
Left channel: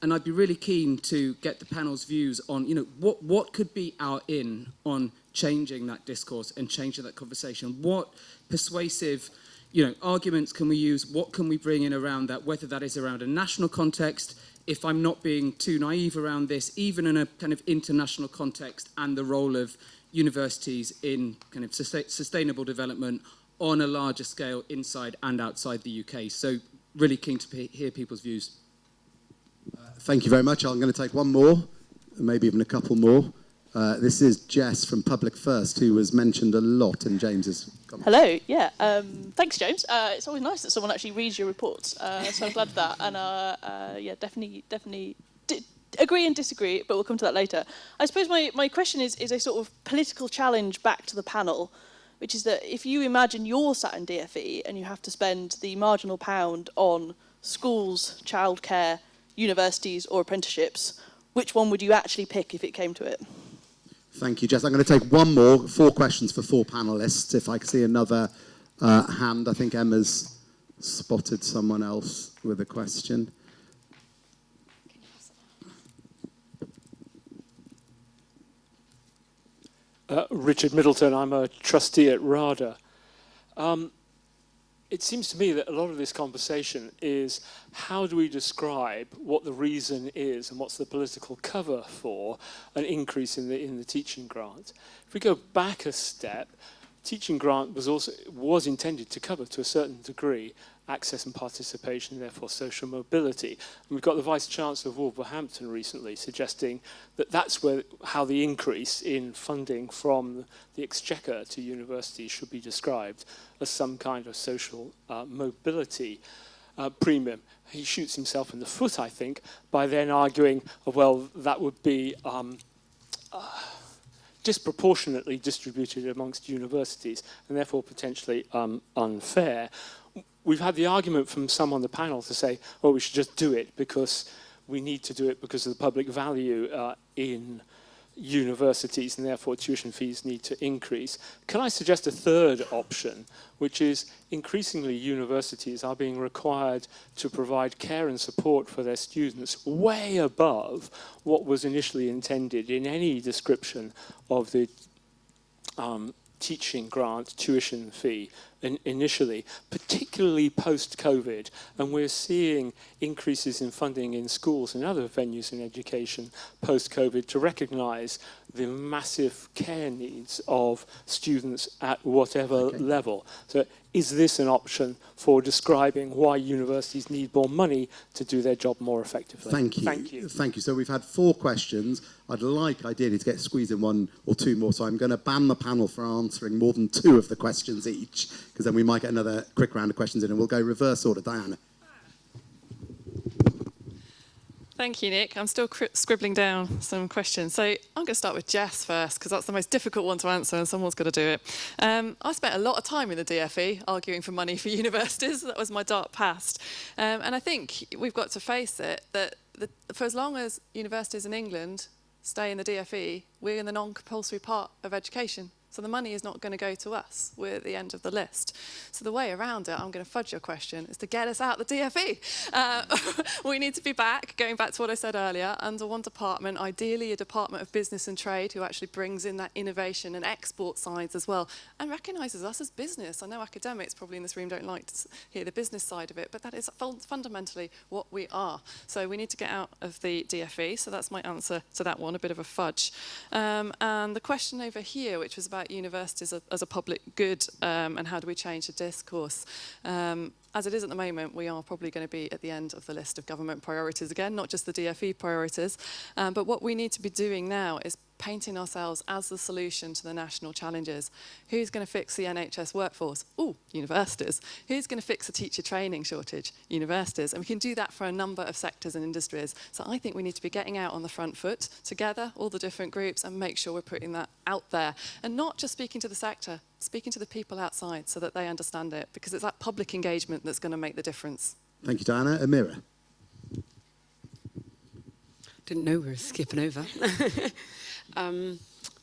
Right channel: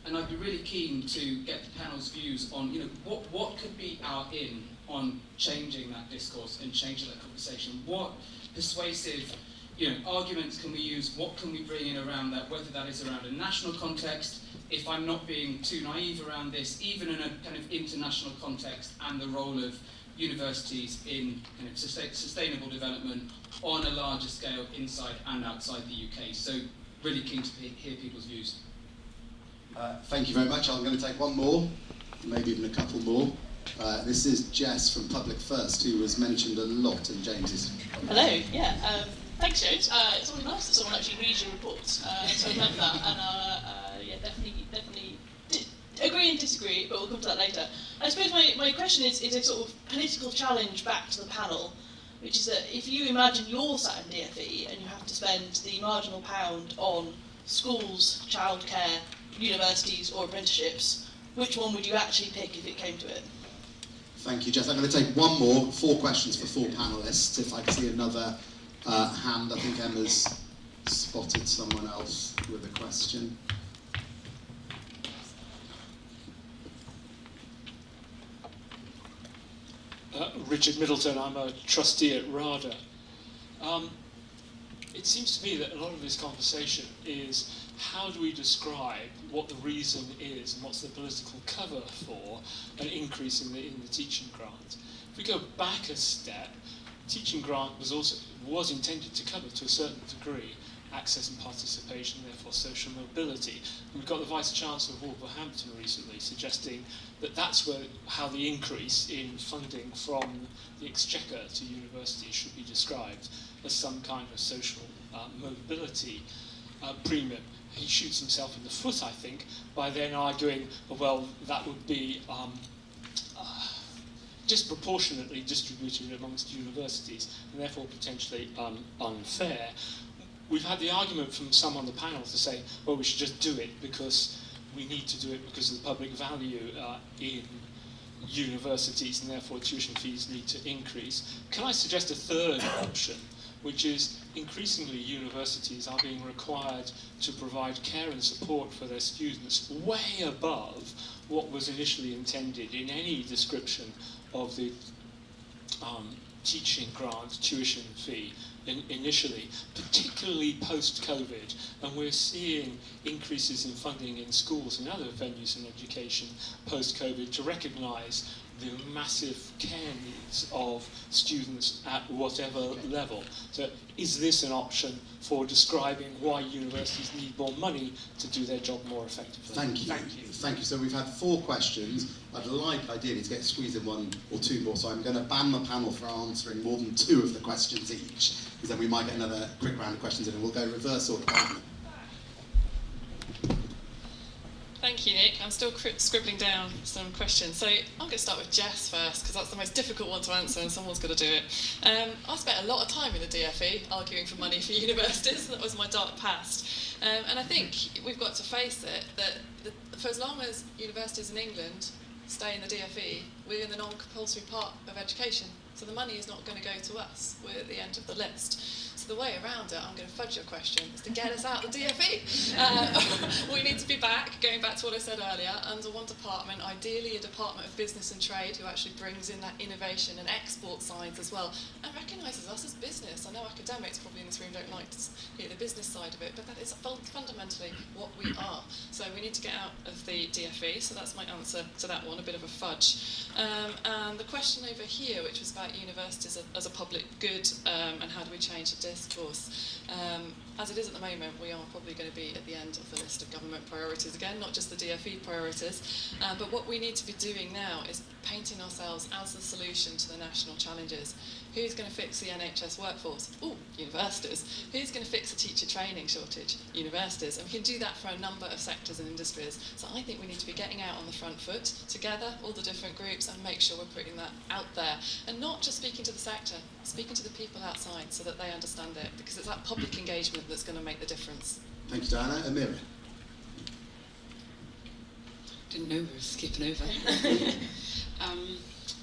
And I'd be really keen to get the panel's views on, what could be our in on changing that discourse and changing that conversation. What persuasive, arguments can we use? What can we bring in around that? Whether that is around a national context, if I'm not being too naive around this, even in a kind of international context, and the role of universities in kind of sustainable development on a larger scale inside and outside the UK. So really keen to hear people's views. Thank you very much. I'm going to take one more, maybe even a couple more. This is Jess from Public First, who was mentioned a lot in James's. Hello, yeah. Thanks, James. It's always nice that someone actually reads your reports, so I'm glad of that. And definitely agree and disagree, but we'll come to that later. I suppose my question is a sort of political challenge back to the panel, which is that if you imagine you're sat in DFE and you have to spend the marginal pound on schools, childcare, universities or apprenticeships, which one would you actually pick if it came to it? Thank you, Jess. I'm going to take one more, 4 questions for 4 panellists. If I can see another hand, I think Emma's spotted someone else with a question. Richard Middleton, I'm a trustee at RADA. It seems to me that a lot of this conversation is how do we describe what the reason is and what's the political cover for an increase in the teaching grant. If we go back a step, teaching grant was intended to cover to a certain degree access and participation, therefore social mobility. And we've got the Vice Chancellor of Wolverhampton recently suggesting that that's how the increase in funding from the Exchequer to universities should be described as some kind of social mobility premium. He shoots himself in the foot, I think, by then arguing, well, that would be disproportionately distributed amongst universities and therefore potentially unfair. We've had the argument from some on the panel to say, well, we should just do it because we need to do it because of the public value in universities and therefore tuition fees need to increase. Can I suggest a third option, which is increasingly universities are being required to provide care and support for their students way above what was initially intended in any description of the teaching grant tuition fee initially, particularly post-COVID, and we're seeing increases in funding in schools and other venues in education post-COVID to recognise the massive care needs of students at whatever level. So is this an option for describing why universities need more money to do their job more effectively? Thank you. Thank you. So we've had 4 questions. I'd like, ideally, to get squeezed in 1 or 2 more, so I'm going to ban the panel for answering more than 2 of the questions each, because then we might get another quick round of questions in and we'll go reverse order. Diana. Thank you, Nick. I'm still scribbling down some questions. So I'm going to start with Jess first, because that's the most difficult one to answer and someone's got to do it. I spent a lot of time in the DFE arguing for money for universities. That was my dark past. And I think we've got to face it, that for as long as universities in England stay in the DFE, we're in the non-compulsory part of education. So the money is not going to go to us. We're at the end of the list. So the way around it, I'm going to fudge your question, is to get us out of the DFE. We need to be back, going back to what I said earlier, under one department, ideally a Department of Business and Trade, who actually brings in that innovation and export sides as well, and recognises us as business. I know academics probably in this room don't like to hear the business side of it, but that is fundamentally what we are. So we need to get out of the DFE, so that's my answer to that one, a bit of a fudge. And the question over here, which was about universities as a public good, and how do we change the discourse. as it is at the moment, we are probably going to be at the end of the list of government priorities again, not just the DFE priorities. But what we need to be doing now is painting ourselves as the solution to the national challenges. Who's going to fix the NHS workforce? Oh, universities. Who's going to fix the teacher training shortage? Universities. And we can do that for a number of sectors and industries. So I think we need to be getting out on the front foot together, all the different groups, and make sure we're putting that out there. And not just speaking to the sector, speaking to the people outside so that they understand it, because it's that public engagement that's going to make the difference. Thank you, Diana. Amira. Didn't know we were skipping over.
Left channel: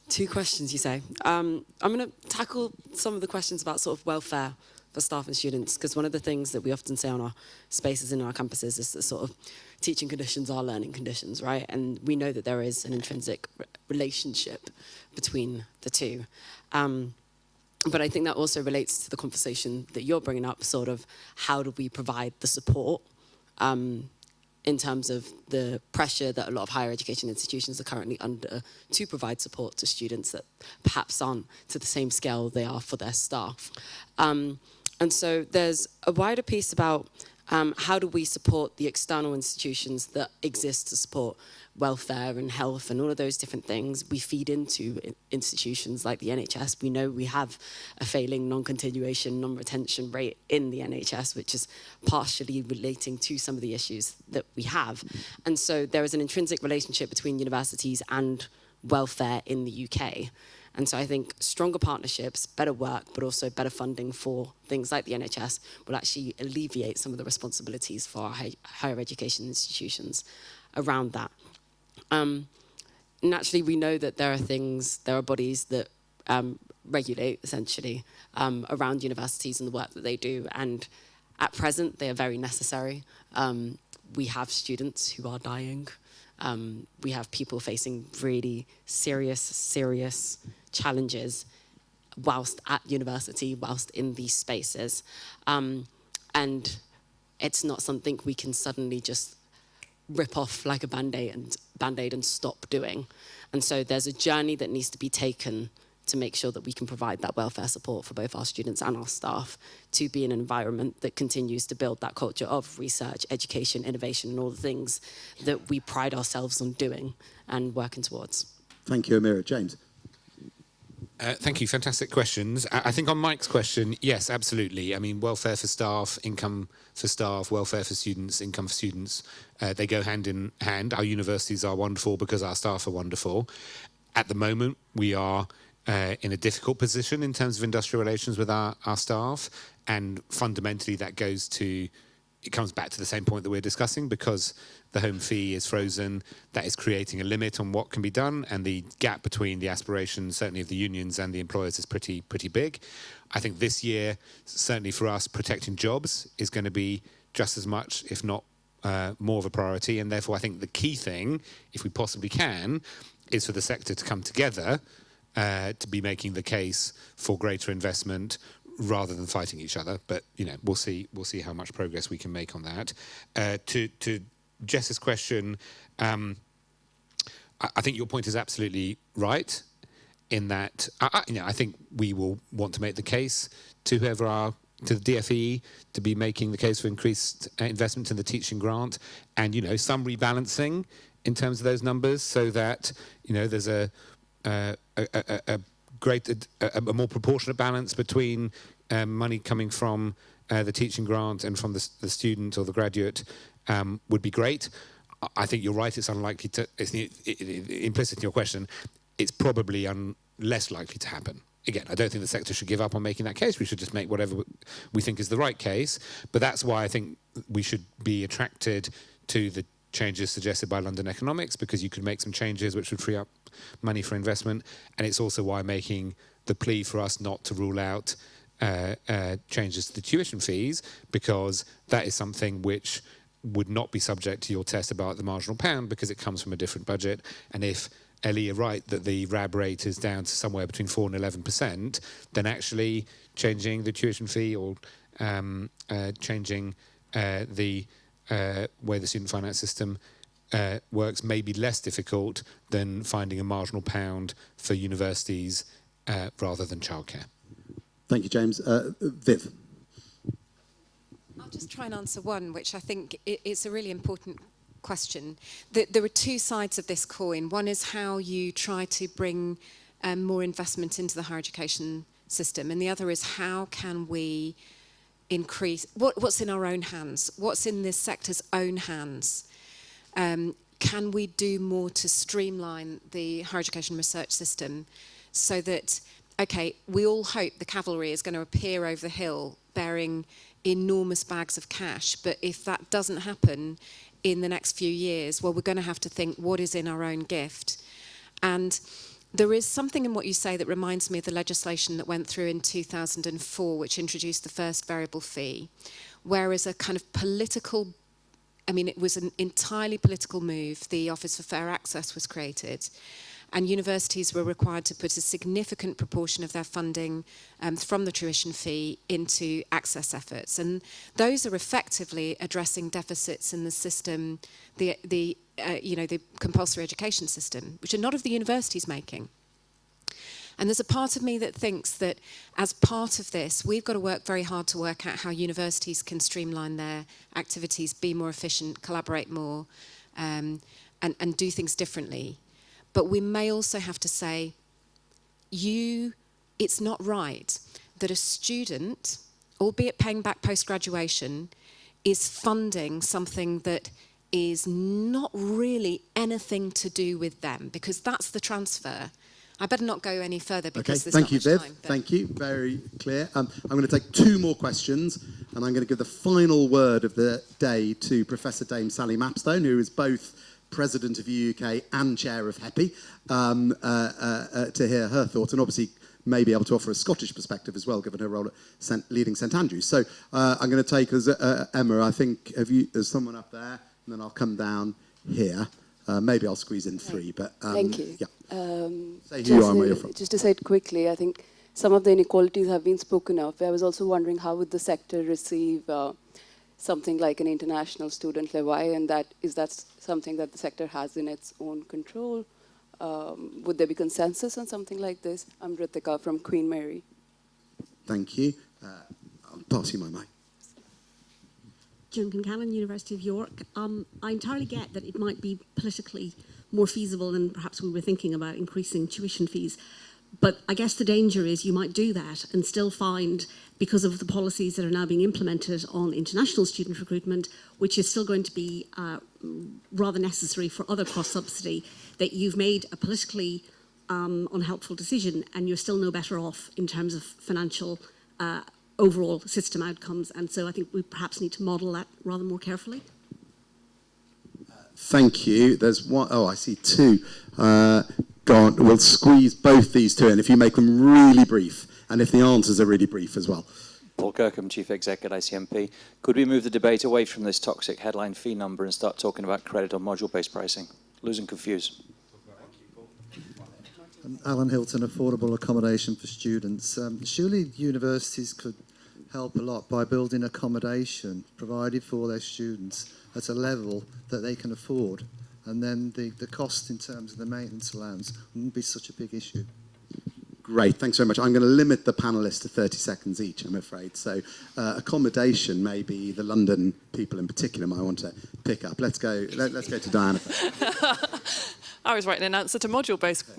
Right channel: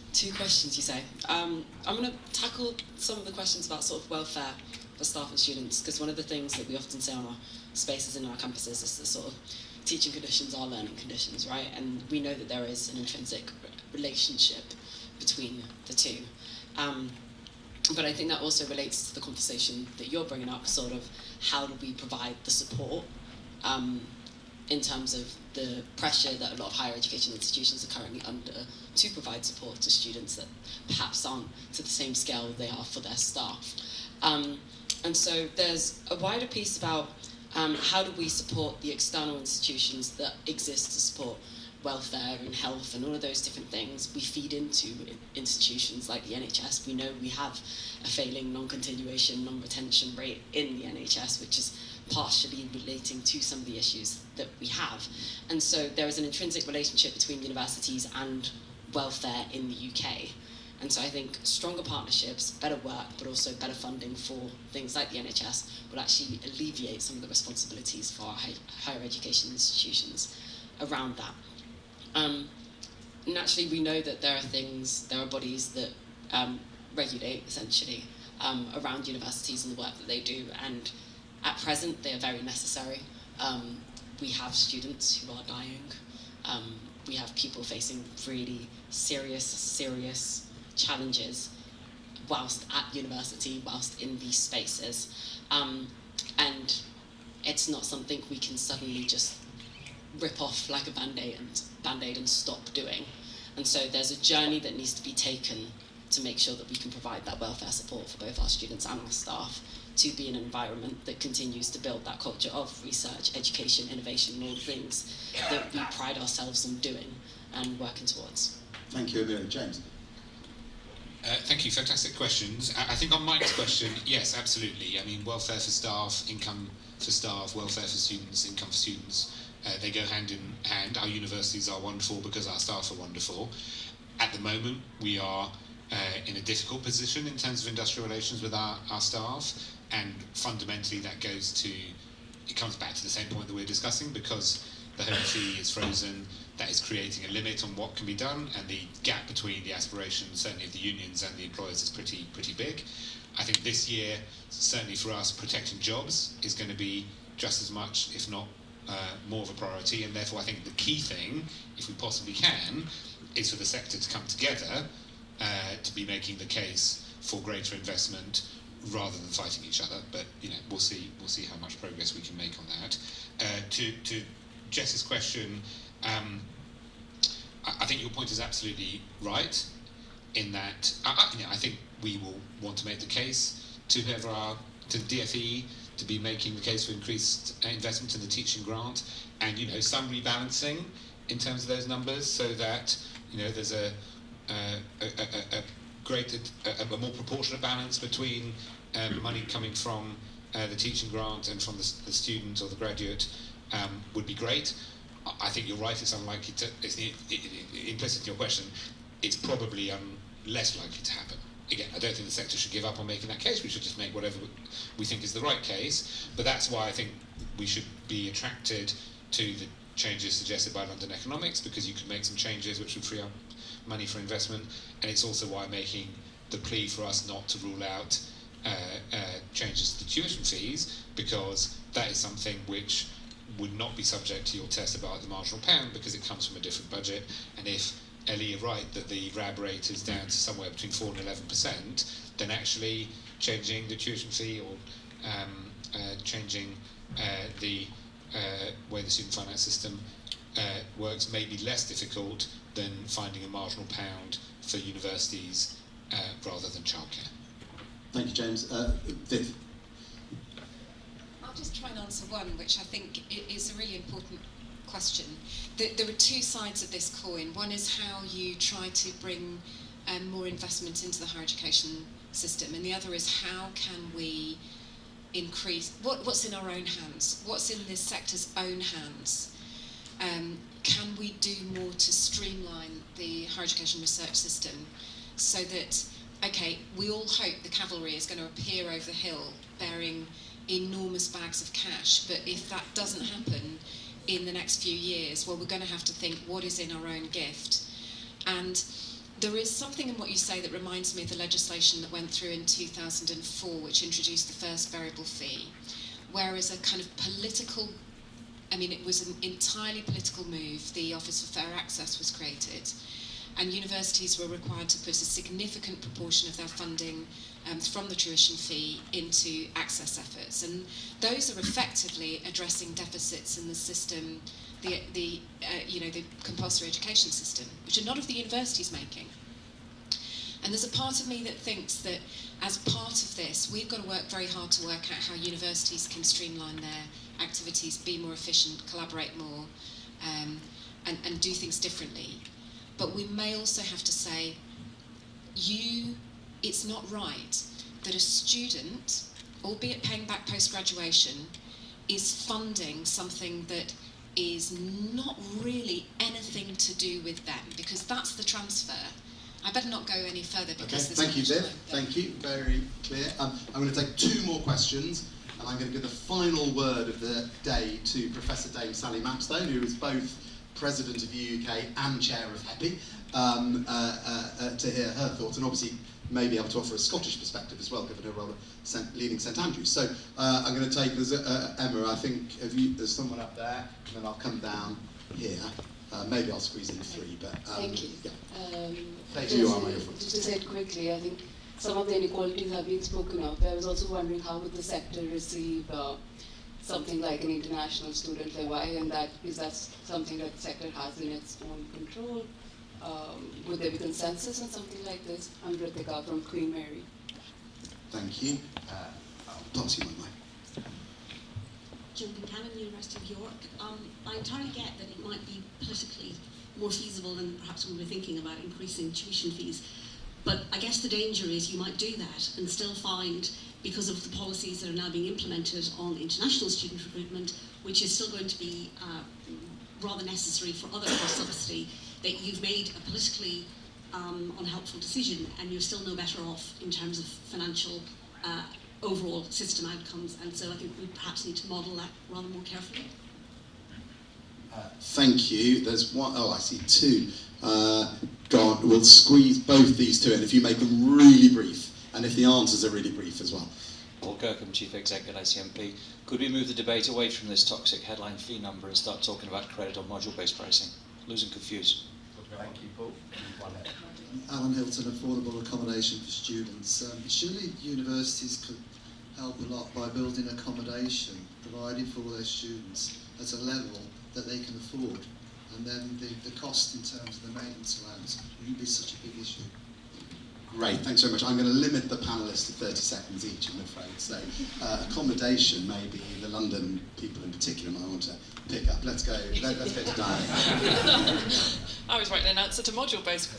2 questions, you say. I'm going to tackle some of the questions about sort of welfare for staff and students, because one of the things that we often say on our spaces in our campuses is that sort of teaching conditions are learning conditions, right? And we know that there is an intrinsic relationship between the two. But I think that also relates to the conversation that you're bringing up, sort of how do we provide the support in terms of the pressure that a lot of higher education institutions are currently under to provide support to students that perhaps aren't to the same scale they are for their staff. And so there's a wider piece about how do we support the external institutions that exist to support welfare and health and all of those different things. We feed into institutions like the NHS. We know we have a failing non-continuation, non-retention rate in the NHS, which is partially relating to some of the issues that we have. And so there is an intrinsic relationship between universities and welfare in the UK. And so I think stronger partnerships, better work, but also better funding for things like the NHS will actually alleviate some of the responsibilities for our higher education institutions around that. Naturally, we know that there are bodies that regulate, essentially, around universities and the work that they do, and at present, they are very necessary. We have students who are dying. We have people facing really serious challenges whilst at university, whilst in these spaces. And it's not something we can suddenly just rip off like a Band-Aid and stop doing. And so there's a journey that needs to be taken to make sure that we can provide that welfare support for both our students and our staff, to be an environment that continues to build that culture of research, education, innovation, and all the things that we pride ourselves on doing and working towards. Thank you, Amira. James. Thank you, fantastic questions. I think on Mike's question, yes, absolutely. I mean, welfare for staff, income for staff, welfare for students, income for students, they go hand in hand. Our universities are wonderful because our staff are wonderful. At the moment, we are in a difficult position in terms of industrial relations with our staff, and fundamentally that comes back to the same point that we're discussing, because the home fee is frozen. That is creating a limit on what can be done, and the gap between the aspirations, certainly of the unions and the employers, is pretty big. I think this year, certainly for us, protecting jobs is going to be just as much, if not more of a priority, and therefore I think the key thing, if we possibly can, is for the sector to come together to be making the case for greater investment rather than fighting each other. But we'll see how much progress we can make on that. To Jess's question, I think your point is absolutely right, in that I think we will want to make the case to the DFE to be making the case for increased investment in the teaching grant, and some rebalancing in terms of those numbers, so that there's a more proportionate balance between money coming from the teaching grant and from the student or the graduate would be great. I think you're right, it's unlikely to, it's implicit in your question, it's probably less likely to happen. Again, I don't think the sector should give up on making that case. We should just make whatever we think is the right case. But that's why I think we should be attracted to the changes suggested by London Economics, because you could make some changes which would free up money for investment. And it's also why making the plea for us not to rule out changes to the tuition fees, because that is something which would not be subject to your test about the marginal pound, because it comes from a different budget. And if Ellie, you're right that the RAB rate is down to somewhere between 4 and 11%, then actually changing the tuition fee or changing the way the student finance system works may be less difficult than finding a marginal pound for universities rather than childcare. Thank you, James. Viv. try and answer one, which I think is a really important question. There are two sides of this coin. One is how you try to bring more investment into the higher education system, and the other is how can we increase what's in our own hands, what's in this sector's own hands. Can we do more to streamline the higher education research system so that, okay, we all hope the cavalry is going to appear over the hill bearing enormous bags of cash, but if that doesn't happen in the next few years, well, we're going to have to think what is in our own gift. And there is something in what you say that reminds me of the legislation that went through in 2004, which introduced the first variable fee, whereas a kind of political, it was an entirely political move. The Office of Fair Access was created, and universities were required to put a significant proportion of their funding from the tuition fee into access efforts, and those are effectively addressing deficits in the system, the compulsory education system, which a lot of the universities making. And there's a part of me that thinks that as part of this, we've got to work very hard to work out how universities can streamline their activities, be more efficient, collaborate more, and do things differently. But we may also have to say, it's not right that a student, albeit paying back post-graduation, is funding something that is not really anything to do with them, because that's the transfer. I better not go any further. Because thank you, Viv. Thank you. Very clear. I'm going to take two more questions, and I'm going to give the final word of the day to Professor Dame Sally Mapstone, who is both President of the UK and Chair of HEPI, to hear her thoughts, and obviously may be able to offer a Scottish perspective as well, given her role at leading St Andrews. So I'm going to take as Emma, I think, there's someone up there, and then I'll come down here. Maybe I'll squeeze in three, but... Thank you. Yeah. Just to say it quickly, I think some of the inequalities have been spoken of. I was also wondering how would the sector receive something like an international student levy, and is that something that the sector has in its own control? Would there be consensus on something like this? I'm Ritika from Queen Mary. Thank you. I'll pass you my mic. Jim Concannon, University of York. I entirely get that it might be politically more feasible than perhaps we were thinking about increasing tuition fees. But I guess the danger is you might do that and still find, because of the policies that are now being implemented on international student recruitment, which is still going to be rather necessary for other cross-subsidy, that you've made a politically unhelpful decision and you're still no better off in terms of financial overall system outcomes. And so I think we perhaps need to model that rather more carefully. Thank you. There's one, I see two. Go on, we'll squeeze both these two in if you make them really brief, and if the answers are really brief as well. Paul Kirkham, Chief Exec at ICMP. Could we move the debate away from this toxic headline fee number and start talking about credit or module-based pricing? Losing confused. Thank you, Paul. Alan Hilton, affordable accommodation for students. Surely universities could help a lot by building accommodation provided for their students at a level that they can afford, and then the cost in terms of the maintenance allowance wouldn't be such a big issue. Great, thanks very much. I'm going to limit the panellists to 30 seconds each, I'm afraid. So accommodation, maybe the London people in particular might want to pick up. Let's go to Diana. I was writing an answer to module-based.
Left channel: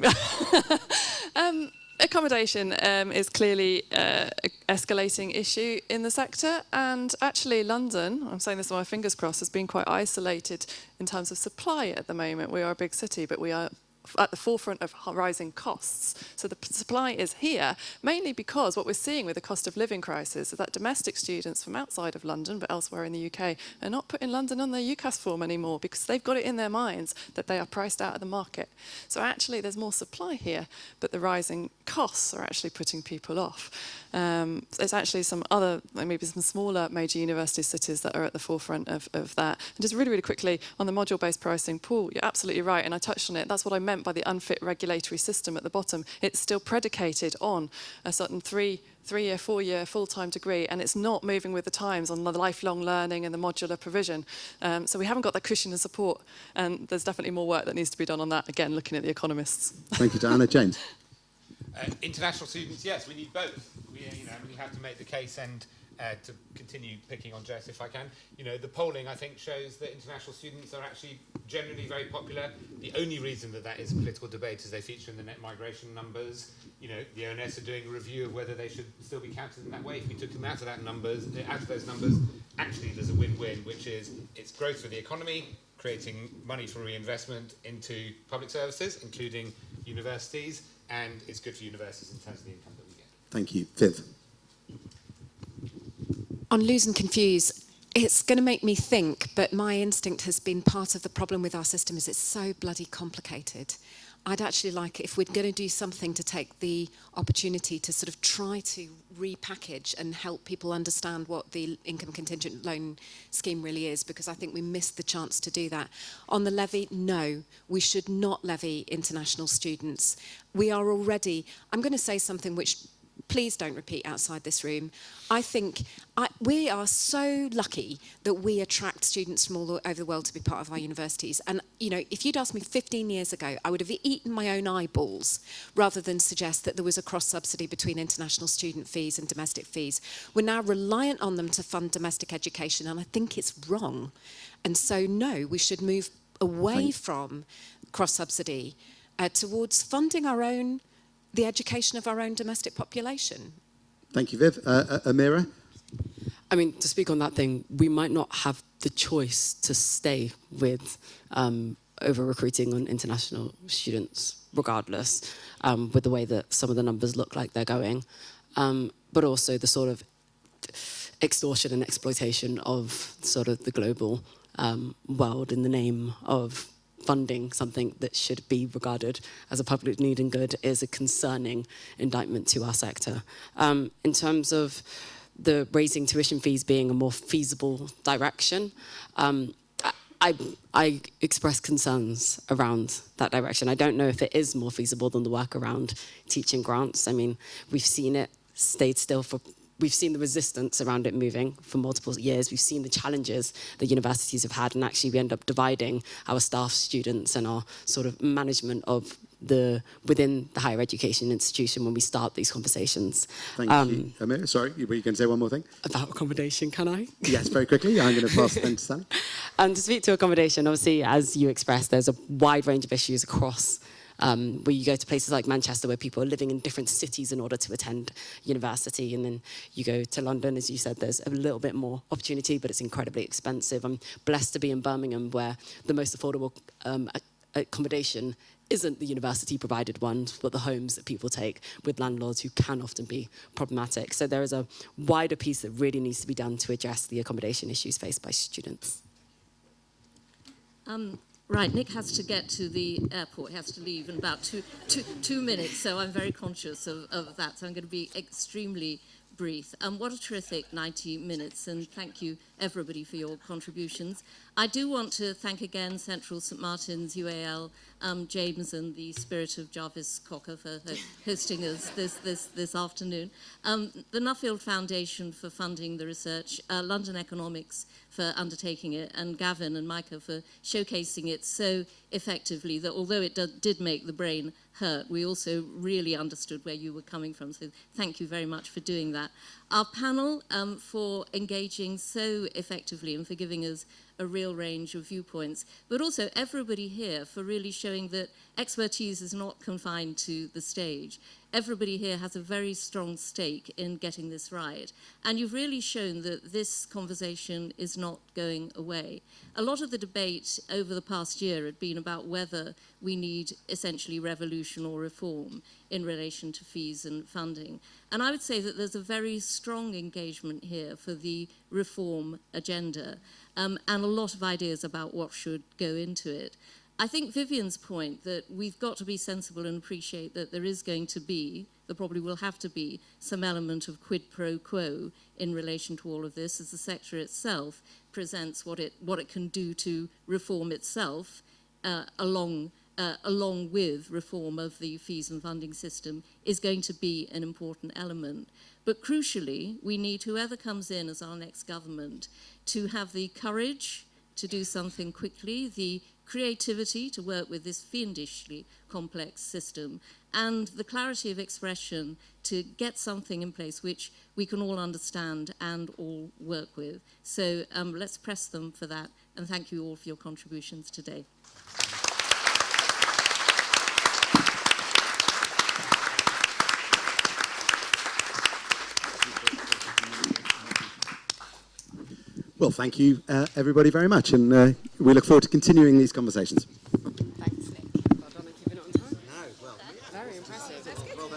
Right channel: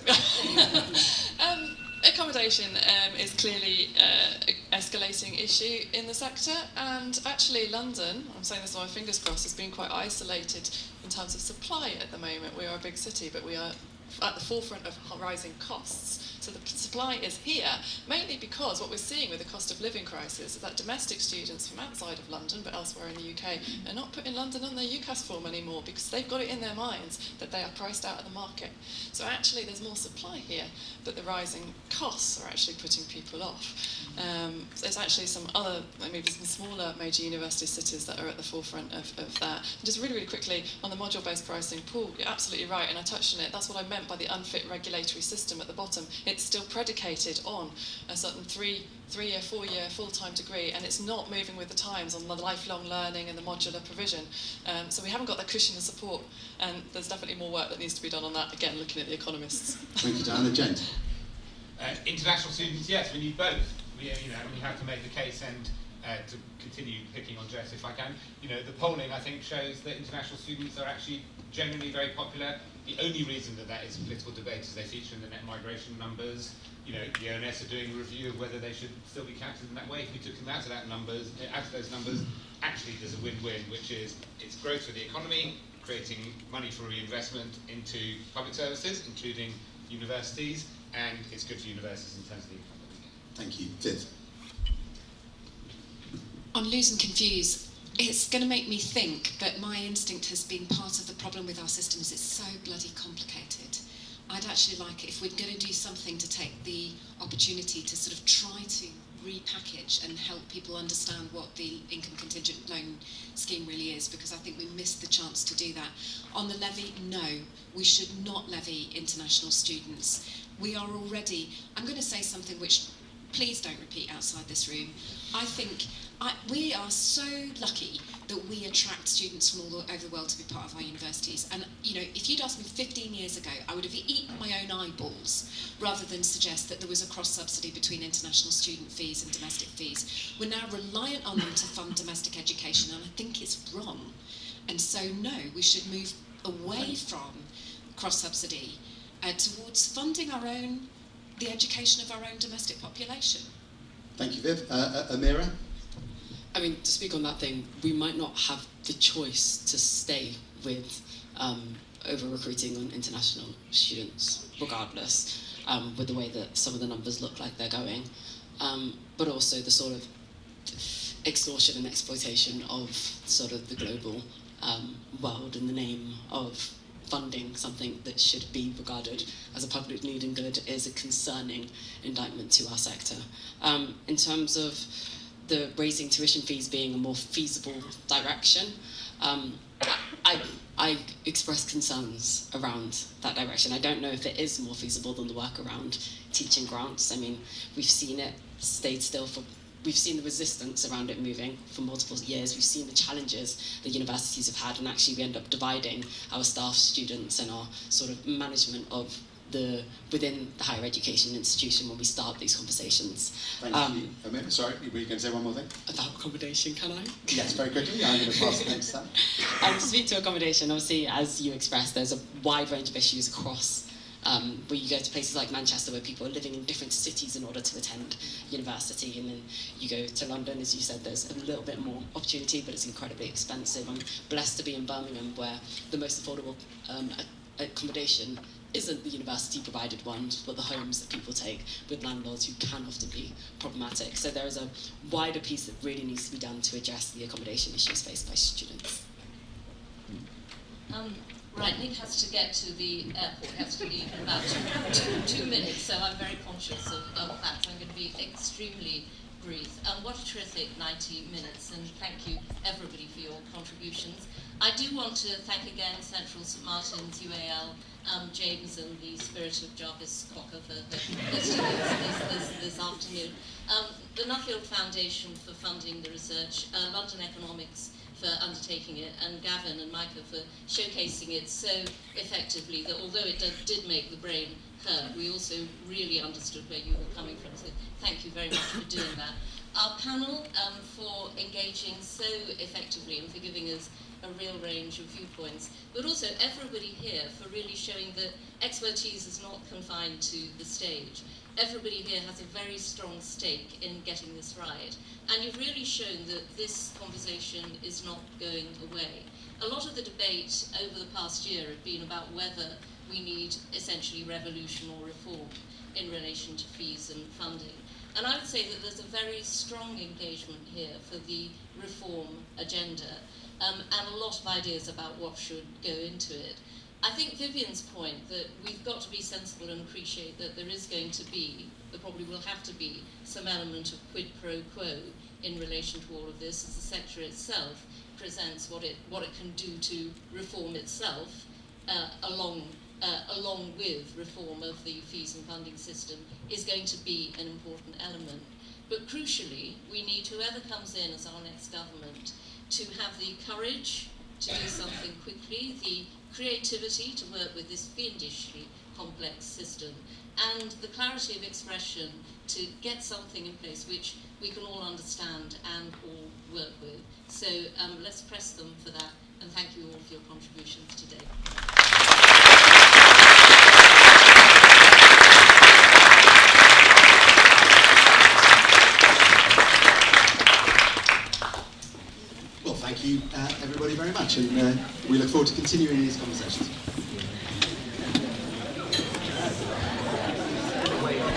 Accommodation is clearly an escalating issue in the sector, and actually London, I'm saying this with my fingers crossed, has been quite isolated in terms of supply at the moment. We are a big city, but we are at the forefront of rising costs. So the supply is here, mainly because what we're seeing with the cost of living crisis is that domestic students from outside of London, but elsewhere in the UK, are not putting London on their UCAS form anymore because they've got it in their minds that they are priced out of the market. So actually there's more supply here, but the rising costs are actually putting people off. There's actually some other, maybe some smaller major university cities that are at the forefront of that. And just really, really quickly, on the module-based pricing, Paul, you're absolutely right, and I touched on it. That's what I meant by the unfit regulatory system at the bottom. It's still predicated on a certain three-year, 4-year full-time degree, and it's not moving with the times on the lifelong learning and the modular provision. So we haven't got that cushion of support, and there's definitely more work that needs to be done on that, again, looking at the economists. Thank you, Diana. James? International students, yes, we need both. We have to make the case and to continue picking on Jess if I can. You know, the polling, I think, shows that international students are actually generally very popular. The only reason that that is a political debate is they feature in the net migration numbers. You know, the ONS are doing a review of whether they should still be counted in that way. If you took them out of those numbers, actually there's a win-win, which is it's growth for the economy, creating money for reinvestment into public services, including universities, and it's good for universities in terms of the income. Thank you. Viv. On lose and confuse, it's going to make me think, but my instinct has been part of the problem with our system is it's so bloody complicated. I'd actually like it if we're going to do something to take the opportunity to sort of try to repackage and help people understand what the income contingent loan scheme really is, because I think we missed the chance to do that. On the levy, no, we should not levy international students. We are already, I'm going to say something which please don't repeat outside this room. I think we are so lucky that we attract students from all over the world to be part of our universities. And, you know, if you'd asked me 15 years ago, I would have eaten my own eyeballs rather than suggest that there was a cross-subsidy between international student fees and domestic fees. We're now reliant on them to fund domestic education, and I think it's wrong. And so, no, we should move away from cross-subsidy towards funding the education of our own domestic population. Thank you, Viv. Amira? I mean, to speak on that thing, we might not have the choice to stay with over-recruiting on international students, regardless, with the way that some of the numbers look like they're going, but also the sort of extortion and exploitation of sort of the global world in the name of funding something that should be regarded as a public need and good is a concerning indictment to our sector. In terms of the raising tuition fees being a more feasible direction, I express concerns around that direction. I don't know if it is more feasible than the work around teaching grants. I mean, we've seen it stayed still we've seen the resistance around it moving for multiple years. We've seen the challenges that universities have had, and actually we end up dividing our staff, students, and our sort of management of within the higher education institution when we start these conversations. Thank you. Amir, sorry, were you going to say one more thing? About accommodation, can I? Yes, very quickly. I'm going to pass thanks to that. And to speak to accommodation, obviously, as you expressed, there's a wide range of issues across where you go to places like Manchester where people are living in different cities in order to attend university, and then you go to London, as you said, there's a little bit more opportunity, but it's incredibly expensive. I'm blessed to be in Birmingham where the most affordable accommodation isn't the university-provided ones, but the homes that people take with landlords who can often be problematic. So there is a wider piece that really needs to be done to address the accommodation issues faced by students. Right, Nick has to get to the airport, he has to leave in about two minutes, so I'm very conscious of that. So I'm going to be extremely brief. What a terrific 90 minutes, and thank you everybody for your contributions. I do want to thank again Central St Martin's, UAL, James and the Spirit of Jarvis Cocker for hosting this afternoon. The Nuffield Foundation for funding the research, London Economics for undertaking it, and Gavin and Micah for showcasing it so effectively that although it did make the brain hurt, we also really understood where you were coming from. So thank you very much for doing that. Our panel for engaging so effectively and for giving us a real range of viewpoints, but also everybody here for really showing that expertise is not confined to the stage. Everybody here has a very strong stake in getting this right. And you've really shown that this conversation is not going away. A lot of the debate over the past year has been about whether we need essentially revolution or reform in relation to fees and funding. And I would say that there's a very strong engagement here for the reform agenda, and a lot of ideas about what should go into it. I think Vivian's point that we've got to be sensible and appreciate that there is going to be, there probably will have to be, some element of quid pro quo in relation to all of this, as the sector itself presents what it can do to reform itself, along with reform of the fees and funding system, is going to be an important element. But crucially, we need whoever comes in as our next government to have the courage to do something quickly, the creativity to work with this fiendishly complex system, and the clarity of expression to get something in place which we can all understand and all work with. So let's press them for that, and thank you all for your contributions today. Well, thank you everybody very much, and we look forward to continuing these conversations.